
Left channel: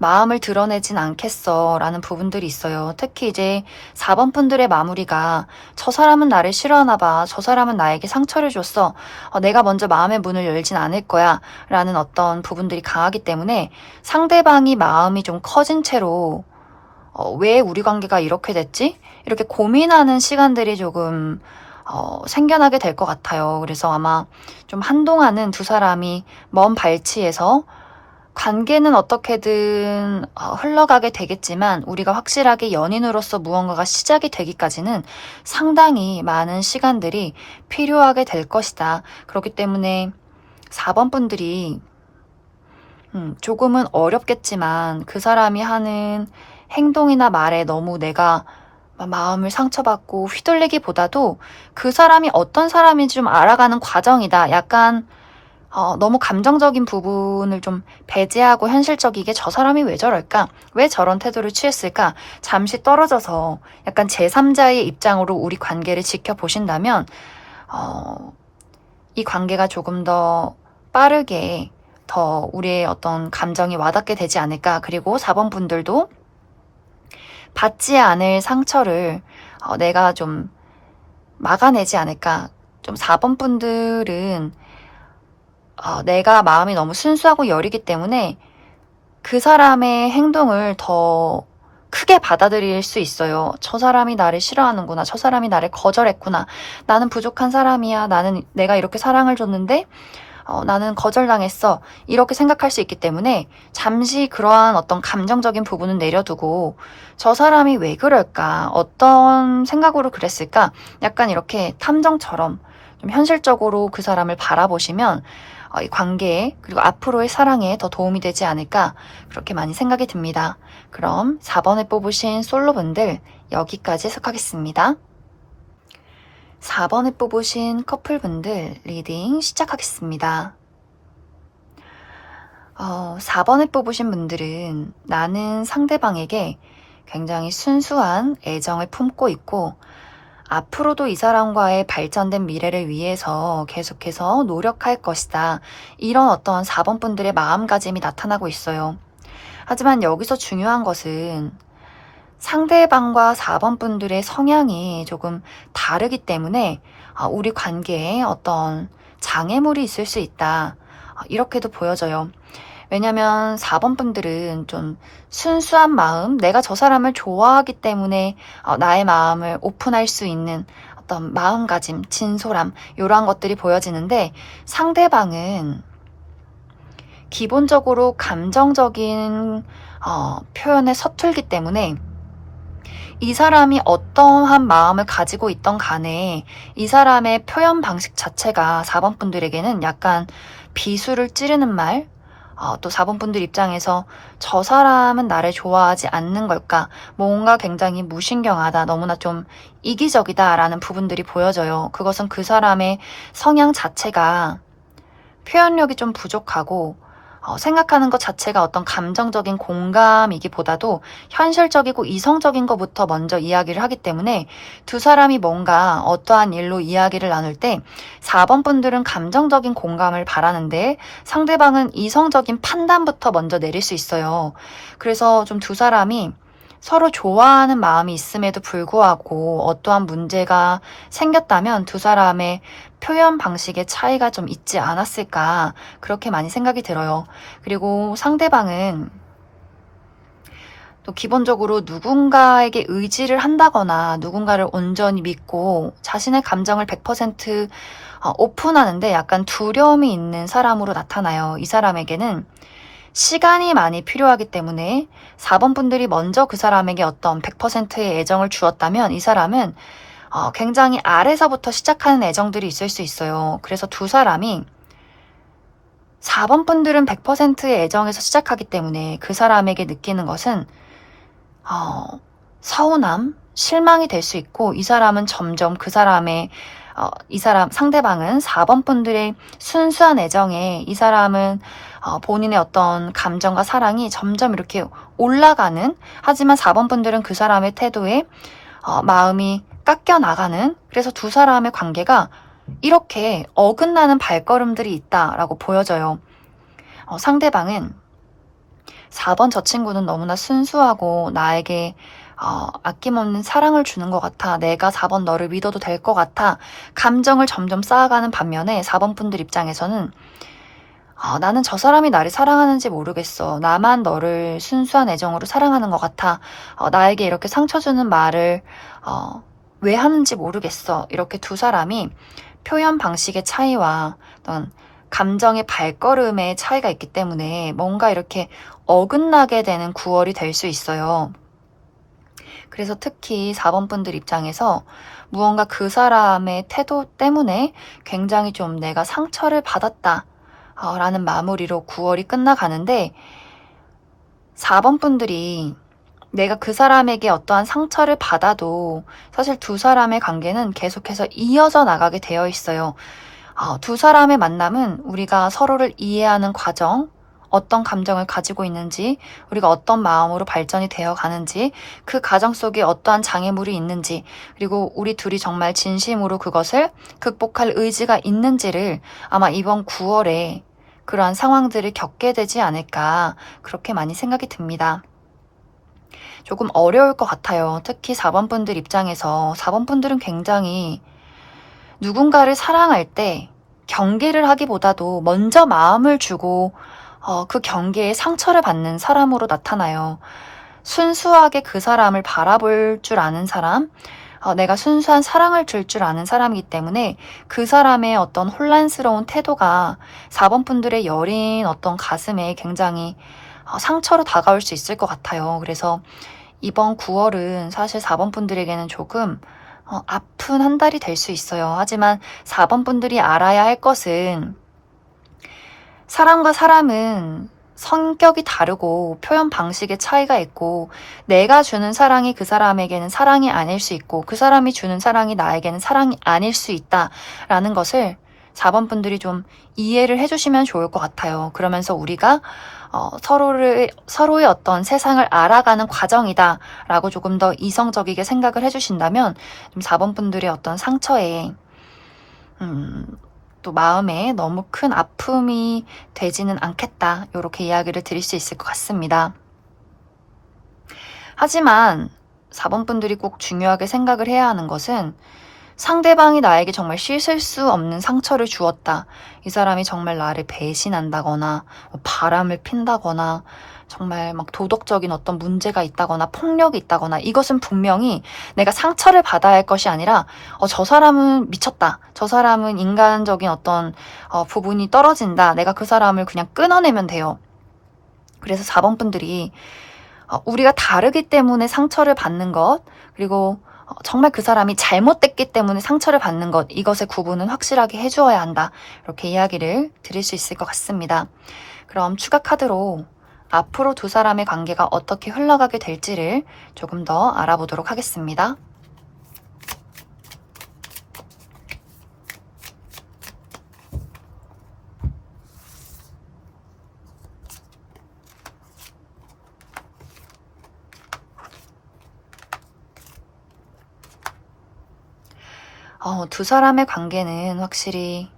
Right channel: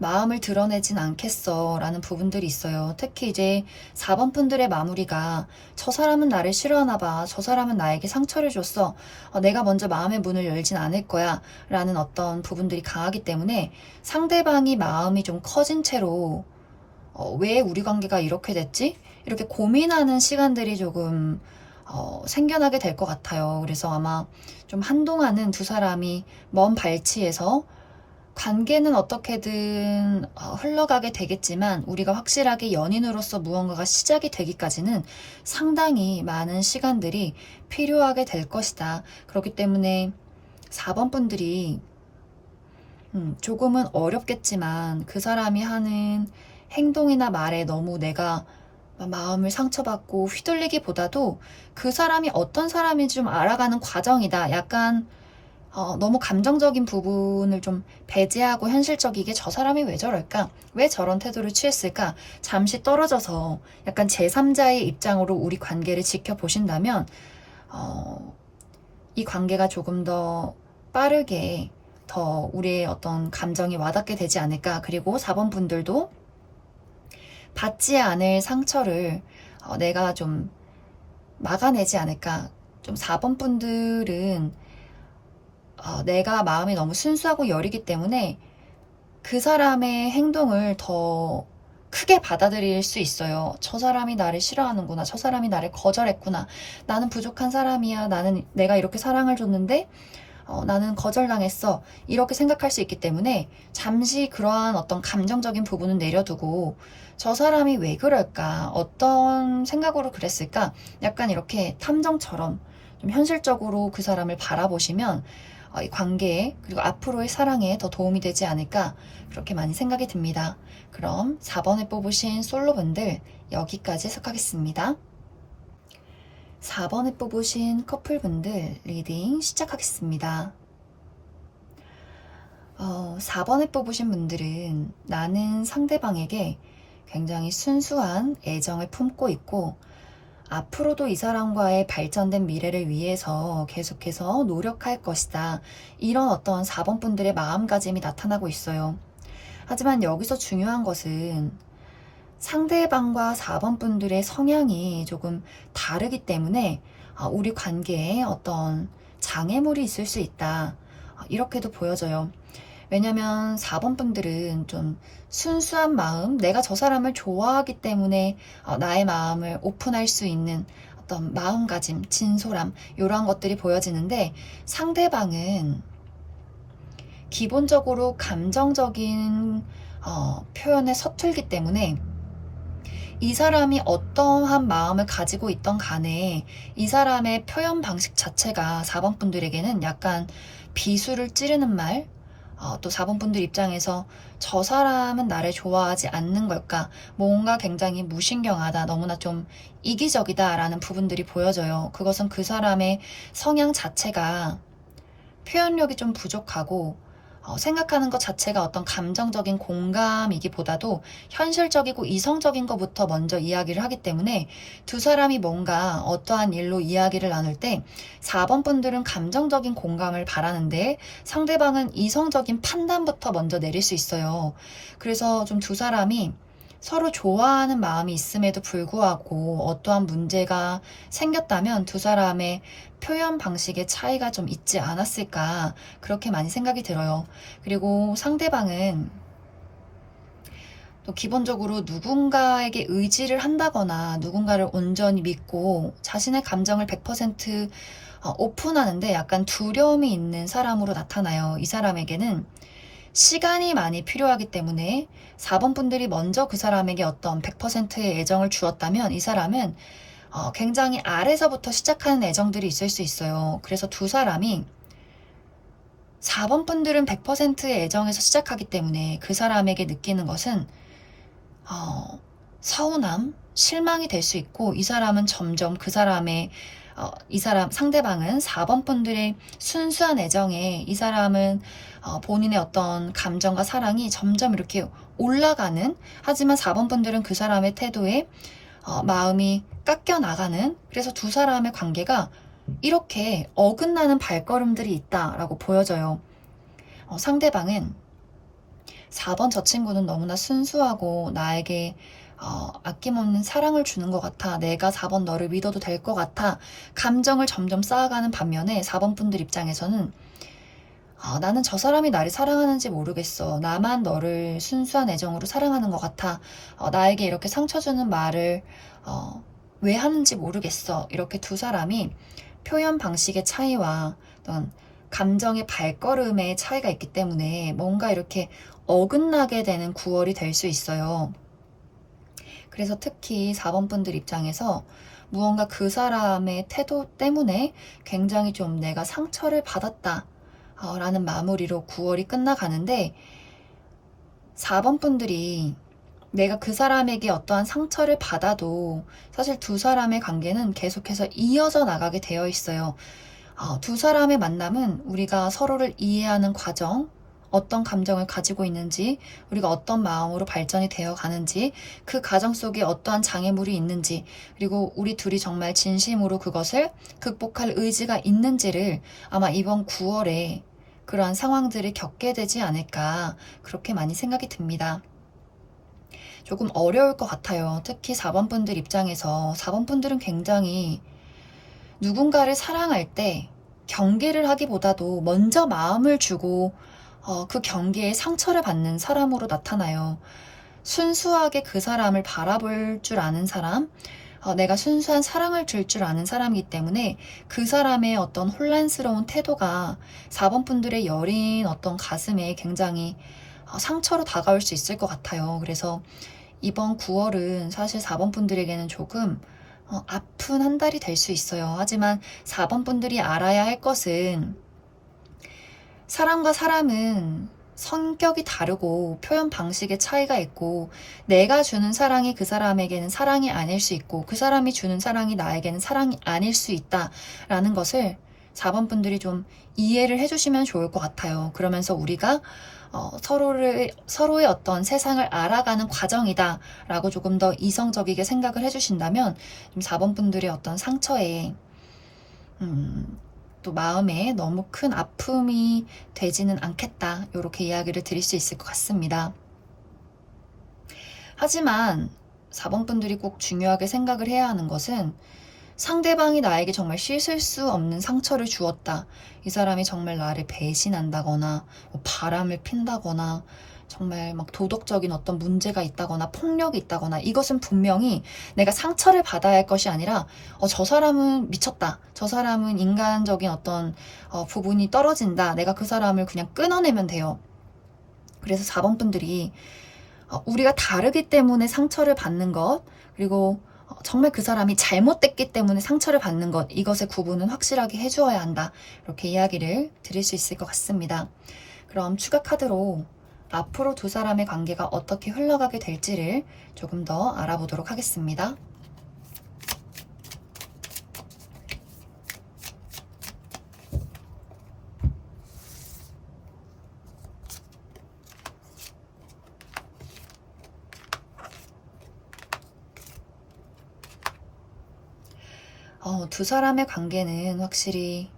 마음을 드러내진 않겠어 라는 부분들이 있어요. 특히 이제 4번 분들의 마무리가 저 사람은 나를 싫어하나 봐. 저 사람은 나에게 상처를 줬어. 내가 먼저 마음의 문을 열진 않을 거야 라는 어떤 부분들이 강하기 때문에 상대방이 마음이 좀 커진 채로 왜 우리 관계가 이렇게 됐지? 이렇게 고민하는 시간들이 조금 생겨나게 될 것 같아요. 그래서 아마 좀 한동안은 두 사람이 먼 발치에서 관계는 어떻게든 흘러가게 되겠지만 우리가 확실하게 연인으로서 무언가가 시작이 되기까지는 상당히 많은 시간들이 필요하게 될 것이다. 그렇기 때문에 4번 분들이 조금은 어렵겠지만 그 사람이 하는 행동이나 말에 너무 내가 마음을 상처받고 휘둘리기보다도 그 사람이 어떤 사람인지 좀 알아가는 과정이다. 약간 너무 감정적인 부분을 좀 배제하고 현실적이게 저 사람이 왜 저럴까? 왜 저런 태도를 취했을까? 잠시 떨어져서 약간 제3자의 입장으로 우리 관계를 지켜보신다면 이 관계가 조금 더 빠르게 더 우리의 어떤 감정이 와닿게 되지 않을까. 그리고 4번 분들도 받지 않을 상처를 내가 좀 막아내지 않을까. 좀 4번 분들은 내가 마음이 너무 순수하고 여리기 때문에 그 사람의 행동을 더 크게 받아들일 수 있어요. 저 사람이 나를 싫어하는구나. 저 사람이 나를 거절했구나. 나는 부족한 사람이야. 내가 이렇게 사랑을 줬는데 나는 거절당했어. 이렇게 생각할 수 있기 때문에 잠시 그러한 어떤 감정적인 부분은 내려두고 저 사람이 왜 그럴까? 어떤 생각으로 그랬을까? 약간 이렇게 탐정처럼 좀 현실적으로 그 사람을 바라보시면 이 관계에 그리고 앞으로의 사랑에 더 도움이 되지 않을까 그렇게 많이 생각이 듭니다. 그럼 4번을 뽑으신 솔로분들 여기까지 해석하겠습니다. 4번에 뽑으신 커플분들 리딩 시작하겠습니다. 4번에 뽑으신 분들은 나는 상대방에게 굉장히 순수한 애정을 품고 있고 앞으로도 이 사람과의 발전된 미래를 위해서 계속해서 노력할 것이다. 이런 어떤 4번 분들의 마음가짐이 나타나고 있어요. 하지만 여기서 중요한 것은 상대방과 4번 분들의 성향이 조금 다르기 때문에 우리 관계에 어떤 장애물이 있을 수 있다. 이렇게도 보여져요. 왜냐면 4번 분들은 좀 순수한 마음, 내가 저 사람을 좋아하기 때문에 나의 마음을 오픈할 수 있는 어떤 마음가짐, 진솔함 이러한 것들이 보여지는데 상대방은 기본적으로 감정적인 표현에 서툴기 때문에 이 사람이 어떠한 마음을 가지고 있던 간에 이 사람의 표현 방식 자체가 4번 분들에게는 약간 비수를 찌르는 말, 또 4번 분들 입장에서 저 사람은 나를 좋아하지 않는 걸까? 뭔가 굉장히 무신경하다, 너무나 좀 이기적이다 라는 부분들이 보여져요. 그것은 그 사람의 성향 자체가 표현력이 좀 부족하고 생각하는 것 자체가 어떤 감정적인 공감이기보다도 현실적이고 이성적인 것부터 먼저 이야기를 하기 때문에 두 사람이 뭔가 어떠한 일로 이야기를 나눌 때 4번 분들은 감정적인 공감을 바라는데 상대방은 이성적인 판단부터 먼저 내릴 수 있어요. 그래서 좀 두 사람이 서로 좋아하는 마음이 있음에도 불구하고 어떠한 문제가 생겼다면 두 사람의 표현 방식의 차이가 좀 있지 않았을까 그렇게 많이 생각이 들어요. 그리고 상대방은 또 기본적으로 누군가에게 의지를 한다거나 누군가를 온전히 믿고 자신의 감정을 100% 오픈하는데 약간 두려움이 있는 사람으로 나타나요. 이 사람에게는 시간이 많이 필요하기 때문에 4번 분들이 먼저 그 사람에게 어떤 100%의 애정을 주었다면 이 사람은 굉장히 아래서부터 시작하는 애정들이 있을 수 있어요. 그래서 두 사람이 4번 분들은 100%의 애정에서 시작하기 때문에 그 사람에게 느끼는 것은 서운함, 실망이 될 수 있고 이 사람은 점점 그 사람의 상대방은 4번 분들의 순수한 애정에 이 사람은 본인의 어떤 감정과 사랑이 점점 이렇게 올라가는, 하지만 4번 분들은 그 사람의 태도에 마음이 깎여 나가는, 그래서 두 사람의 관계가 이렇게 어긋나는 발걸음들이 있다라고 보여져요. 상대방은 4번 저 친구는 너무나 순수하고 나에게 아낌없는 사랑을 주는 것 같아. 내가 4번 너를 믿어도 될 것 같아. 감정을 점점 쌓아가는 반면에 4번 분들 입장에서는 나는 저 사람이 나를 사랑하는지 모르겠어. 나만 너를 순수한 애정으로 사랑하는 것 같아. 나에게 이렇게 상처 주는 말을 왜 하는지 모르겠어. 이렇게 두 사람이 표현 방식의 차이와 어떤 감정의 발걸음의 차이가 있기 때문에 뭔가 이렇게 어긋나게 되는 9월이 될 수 있어요. 그래서 특히 4번 분들 입장에서 무언가 그 사람의 태도 때문에 굉장히 좀 내가 상처를 받았다 라는 마무리로 9월이 끝나가는데 4번 분들이 내가 그 사람에게 어떠한 상처를 받아도 사실 두 사람의 관계는 계속해서 이어져 나가게 되어 있어요. 두 사람의 만남은 우리가 서로를 이해하는 과정, 어떤 감정을 가지고 있는지, 우리가 어떤 마음으로 발전이 되어 가는지, 그 과정 속에 어떠한 장애물이 있는지, 그리고 우리 둘이 정말 진심으로 그것을 극복할 의지가 있는지를 아마 이번 9월에 그러한 상황들을 겪게 되지 않을까 그렇게 많이 생각이 듭니다. 조금 어려울 것 같아요. 특히 4번 분들 입장에서 4번 분들은 굉장히 누군가를 사랑할 때 경계를 하기보다도 먼저 마음을 주고 그 경계에 상처를 받는 사람으로 나타나요. 순수하게 그 사람을 바라볼 줄 아는 사람, 내가 순수한 사랑을 줄 줄 아는 사람이기 때문에 그 사람의 어떤 혼란스러운 태도가 4번 분들의 여린 어떤 가슴에 굉장히 상처로 다가올 수 있을 것 같아요. 그래서 이번 9월은 사실 4번 분들에게는 조금 아픈 한 달이 될 수 있어요. 하지만 4번 분들이 알아야 할 것은 사람과 사람은 성격이 다르고 표현 방식의 차이가 있고 내가 주는 사랑이 그 사람에게는 사랑이 아닐 수 있고 그 사람이 주는 사랑이 나에게는 사랑이 아닐 수 있다라는 것을 4번 분들이 좀 이해를 해주시면 좋을 것 같아요. 그러면서 우리가 서로의 어떤 세상을 알아가는 과정이다라고 조금 더 이성적이게 생각을 해주신다면 좀 4번 분들의 어떤 상처에 또 마음에 너무 큰 아픔이 되지는 않겠다. 이렇게 이야기를 드릴 수 있을 것 같습니다. 하지만 4번 분들이 꼭 중요하게 생각을 해야 하는 것은 상대방이 나에게 정말 씻을 수 없는 상처를 주었다. 이 사람이 정말 나를 배신한다거나 바람을 핀다거나 정말 막 도덕적인 어떤 문제가 있다거나 폭력이 있다거나 이것은 분명히 내가 상처를 받아야 할 것이 아니라 저 사람은 미쳤다. 저 사람은 인간적인 어떤 부분이 떨어진다. 내가 그 사람을 그냥 끊어내면 돼요. 그래서 4번 분들이 우리가 다르기 때문에 상처를 받는 것 그리고 정말 그 사람이 잘못됐기 때문에 상처를 받는 것 이것의 구분은 확실하게 해주어야 한다. 이렇게 이야기를 드릴 수 있을 것 같습니다. 그럼 추가 카드로 앞으로 두 사람의 관계가 어떻게 흘러가게 될지를 조금 더 알아보도록 하겠습니다. 두 사람의 관계는 확실히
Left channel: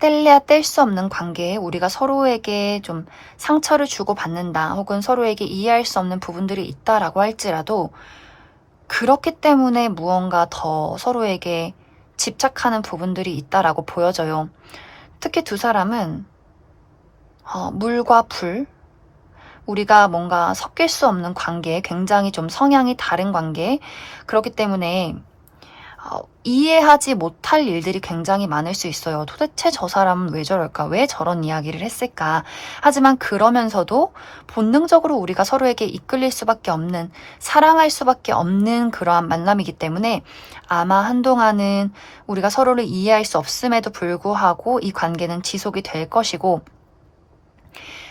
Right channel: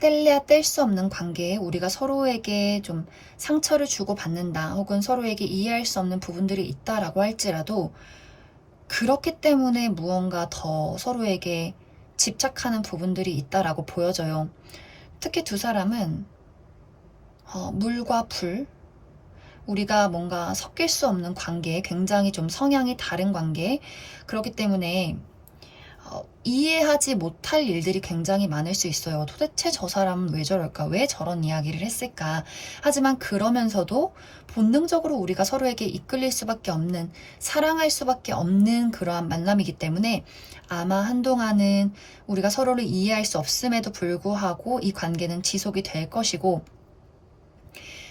뗄래야 뗄 수 없는 관계에 우리가 서로에게 좀 상처를 주고 받는다 혹은 서로에게 이해할 수 없는 부분들이 있다라고 할지라도 그렇기 때문에 무언가 더 서로에게 집착하는 부분들이 있다라고 보여져요. 특히 두 사람은 물과 불, 우리가 뭔가 섞일 수 없는 관계, 굉장히 좀 성향이 다른 관계, 그렇기 때문에 이해하지 못할 일들이 굉장히 많을 수 있어요. 도대체 저 사람은 왜 저럴까? 왜 저런 이야기를 했을까? 하지만 그러면서도 본능적으로 우리가 서로에게 이끌릴 수밖에 없는, 사랑할 수밖에 없는 그러한 만남이기 때문에 아마 한동안은 우리가 서로를 이해할 수 없음에도 불구하고 이 관계는 지속이 될 것이고,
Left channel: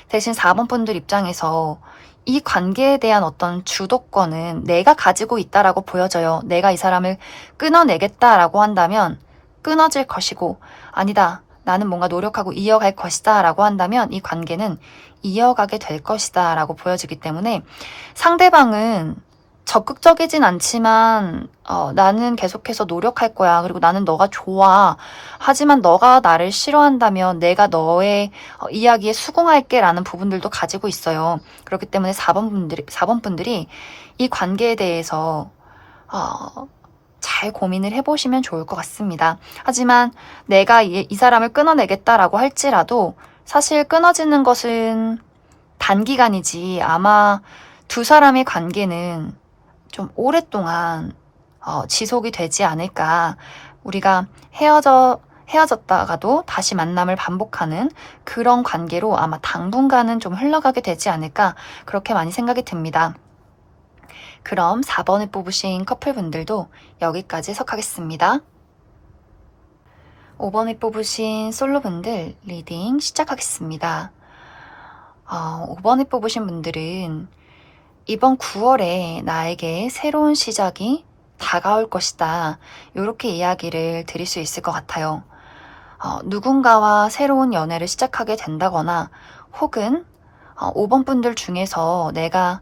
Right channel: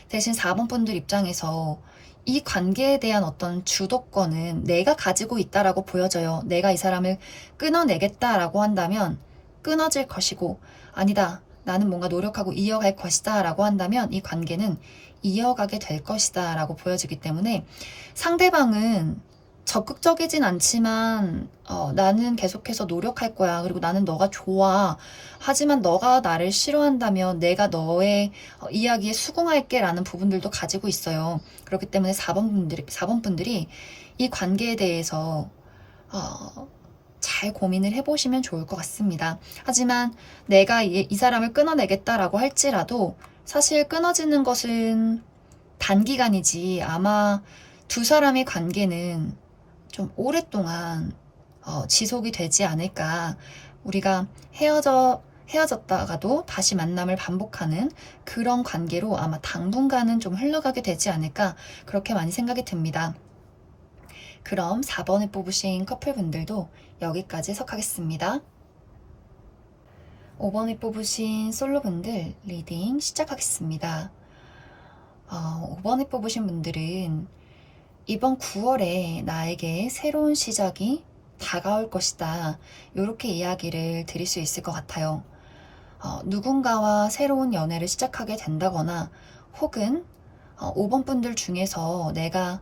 대신 4번 분들 입장에서 이 관계에 대한 어떤 주도권은 내가 가지고 있다라고 보여져요. 내가 이 사람을 끊어내겠다라고 한다면 끊어질 것이고, 아니다, 나는 뭔가 노력하고 이어갈 것이다 라고 한다면 이 관계는 이어가게 될 것이다 라고 보여지기 때문에 상대방은 적극적이진 않지만 나는 계속해서 노력할 거야. 그리고 나는 너가 좋아. 하지만 너가 나를 싫어한다면 내가 너의 이야기에 수긍할게 라는 부분들도 가지고 있어요. 그렇기 때문에 4번 분들이 이 관계에 대해서 잘 고민을 해보시면 좋을 것 같습니다. 하지만 내가 이 사람을 끊어내겠다라고 할지라도 사실 끊어지는 것은 단기간이지 아마 두 사람의 관계는 좀 오랫동안 지속이 되지 않을까. 우리가 헤어졌다가도 다시 만남을 반복하는 그런 관계로 아마 당분간은 좀 흘러가게 되지 않을까. 그렇게 많이 생각이 듭니다. 그럼 4번을 뽑으신 커플분들도 여기까지 석하겠습니다. 5번을 뽑으신 솔로분들 리딩 시작하겠습니다. 5번을 뽑으신 분들은 이번 9월에 나에게 새로운 시작이 다가올 것이다. 이렇게 이야기를 드릴 수 있을 것 같아요. 누군가와 새로운 연애를 시작하게 된다거나 혹은 5번 분들 중에서 내가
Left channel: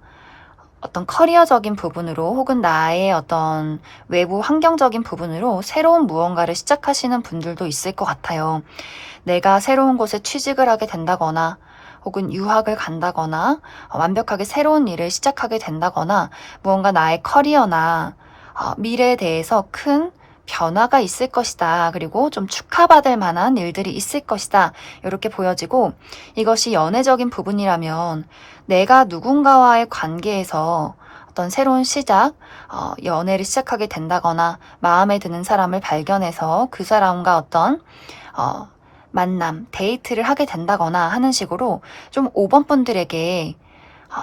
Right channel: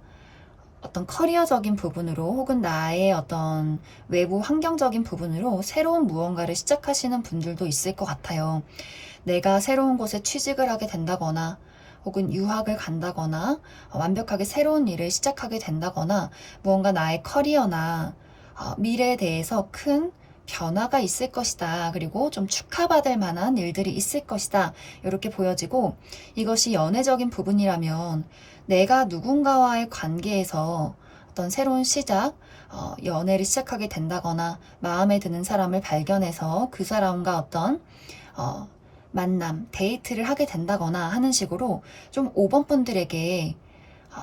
어떤 커리어적인 부분으로 혹은 나의 어떤 외부 환경적인 부분으로 새로운 무언가를 시작하시는 분들도 있을 것 같아요. 내가 새로운 곳에 취직을 하게 된다거나 혹은 유학을 간다거나 완벽하게 새로운 일을 시작하게 된다거나 무언가 나의 커리어나 미래에 대해서 큰 변화가 있을 것이다. 그리고 좀 축하받을 만한 일들이 있을 것이다. 이렇게 보여지고 이것이 연애적인 부분이라면 내가 누군가와의 관계에서 어떤 새로운 시작, 연애를 시작하게 된다거나 마음에 드는 사람을 발견해서 그 사람과 어떤 만남, 데이트를 하게 된다거나 하는 식으로 좀 5번 분들에게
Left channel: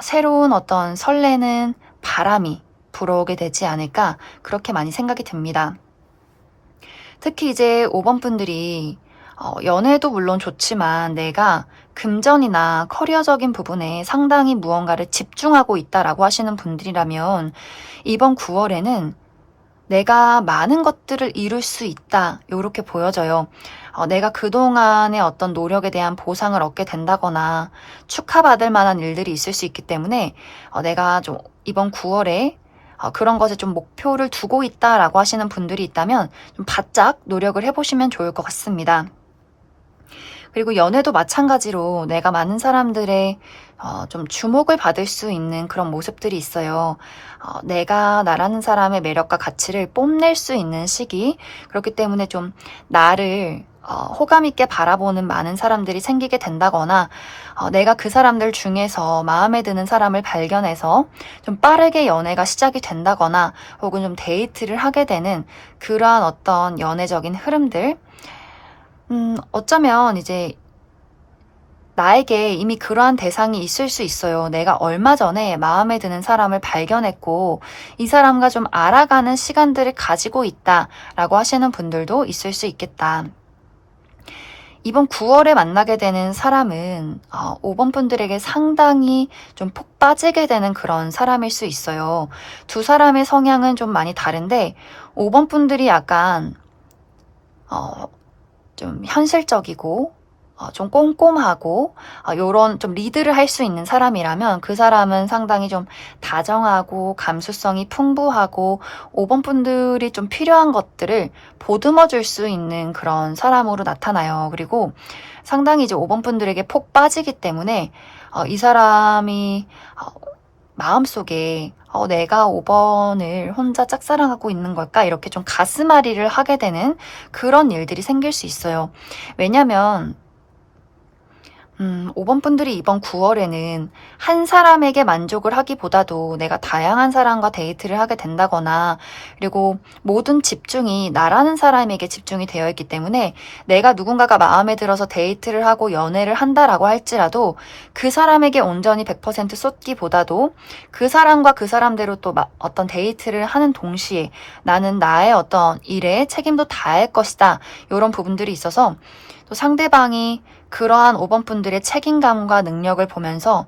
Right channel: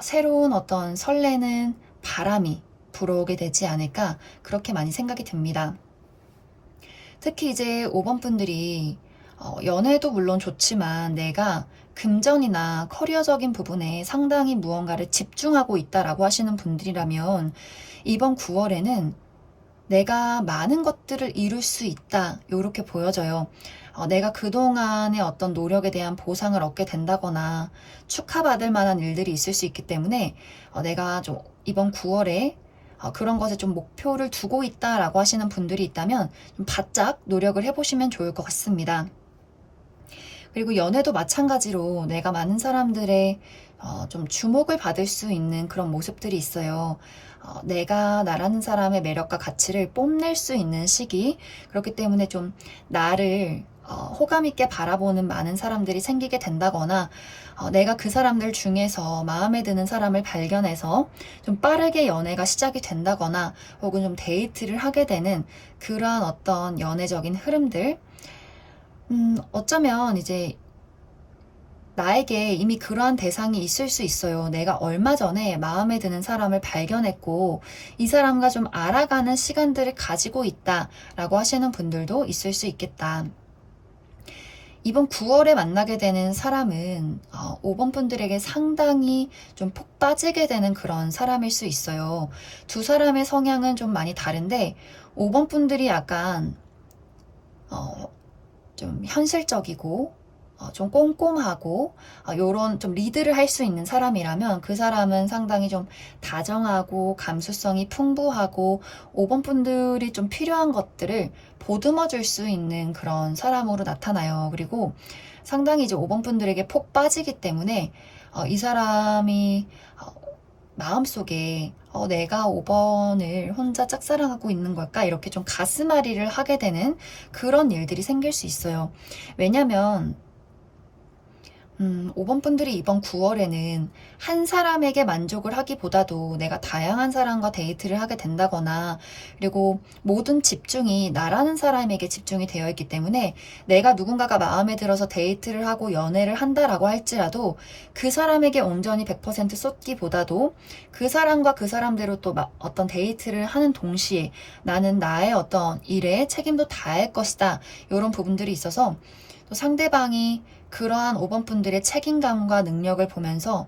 새로운 어떤 설레는 바람이 불어오게 되지 않을까 그렇게 많이 생각이 듭니다. 특히 이제 5번 분들이 연애도 물론 좋지만 내가 금전이나 커리어적인 부분에 상당히 무언가를 집중하고 있다라고 하시는 분들이라면 이번 9월에는 내가 많은 것들을 이룰 수 있다, 요렇게 보여져요. 내가 그동안의 어떤 노력에 대한 보상을 얻게 된다거나 축하받을 만한 일들이 있을 수 있기 때문에 내가 좀 이번 9월에 그런 것에 좀 목표를 두고 있다라고 하시는 분들이 있다면 좀 바짝 노력을 해보시면 좋을 것 같습니다. 그리고 연애도 마찬가지로 내가 많은 사람들의 좀 주목을 받을 수 있는 그런 모습들이 있어요. 내가 나라는 사람의 매력과 가치를 뽐낼 수 있는 시기, 그렇기 때문에 좀 나를 호감 있게 바라보는 많은 사람들이 생기게 된다거나 내가 그 사람들 중에서 마음에 드는 사람을 발견해서 좀 빠르게 연애가 시작이 된다거나 혹은 좀 데이트를 하게 되는 그러한 어떤 연애적인 흐름들, 어쩌면 이제 나에게 이미 그러한 대상이 있을 수 있어요. 내가 얼마 전에 마음에 드는 사람을 발견했고, 이 사람과 좀 알아가는 시간들을 가지고 있다라고 하시는 분들도 있을 수 있겠다. 이번 9월에 만나게 되는 사람은 5번 분들에게 상당히 좀 푹 빠지게 되는 그런 사람일 수 있어요. 두 사람의 성향은 좀 많이 다른데 5번 분들이 약간 좀 현실적이고 좀 꼼꼼하고 요런 좀 리드를 할 수 있는 사람이라면 그 사람은 상당히 좀 다정하고 감수성이 풍부하고 5번 분들이 좀 필요한 것들을 보듬어 줄 수 있는 그런 사람으로 나타나요. 그리고 상당히 이제 5번 분들에게 폭 빠지기 때문에 이 사람이 마음속에 내가 5번을 혼자 짝사랑하고 있는 걸까? 이렇게 좀 가슴앓이를 하게 되는 그런 일들이 생길 수 있어요. 왜냐면 5번 분들이 이번 9월에는 한 사람에게 만족을 하기보다도 내가 다양한 사람과 데이트를 하게 된다거나 그리고 모든 집중이 나라는 사람에게 집중이 되어 있기 때문에 내가 누군가가 마음에 들어서 데이트를 하고 연애를 한다라고 할지라도 그 사람에게 온전히 100% 쏟기보다도 그 사람과 그 사람대로 또 어떤 데이트를 하는 동시에 나는 나의 어떤 일에 책임도 다할 것이다. 이런 부분들이 있어서 또 상대방이 그러한 5번 분들의 책임감과 능력을 보면서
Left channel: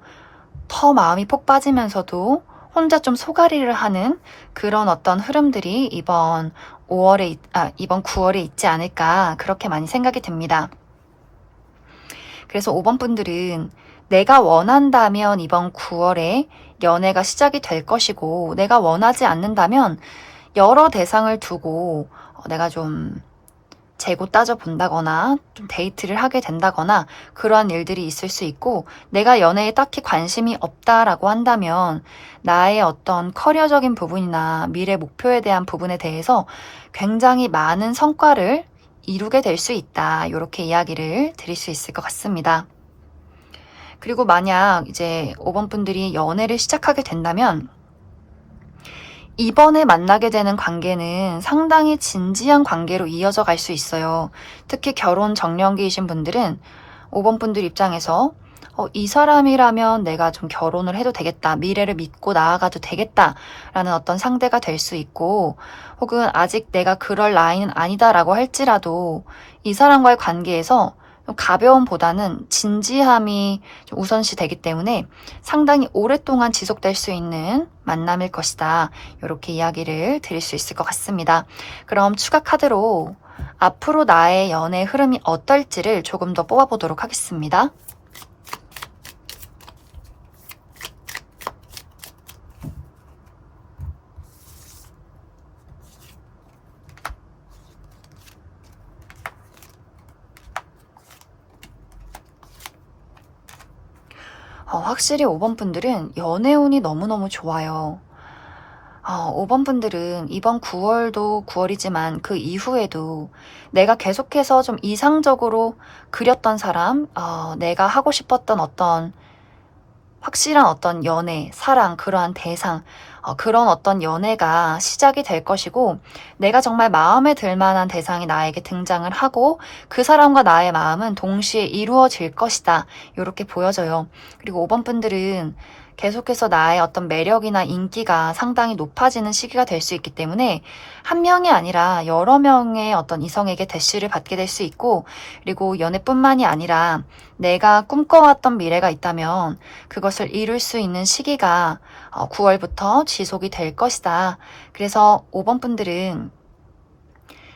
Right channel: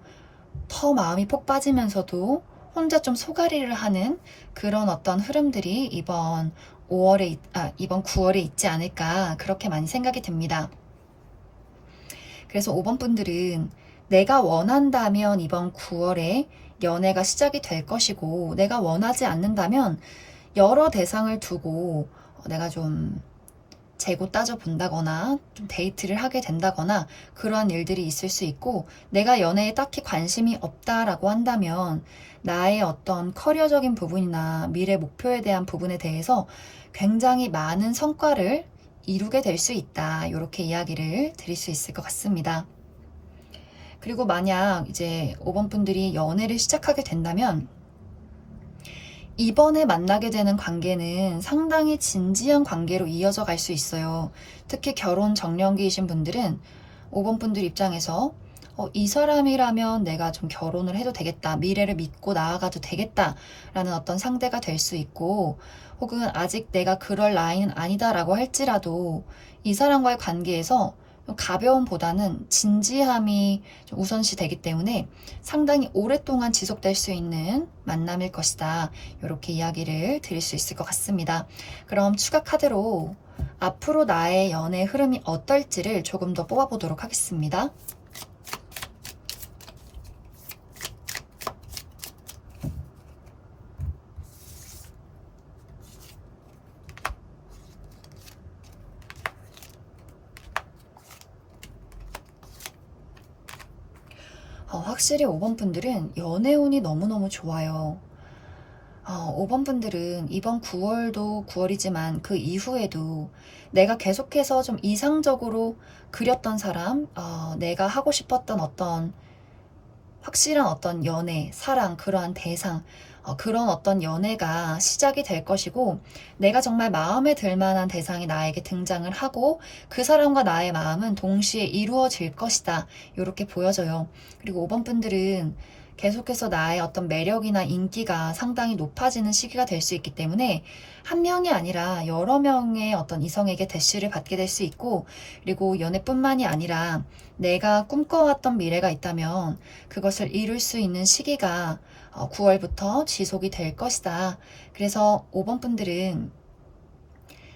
더 마음이 폭 빠지면서도 혼자 좀 소가리를 하는 그런 어떤 흐름들이 이번 9월에 있지 않을까 그렇게 많이 생각이 됩니다. 그래서 5번 분들은 내가 원한다면 이번 9월에 연애가 시작이 될 것이고 내가 원하지 않는다면 여러 대상을 두고 내가 좀 재고 따져본다거나 좀 데이트를 하게 된다거나 그러한 일들이 있을 수 있고 내가 연애에 딱히 관심이 없다라고 한다면 나의 어떤 커리어적인 부분이나 미래 목표에 대한 부분에 대해서 굉장히 많은 성과를 이루게 될 수 있다. 이렇게 이야기를 드릴 수 있을 것 같습니다. 그리고 만약 이제 5번 분들이 연애를 시작하게 된다면 이번에 만나게 되는 관계는 상당히 진지한 관계로 이어져 갈 수 있어요. 특히 결혼 정년기이신 분들은 5번 분들 입장에서 이 사람이라면 내가 좀 결혼을 해도 되겠다. 미래를 믿고 나아가도 되겠다라는 어떤 상대가 될 수 있고 혹은 아직 내가 그럴 나이는 아니다라고 할지라도 이 사람과의 관계에서 가벼움보다는 진지함이 좀 우선시 되기 때문에 상당히 오랫동안 지속될 수 있는 만남일 것이다. 이렇게 이야기를 드릴 수 있을 것 같습니다. 그럼 추가 카드로 앞으로 나의 연애 흐름이 어떨지를 조금 더 뽑아보도록 하겠습니다. 확실히 5번 분들은 연애운이 너무너무 좋아요. 5번 분들은 이번 9월도 9월이지만 그 이후에도 내가 계속해서 좀 이상적으로 그렸던 사람, 내가 하고 싶었던 어떤 확실한 어떤 연애, 사랑, 그러한 대상, 그런 어떤 연애가 시작이 될 것이고 내가 정말 마음에 들 만한 대상이 나에게 등장을 하고 그 사람과 나의 마음은 동시에 이루어질 것이다. 이렇게 보여져요. 그리고 5번 분들은 계속해서 나의 어떤 매력이나 인기가 상당히 높아지는 시기가 될 수 있기 때문에 한 명이 아니라 여러 명의 어떤 이성에게 대시를 받게 될 수 있고, 그리고 연애뿐만이 아니라 내가 꿈꿔왔던 미래가 있다면 그것을 이룰 수 있는 시기가 9월부터 지속이 될 것이다. 그래서 5번 분들은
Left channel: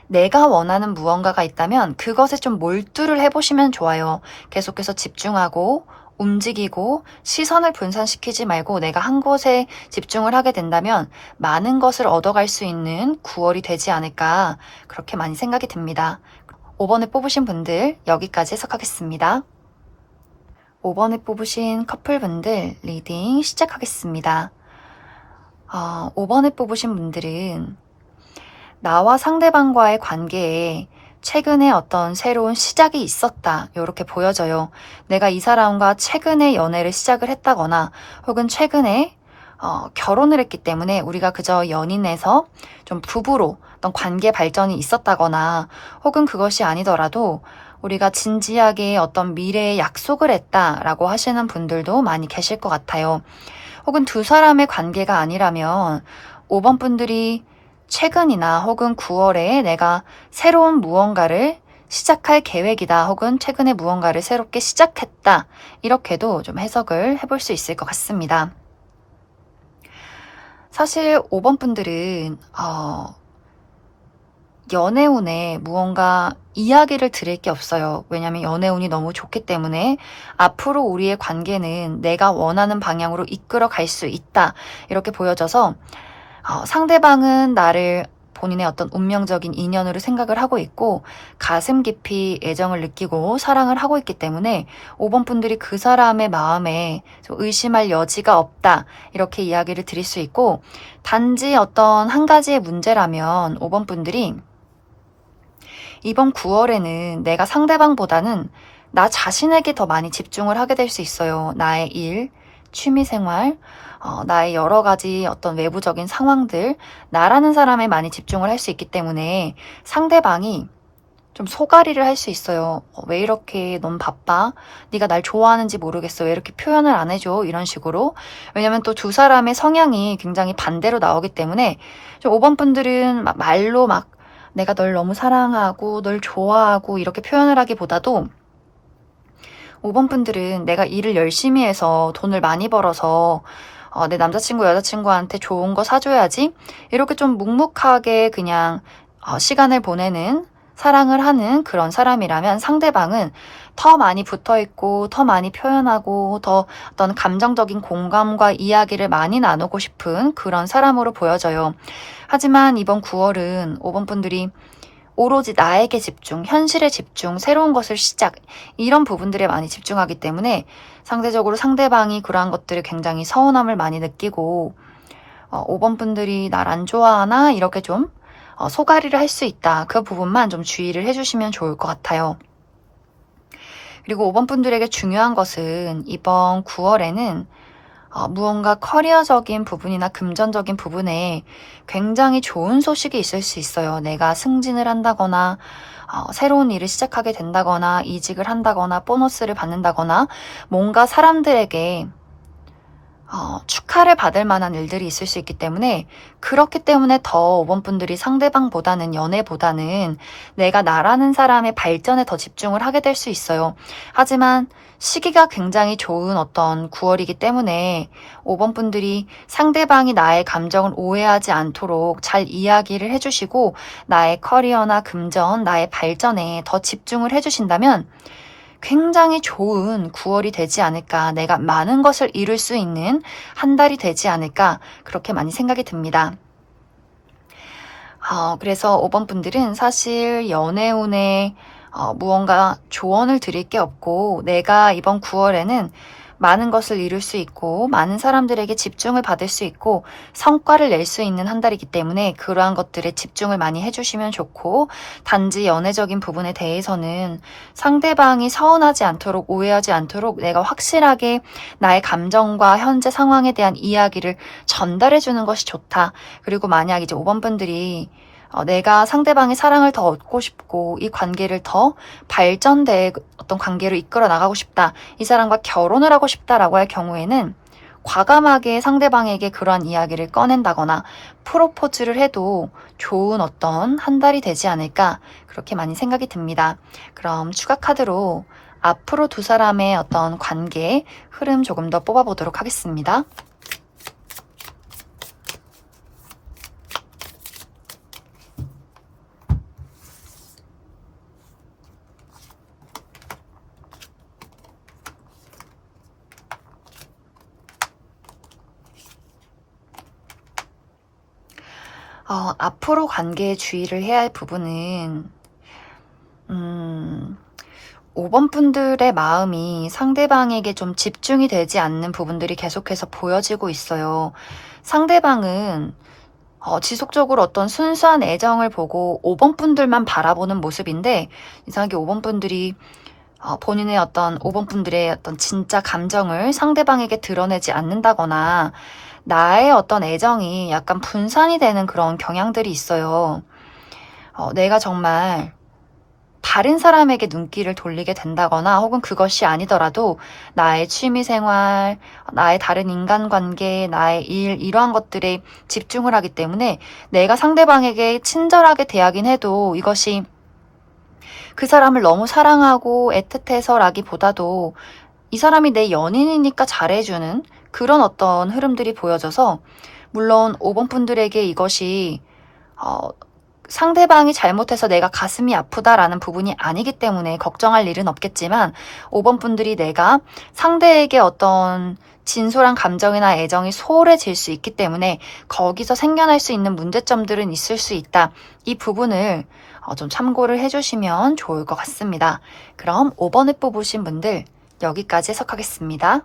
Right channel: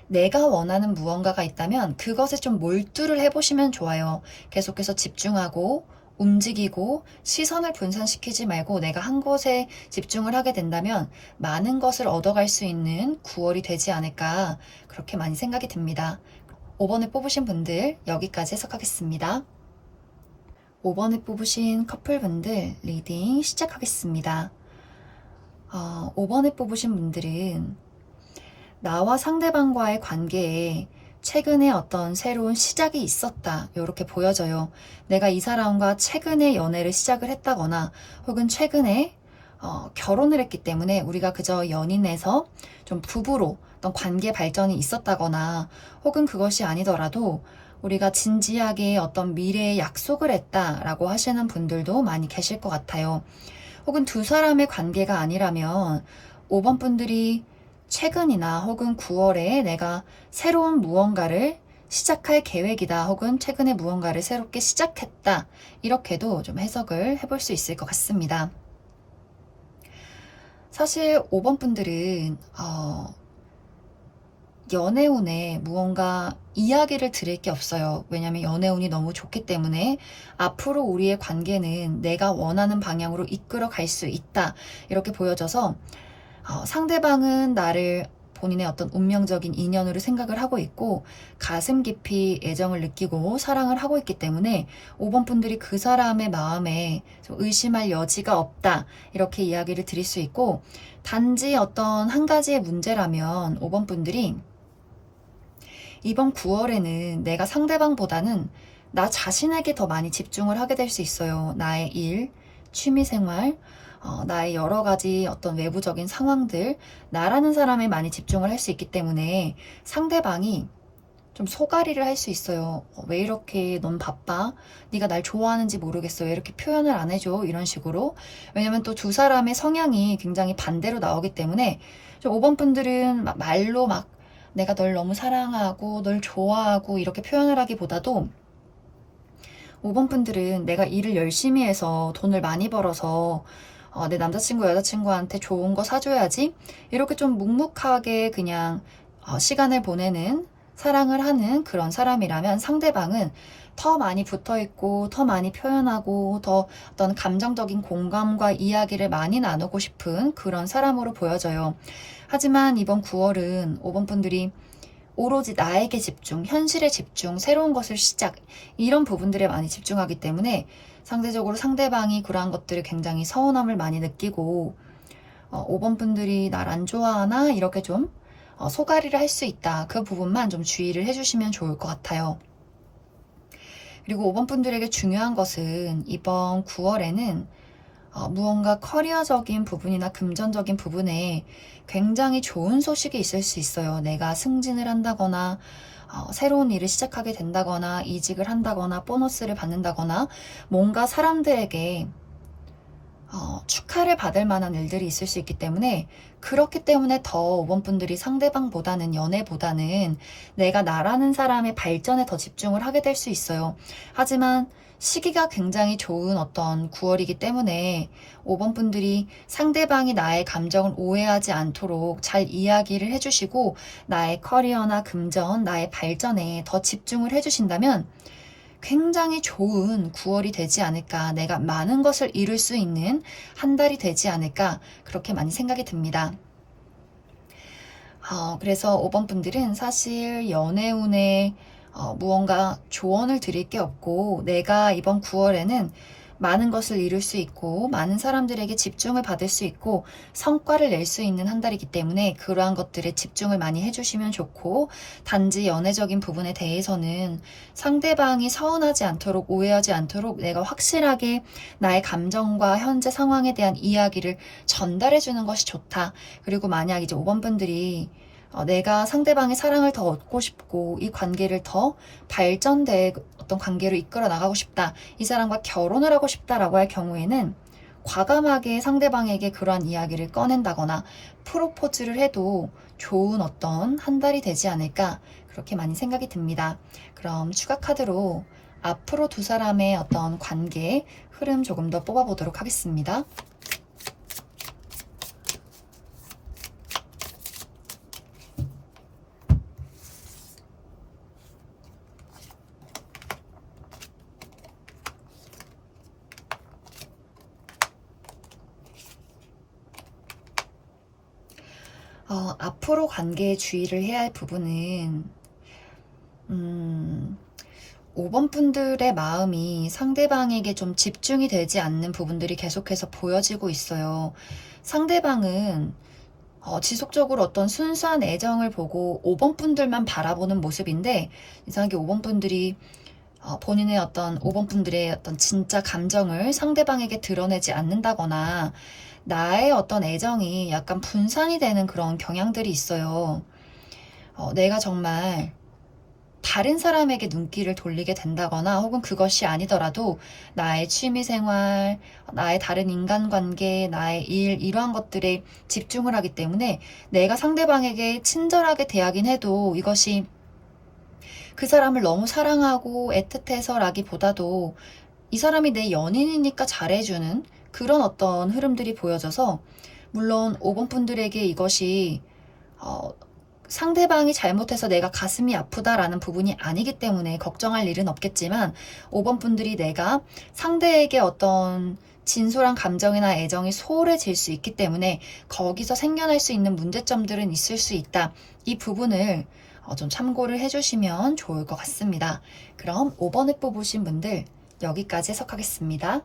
내가 원하는 무언가가 있다면 그것에 좀 몰두를 해보시면 좋아요. 계속해서 집중하고 움직이고 시선을 분산시키지 말고 내가 한 곳에 집중을 하게 된다면 많은 것을 얻어갈 수 있는 9월이 되지 않을까, 그렇게 많이 생각이 듭니다. 5번을 뽑으신 분들 여기까지 해석하겠습니다. 5번을 뽑으신 커플분들 리딩 시작하겠습니다. 5번을 뽑으신 분들은 나와 상대방과의 관계에 최근에 어떤 새로운 시작이 있었다, 이렇게 보여져요. 내가 이 사람과 최근에 연애를 시작을 했다거나 혹은 최근에 결혼을 했기 때문에 우리가 그저 연인에서 좀 부부로 어떤 관계 발전이 있었다거나, 혹은 그것이 아니더라도 우리가 진지하게 어떤 미래에 약속을 했다라고 하시는 분들도 많이 계실 것 같아요. 혹은 두 사람의 관계가 아니라면 5번 분들이 최근이나 혹은 9월에 내가 새로운 무언가를 시작할 계획이다, 혹은 최근에 무언가를 새롭게 시작했다, 이렇게도 좀 해석을 해볼 수 있을 것 같습니다. 사실 5번 분들은 연애운에 무언가 이야기를 드릴 게 없어요. 왜냐하면 연애운이 너무 좋기 때문에 앞으로 우리의 관계는 내가 원하는 방향으로 이끌어 갈 수 있다, 이렇게 보여져서 상대방은 나를 본인의 어떤 운명적인 인연으로 생각을 하고 있고 가슴 깊이 애정을 느끼고 사랑을 하고 있기 때문에 5번 분들이 그 사람의 마음에 좀 의심할 여지가 없다, 이렇게 이야기를 드릴 수 있고, 단지 어떤 한 가지의 문제라면 5번 분들이 이번 9월에는 내가 상대방보다는 나 자신에게 더 많이 집중을 하게 될 수 있어요. 나의 일, 취미생활, 나의 여러 가지 어떤 외부적인 상황들, 나라는 사람에 많이 집중을 할 수 있기 때문에 상대방이 좀 소가리를 할 수 있어요. 왜 이렇게 넌 바빠? 네가 날 좋아하는지 모르겠어. 왜 이렇게 표현을 안 해줘? 이런 식으로. 왜냐면 또 두 사람의 성향이 굉장히 반대로 나오기 때문에 좀 5번 분들은 말로 막 내가 널 너무 사랑하고 널 좋아하고 이렇게 표현을 하기보다도 5번 분들은 내가 일을 열심히 해서 돈을 많이 벌어서 내 남자친구, 여자친구한테 좋은 거 사줘야지, 이렇게 좀 묵묵하게 그냥 시간을 보내는, 사랑을 하는 그런 사람이라면 상대방은 더 많이 붙어있고 더 많이 표현하고 더 어떤 감정적인 공감과 이야기를 많이 나누고 싶은 그런 사람으로 보여져요. 하지만 이번 9월은 5번 분들이 오로지 나에게 집중, 현실에 집중, 새로운 것을 시작, 이런 부분들에 많이 집중하기 때문에 상대적으로 상대방이 그러한 것들을 굉장히 서운함을 많이 느끼고 5번 분들이 날 안 좋아하나, 이렇게 좀 소가리를 할 수 있다, 그 부분만 좀 주의를 해주시면 좋을 것 같아요. 그리고 5번 분들에게 중요한 것은 이번 9월에는 무언가 커리어적인 부분이나 금전적인 부분에 굉장히 좋은 소식이 있을 수 있어요. 내가 승진을 한다거나 새로운 일을 시작하게 된다거나 이직을 한다거나 보너스를 받는다거나 뭔가 사람들에게 축하를 받을 만한 일들이 있을 수 있기 때문에, 그렇기 때문에 더 5번 분들이 상대방보다는, 연애보다는 내가 나라는 사람의 발전에 더 집중을 하게 될 수 있어요. 하지만 시기가 굉장히 좋은 어떤 9월이기 때문에 5번 분들이 상대방이 나의 감정을 오해하지 않도록 잘 이야기를 해주시고 나의 커리어나 금전, 나의 발전에 더 집중을 해주신다면 굉장히 좋은 9월이 되지 않을까, 내가 많은 것을 이룰 수 있는 한 달이 되지 않을까, 그렇게 많이 생각이 듭니다. 그래서 5번 분들은 사실 연애운에 무언가 조언을 드릴 게 없고, 내가 이번 9월에는 많은 것을 이룰 수 있고 많은 사람들에게 집중을 받을 수 있고 성과를 낼 수 있는 한 달이기 때문에 그러한 것들에 집중을 많이 해주시면 좋고, 단지 연애적인 부분에 대해서는 상대방이 서운하지 않도록, 오해하지 않도록 내가 확실하게 나의 감정과 현재 상황에 대한 이야기를 전달해 주는 것이 좋다. 그리고 만약 이제 5번 분들이 내가 상대방의 사랑을 더 얻고 싶고 이 관계를 더 발전된 어떤 관계로 이끌어 나가고 싶다, 이 사람과 결혼을 하고 싶다라고 할 경우에는 과감하게 상대방에게 그러한 이야기를 꺼낸다거나 프로포즈를 해도 좋은 어떤 한 달이 되지 않을까 그렇게 많이 생각이 듭니다. 그럼 추가 카드로 앞으로 두 사람의 어떤 관계 흐름 조금 더 뽑아보도록 하겠습니다. 앞으로 관계에 주의를 해야 할 부분은 5번 분들의 마음이 상대방에게 좀 집중이 되지 않는 부분들이 계속해서 보여지고 있어요. 상대방은 지속적으로 어떤 순수한 애정을 보고 5번 분들만 바라보는 모습인데 이상하게 5번 분들이 본인의 어떤 5번 분들의 어떤 진짜 감정을 상대방에게 드러내지 않는다거나 나의 어떤 애정이 약간 분산이 되는 그런 경향들이 있어요. 내가 정말 다른 사람에게 눈길을 돌리게 된다거나 혹은 그것이 아니더라도 나의 취미생활, 나의 다른 인간관계, 나의 일 이러한 것들에 집중을 하기 때문에 내가 상대방에게 친절하게 대하긴 해도 이것이 그 사람을 너무 사랑하고 애틋해서라기보다도 이 사람이 내 연인이니까 잘해주는 그런 어떤 흐름들이 보여져서 물론 5번 분들에게 이것이 상대방이 잘못해서 내가 가슴이 아프다라는 부분이 아니기 때문에 걱정할 일은 없겠지만 5번 분들이 내가 상대에게 어떤 진솔한 감정이나 애정이 소홀해질 수 있기 때문에 거기서 생겨날 수 있는 문제점들은 있을 수 있다. 이 부분을 좀 참고를 해주시면 좋을 것 같습니다. 그럼 5번을 뽑으신 분들 여기까지 해석하겠습니다.